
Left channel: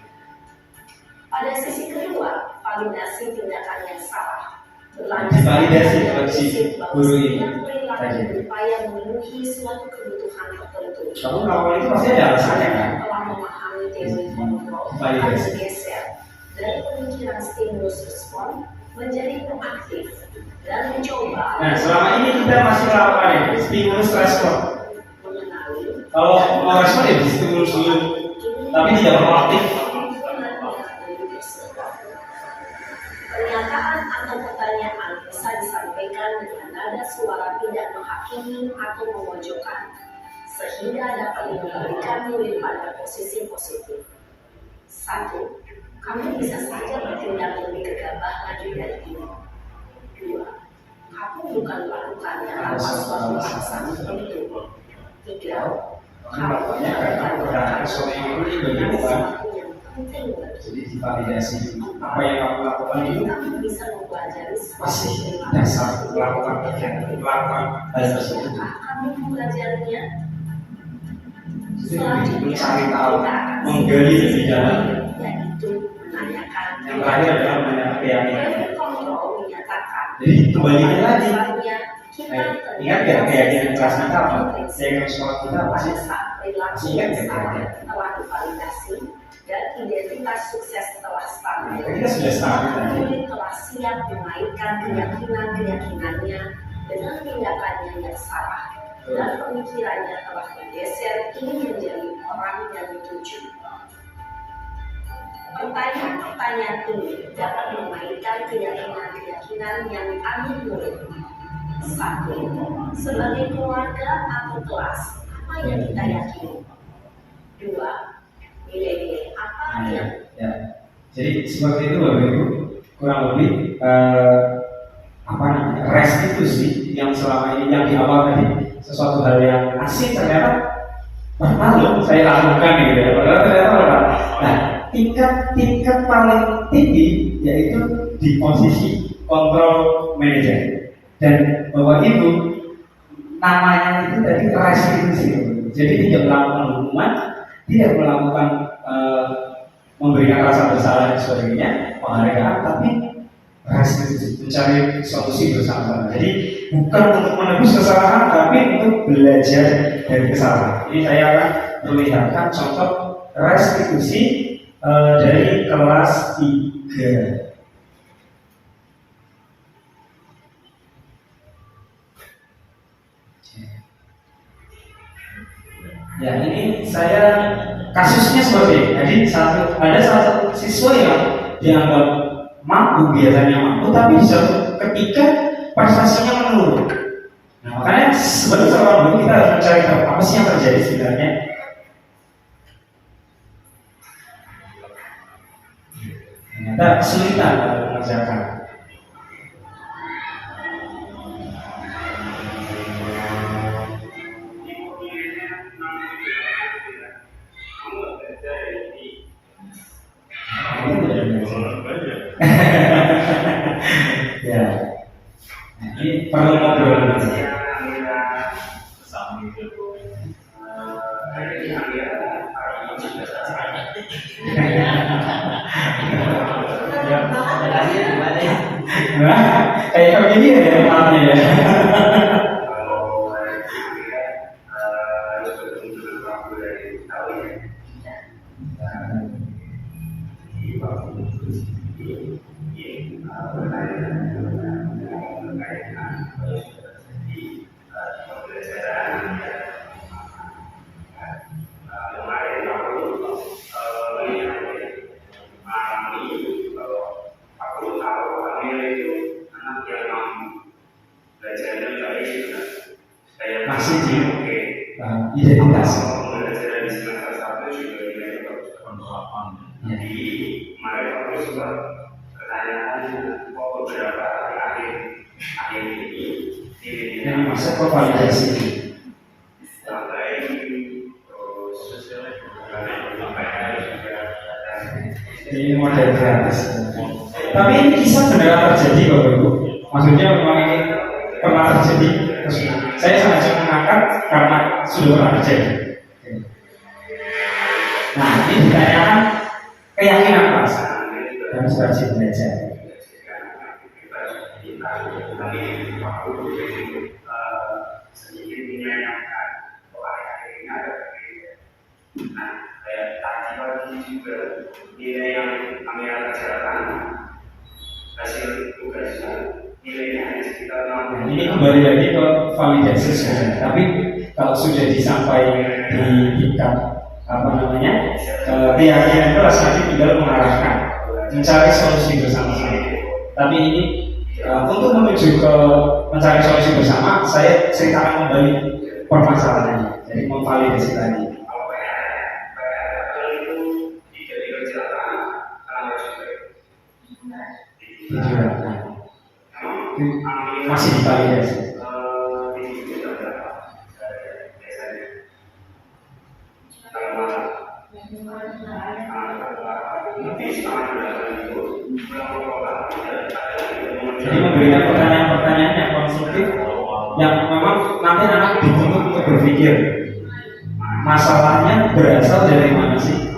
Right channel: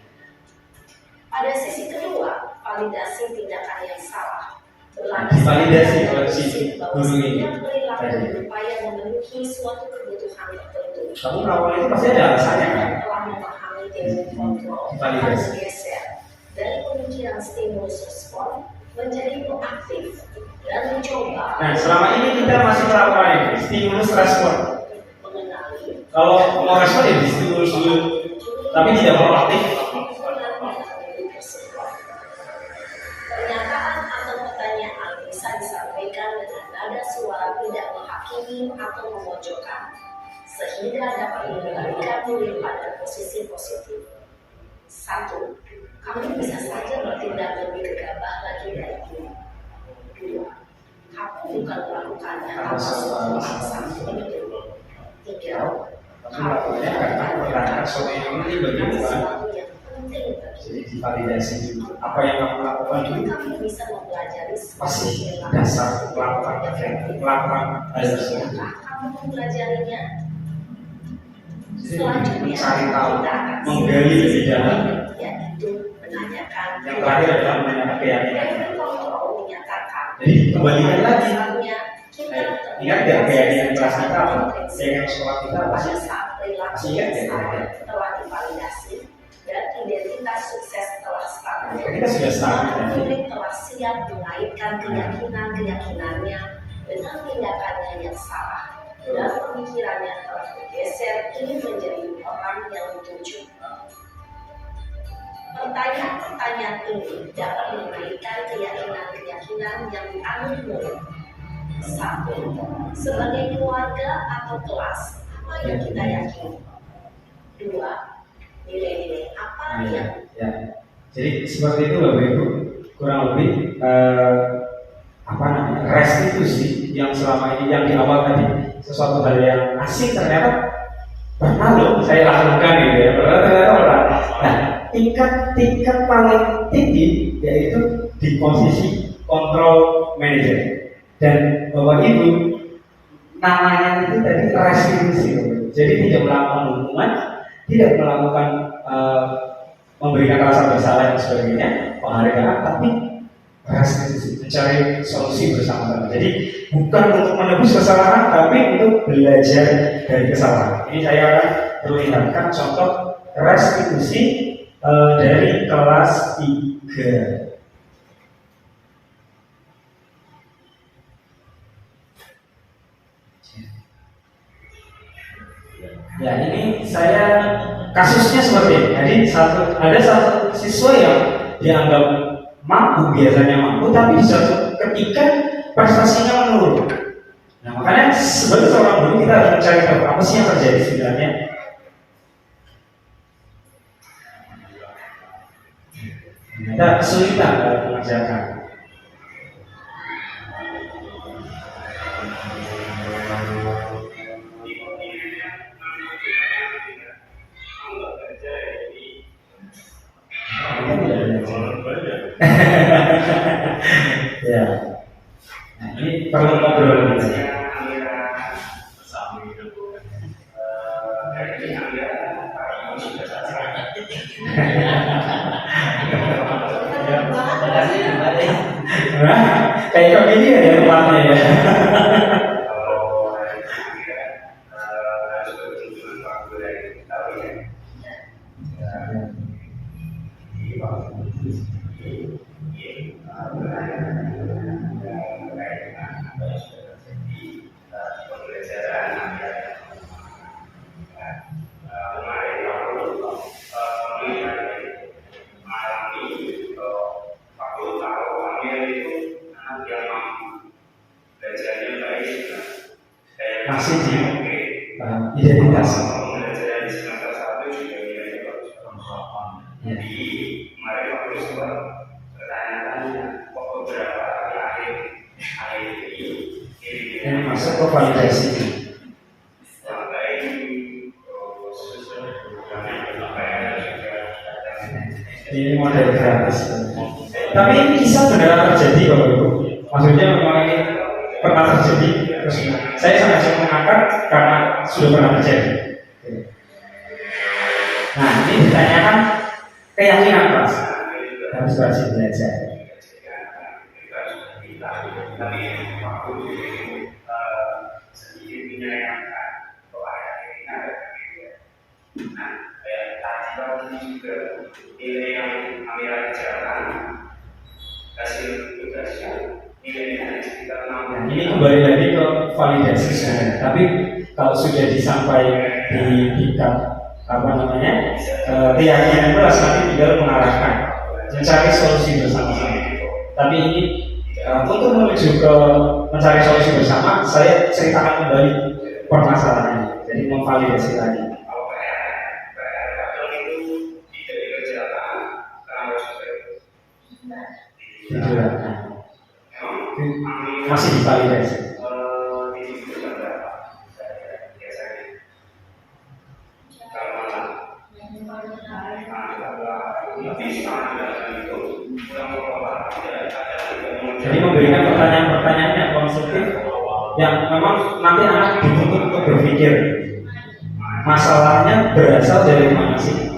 Pada sisi kedua, validasi tindakan yang salah. Divalidasi oleh si bahwa guru ini setiap perilaku tadi. berupaya memenuhi suatu kebutuhan tertentu. Kamu melakukan itu pasti ada alasannya kan? Telah memahami teori kontrol akan Validasi. bergeser dari pemikiran stimulus respon menjadi proaktif dan mencoba. Nah selama ini kita masih melakukan ini stimulus respon. Mengenali Kalau mau respon ya di stimulus dulu, tapi tidak proaktif. Pernyataan atau pertanyaan bisa disampaikan dengan nada suara tidak menghakimi atau memojokkan, sehingga dapat mengembalikan murid pada posisi positif. Satu, kamu bisa saja bertindak lebih gegabah lagi dari ini. Dua, kamu bukan melakukannya tanpa suatu alasan tertentu. Tiga, kamu melakukan sesuatu yang penting bagi. Jadi divalidasi dulu. Apa yang kamu lakukan itu Kamu bisa mempelajari pasti dasar melakukan hal tersebut. Apakah kamu mempelajarinya? Jadi mencari tahu, kita akan menggali lebih dalam. yaitu menanyakan. Yang terakhir adalah menanyakan keyakinan. Teori kontrol menyatakan. Jadi kembalikan lagi. Dasarnya, kita Ingat gak keyakinan kelas kita apa? Keyakinan sekolah kita apa pada sih? saat perilaku Masih ingat yang gak salah kira-kira? telah divalidasi dan identitas sukses telah stabil. Kita sudah stabil tadi. Murid telah siap mengaitkan keyakinannya dengan tindakannya yang salah dan pemikirannya telah bergeser ingin menjadi orang yang dituju. Pertanyaan-pertanyaan ini dapat mengaitkan keyakinan yang dianut murid. Satu, sebagai keluarga atau kelas, apa yang kita yakini? Dua, nilai-nilai apa yang Ya. Jadi seperti itu Bapak Ibu, kurang lebih restitusi yang selama ini yang di awal tadi sesuatu hal yang asing ternyata pernah loh saya lakukan gitu ya. Padahal ternyata pernah. Nah, tingkat paling tinggi yaitu di posisi kontrol manager. Dan Bapak Ibu namanya itu tadi restitusi. Jadi tidak melakukan hukuman, tidak melakukan memberikan rasa bersalah dan sebagainya, penghargaan, tapi restitusi, mencari solusi bersama-sama. Jadi bukan untuk menebus kesalahan, tapi untuk belajar dari kesalahan. Ini saya akan perlihatkan contoh restitusi dari kelas 3. Ya, ini saya kasusnya seperti ini. Jadi ada satu siswa yang dianggap mampu, biasanya mampu, tapi di suatu ketika prestasinya menurun. Nah, makanya sebagai seorang guru kita harus mencari tahu apa sih yang terjadi sebenarnya. Ada kesulitan dalam mengerjakan. perlu ngobrol. Nah, kayak begini ya tempatnya ya. Masih di identitas. Yang masuk ke validasi. Ini model gratis. Tapi ini kisah benar terjadi Bapak Ibu. Maksudnya memang ini pernah terjadi. Saya sengaja mengangkat karena sudah pernah terjadi. Nah, ini ditanyakan keyakinan kelas dan rajin belajar. Nilai yang kami kerjakan, hasil tugasnya nilainya hanya sekitar 60. Ini kembali lagi ke validasi sebenarnya. Tapi kalau sudah disampaikan di tingkat keyakinan kelas nanti tinggal mengarahkan mencari solusi bersama-sama. Tapi ini untuk menuju ke mencari solusi bersama, saya ceritakan kembali permasalahannya. Jadi memvalidasi lagi. Masih divalidasi. Jadi memberikan pertanyaan-pertanyaan yang konstruktif yang memang nanti anak dituntut untuk berpikir masalahnya berasal dari mana sih?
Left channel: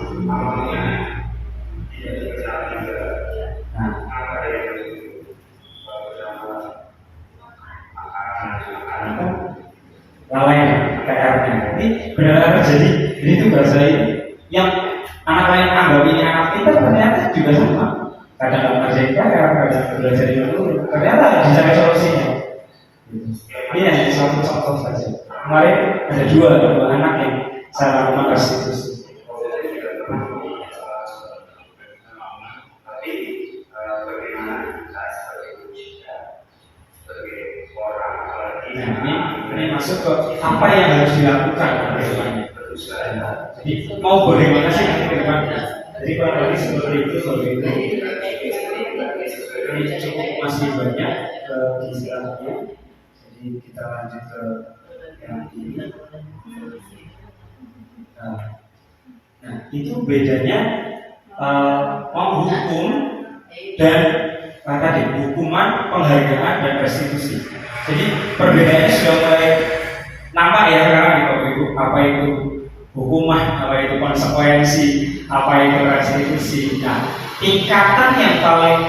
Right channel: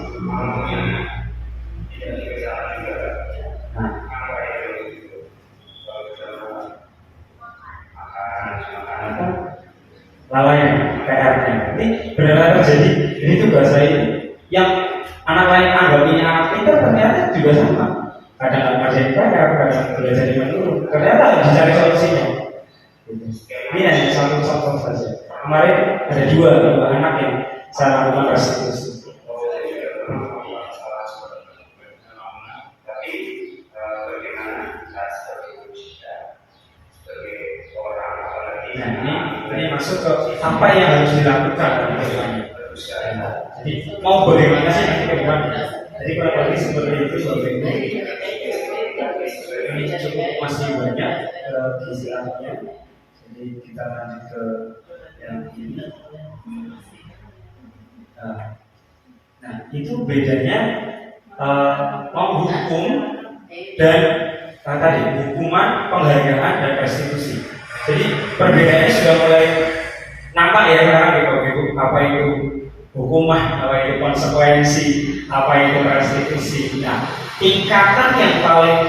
Lalai PR-nya. Ini benar-benar terjadi. Ini tuh bahasa ini yang anak lain anggap ini anak kita ternyata juga sama. Kadang nggak ngerjain PR, kadang belajar di mana. Ternyata dicari solusinya. Ini hanya satu contoh saja. Kemarin ada dua anak yang saya lakukan restitusi. Nah, ini masuk ke apa yang harus dilakukan. Jadi mau bagaimana sih ke depan? Jadi kurang lebih seperti itu Bapak Ibu. Ini cukup masih banyak istilahnya. Jadi kita lanjut ke yang ini. Nah, itu bedanya menghukum dan tadi hukuman, penghargaan dan restitusi. Jadi perbedaannya sudah mulai nampak ya sekarang di Bapak Ibu. Apa itu hukuman, apa itu konsekuensi, apa itu restitusi. Nah, tingkatan yang paling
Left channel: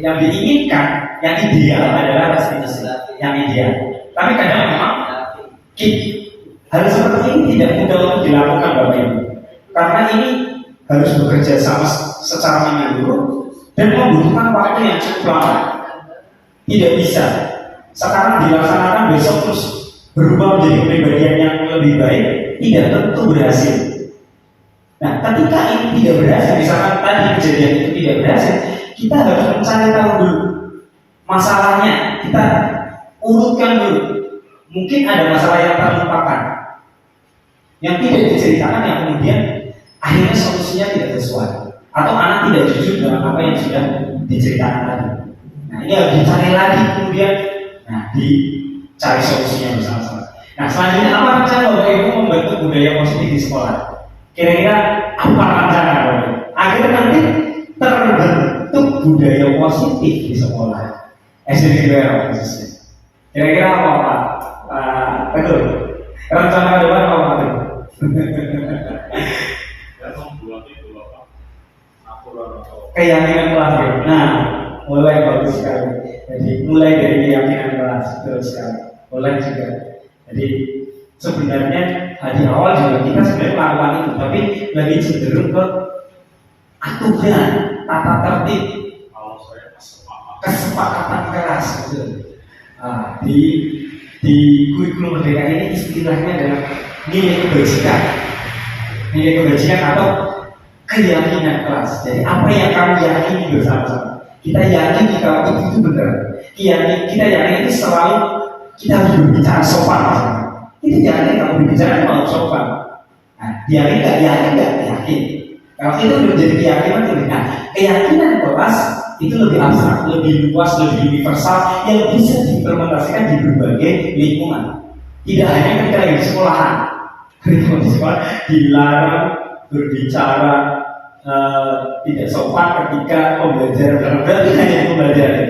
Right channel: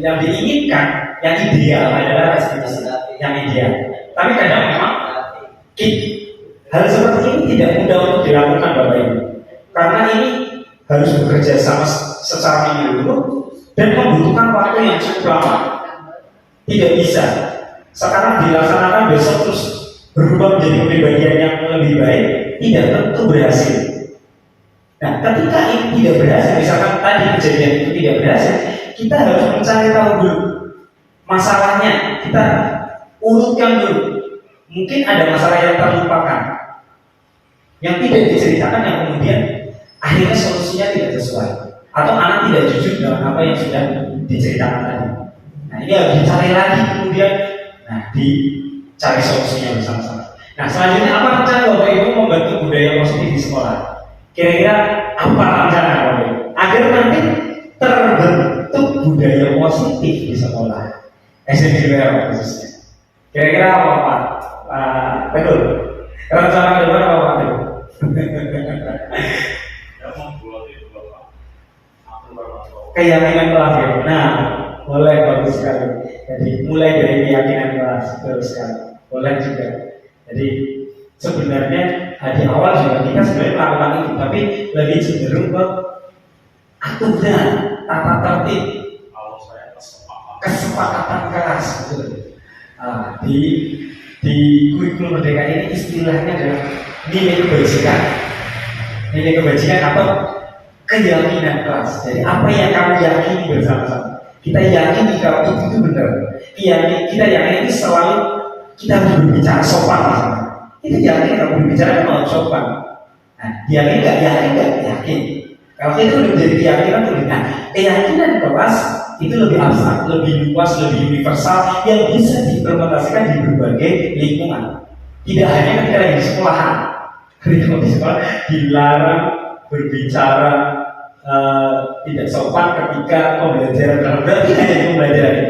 yang diinginkan, yang ideal adalah restitusi, yang ideal. Tapi kadang memang hal seperti ini tidak mudah untuk dilakukan Bapak Ibu, karena ini harus bekerja sama secara menyeluruh dan membutuhkan waktu yang cukup lama. Tidak bisa sekarang dilaksanakan besok terus berubah menjadi kepribadian yang lebih baik, tidak tentu berhasil. Nah, ketika ini tidak berhasil, misalkan tadi kejadian itu tidak berhasil, kita harus mencari tahu dulu masalahnya, kita urutkan dulu. Mungkin ada masalah yang terlupakan, yang tidak diceritakan, yang kemudian akhirnya solusinya tidak sesuai, atau anak tidak jujur dengan apa yang sudah diceritakan tadi. Nah, ini harus dicari lagi kemudian, nah dicari solusinya bersama-sama. Nah, selanjutnya apa rencana Bapak Ibu membentuk budaya positif di sekolah? Kira-kira apa rencana Bapak Ibu agar nanti terbentuk budaya positif di sekolah? SMP apa khususnya? Kira-kira apa Pak? Betul. Rencana ke depan apa Pak? Ya membuat itu apa? Aturan atau Keyakinan kelas ya. Nah, mulai bagus sekali. Jadi mulai dari keyakinan kelas terus sekali. Boleh juga. Jadi sebenarnya di awal juga kita sebenarnya melakukan itu, tapi lebih cenderung ke aturan, tata tertib, kalau saya kesepakatan kelas betul. Di kurikulum merdeka ini istilahnya adalah nilai kebajikan. Nilai kebajikan atau keyakinan kelas. Jadi apa yang kamu yakini bersama-sama. Kita yakini kalau itu benar. Kita yakini selalu kita harus berbicara sopan. Kita yakin kalau berbicara mau sopan. Nah, yakin nggak yakin. Kalau itu udah menjadi keyakinan tuh. Nah, keyakinan kelas itu lebih abstrak, lebih luas, lebih universal yang bisa diimplementasikan di berbagai lingkungan. Tidak hanya ketika lagi di sekolahan. Ketika di sekolah dilarang berbicara tidak sopan ketika pembelajaran berarti hanya pembelajaran.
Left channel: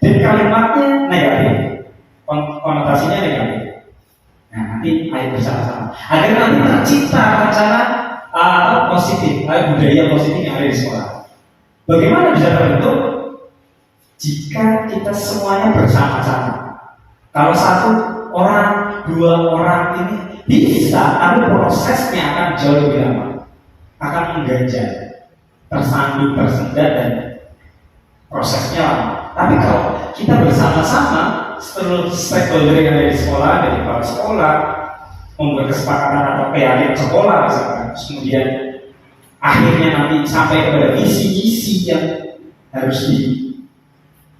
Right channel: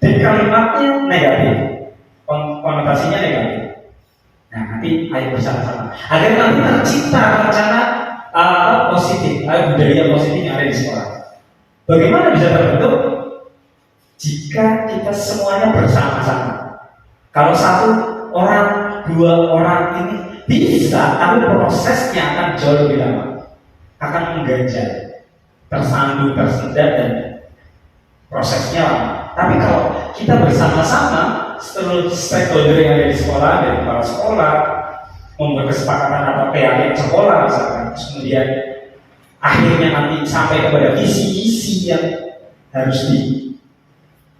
Dan kalimatnya negatif, konotasinya negatif. Nah, nanti ayo bersama-sama agar nanti tercipta rencana positif, budaya positif yang ada di sekolah. Bagaimana bisa terbentuk? Jika kita semuanya bersama-sama. Kalau satu orang, dua orang ini bisa, tapi prosesnya akan jauh lebih lama, akan mengganjal, tersandung, tersendat, dan prosesnya lama. Tapi kalau kita bersama-sama, seluruh stakeholder yang ada di sekolah, dari kepala sekolah, membuat kesepakatan atau keyakinan sekolah, misalkan, terus kemudian akhirnya nanti sampai kepada visi-visi yang harus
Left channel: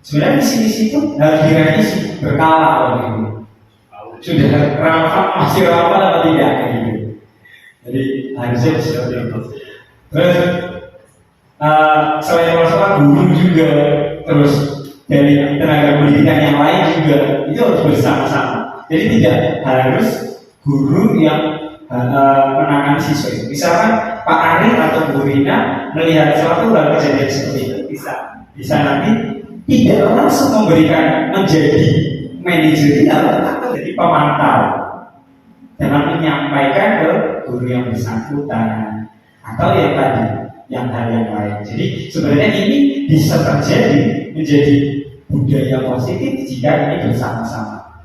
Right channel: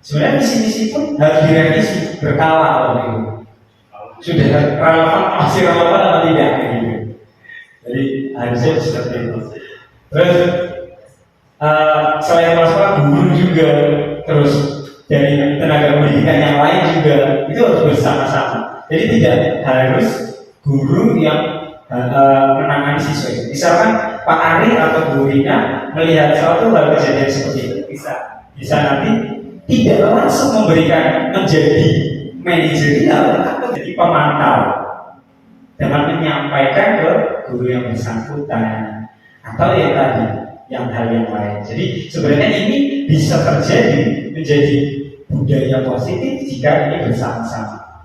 sebenarnya visi-visi itu harus direvisi berkala oleh itu. Sudah relevan, masih relevan atau tidak gitu. Jadi harusnya seperti itu. Terus selain kepala sekolah, guru juga, terus dari tenaga pendidikan yang lain juga itu harus bersama-sama. Jadi tidak harus guru yang menangani siswa itu. Misalkan Pak Ari atau Bu Rina melihat suatu hal kejadian seperti itu, bisa nanti tidak langsung memberikan menjadi manajer, atau jadi pemantau dengan menyampaikan ke guru yang bersangkutan atau yang tadi yang hal yang lain. Jadi sebenarnya ini bisa terjadi menjadi budaya positif jika ini bersama-sama.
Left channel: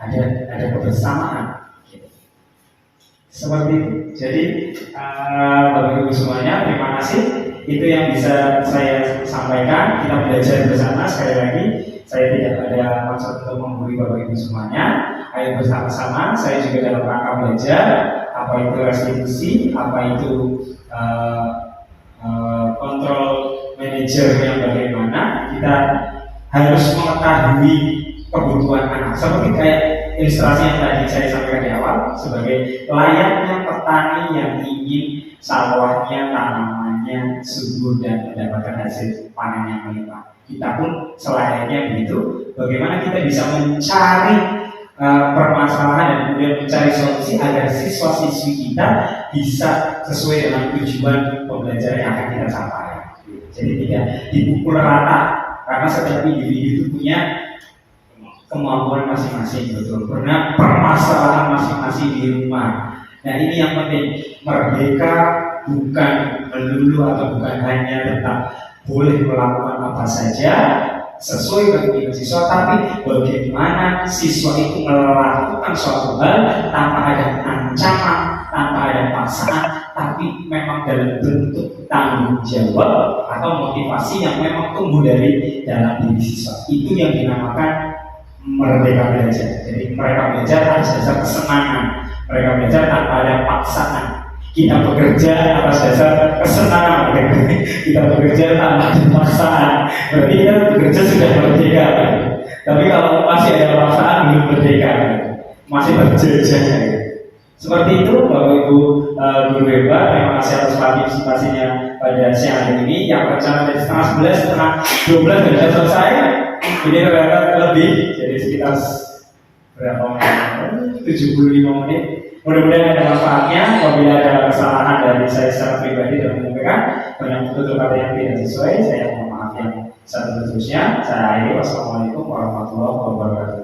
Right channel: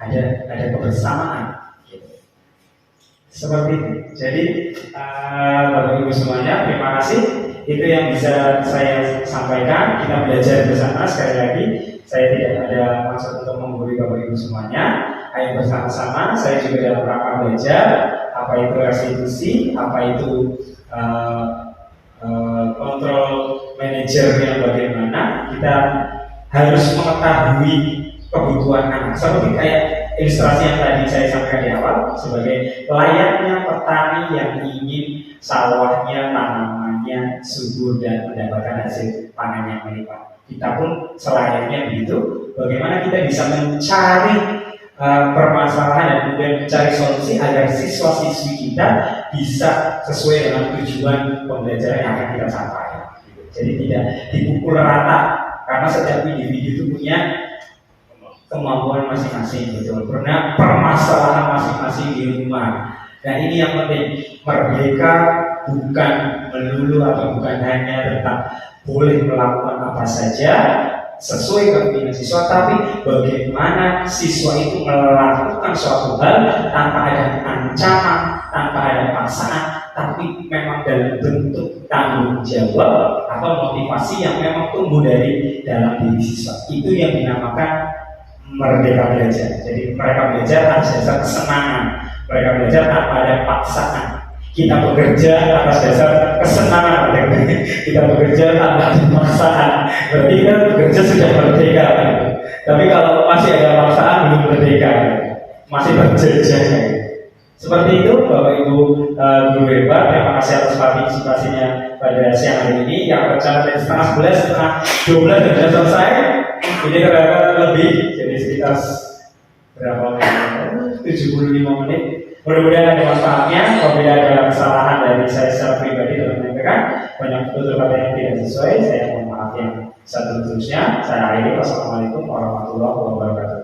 Ada kebersamaan. Seperti itu. Jadi Bapak Ibu semuanya, terima kasih. Itu yang bisa saya sampaikan. Kita belajar bersama. Sekali lagi, saya tidak ada maksud untuk menggurui Bapak Ibu semuanya. Ayo bersama-sama. Saya juga dalam rangka belajar apa itu restitusi, apa itu kontrol manajer yang bagaimana. Kita harus mengetahui kebutuhan anak. Seperti kayak ilustrasi yang tadi saya sampaikan di awal, sebagai layaknya petani yang ingin sawahnya, tanamannya subur dan mendapatkan hasil panen yang melimpah. Kita pun selayaknya begitu. Bagaimana kita bisa mencari permasalahan dan kemudian mencari solusi agar siswa-siswi kita bisa sesuai dengan tujuan pembelajaran yang akan kita capai. Jadi tidak dipukul rata, karena setiap individu itu punya kemampuan masing-masing, betul. Pernah permasalahan masing-masing di rumah. Nah ini yang penting. Merdeka bukan melulu atau bukan hanya tentang boleh melakukan apa saja sesuai keinginan siswa, tapi bagaimana siswa itu melakukan suatu hal tanpa ada ancaman, tanpa ada paksaan, tapi memang dalam bentuk tanggung jawab atau motivasi yang memang tumbuh dari dalam diri siswa. Itu yang dinamakan merdeka belajar. Jadi mereka belajar atas dasar kesenangan, mereka belajar tanpa ada paksaan. Kita bekerja atas dasar kesenangan, kita bekerja tanpa ada paksaan. Berarti kita bekerja sudah merdeka. Tapi kalau masih ada paksaan, belum merdeka, masih terjajah. Seperti itu, Bapak Ibu guru hebat. Terima kasih atas partisipasinya pada siang hari ini. Yang rencana dari setengah 11, setengah 12 sudah selesai. Ini terdapat lebih, jadi sekitar berapa menit? 75 menit. Mudah-mudahan ada manfaatnya. Apabila ada kesalahan dari saya secara pribadi dalam menyampaikan banyak betul kata yang tidak sesuai, saya mohon maaf yang Seterusnya saya akhiri. Wassalamualaikum warahmatullahi wabarakatuh.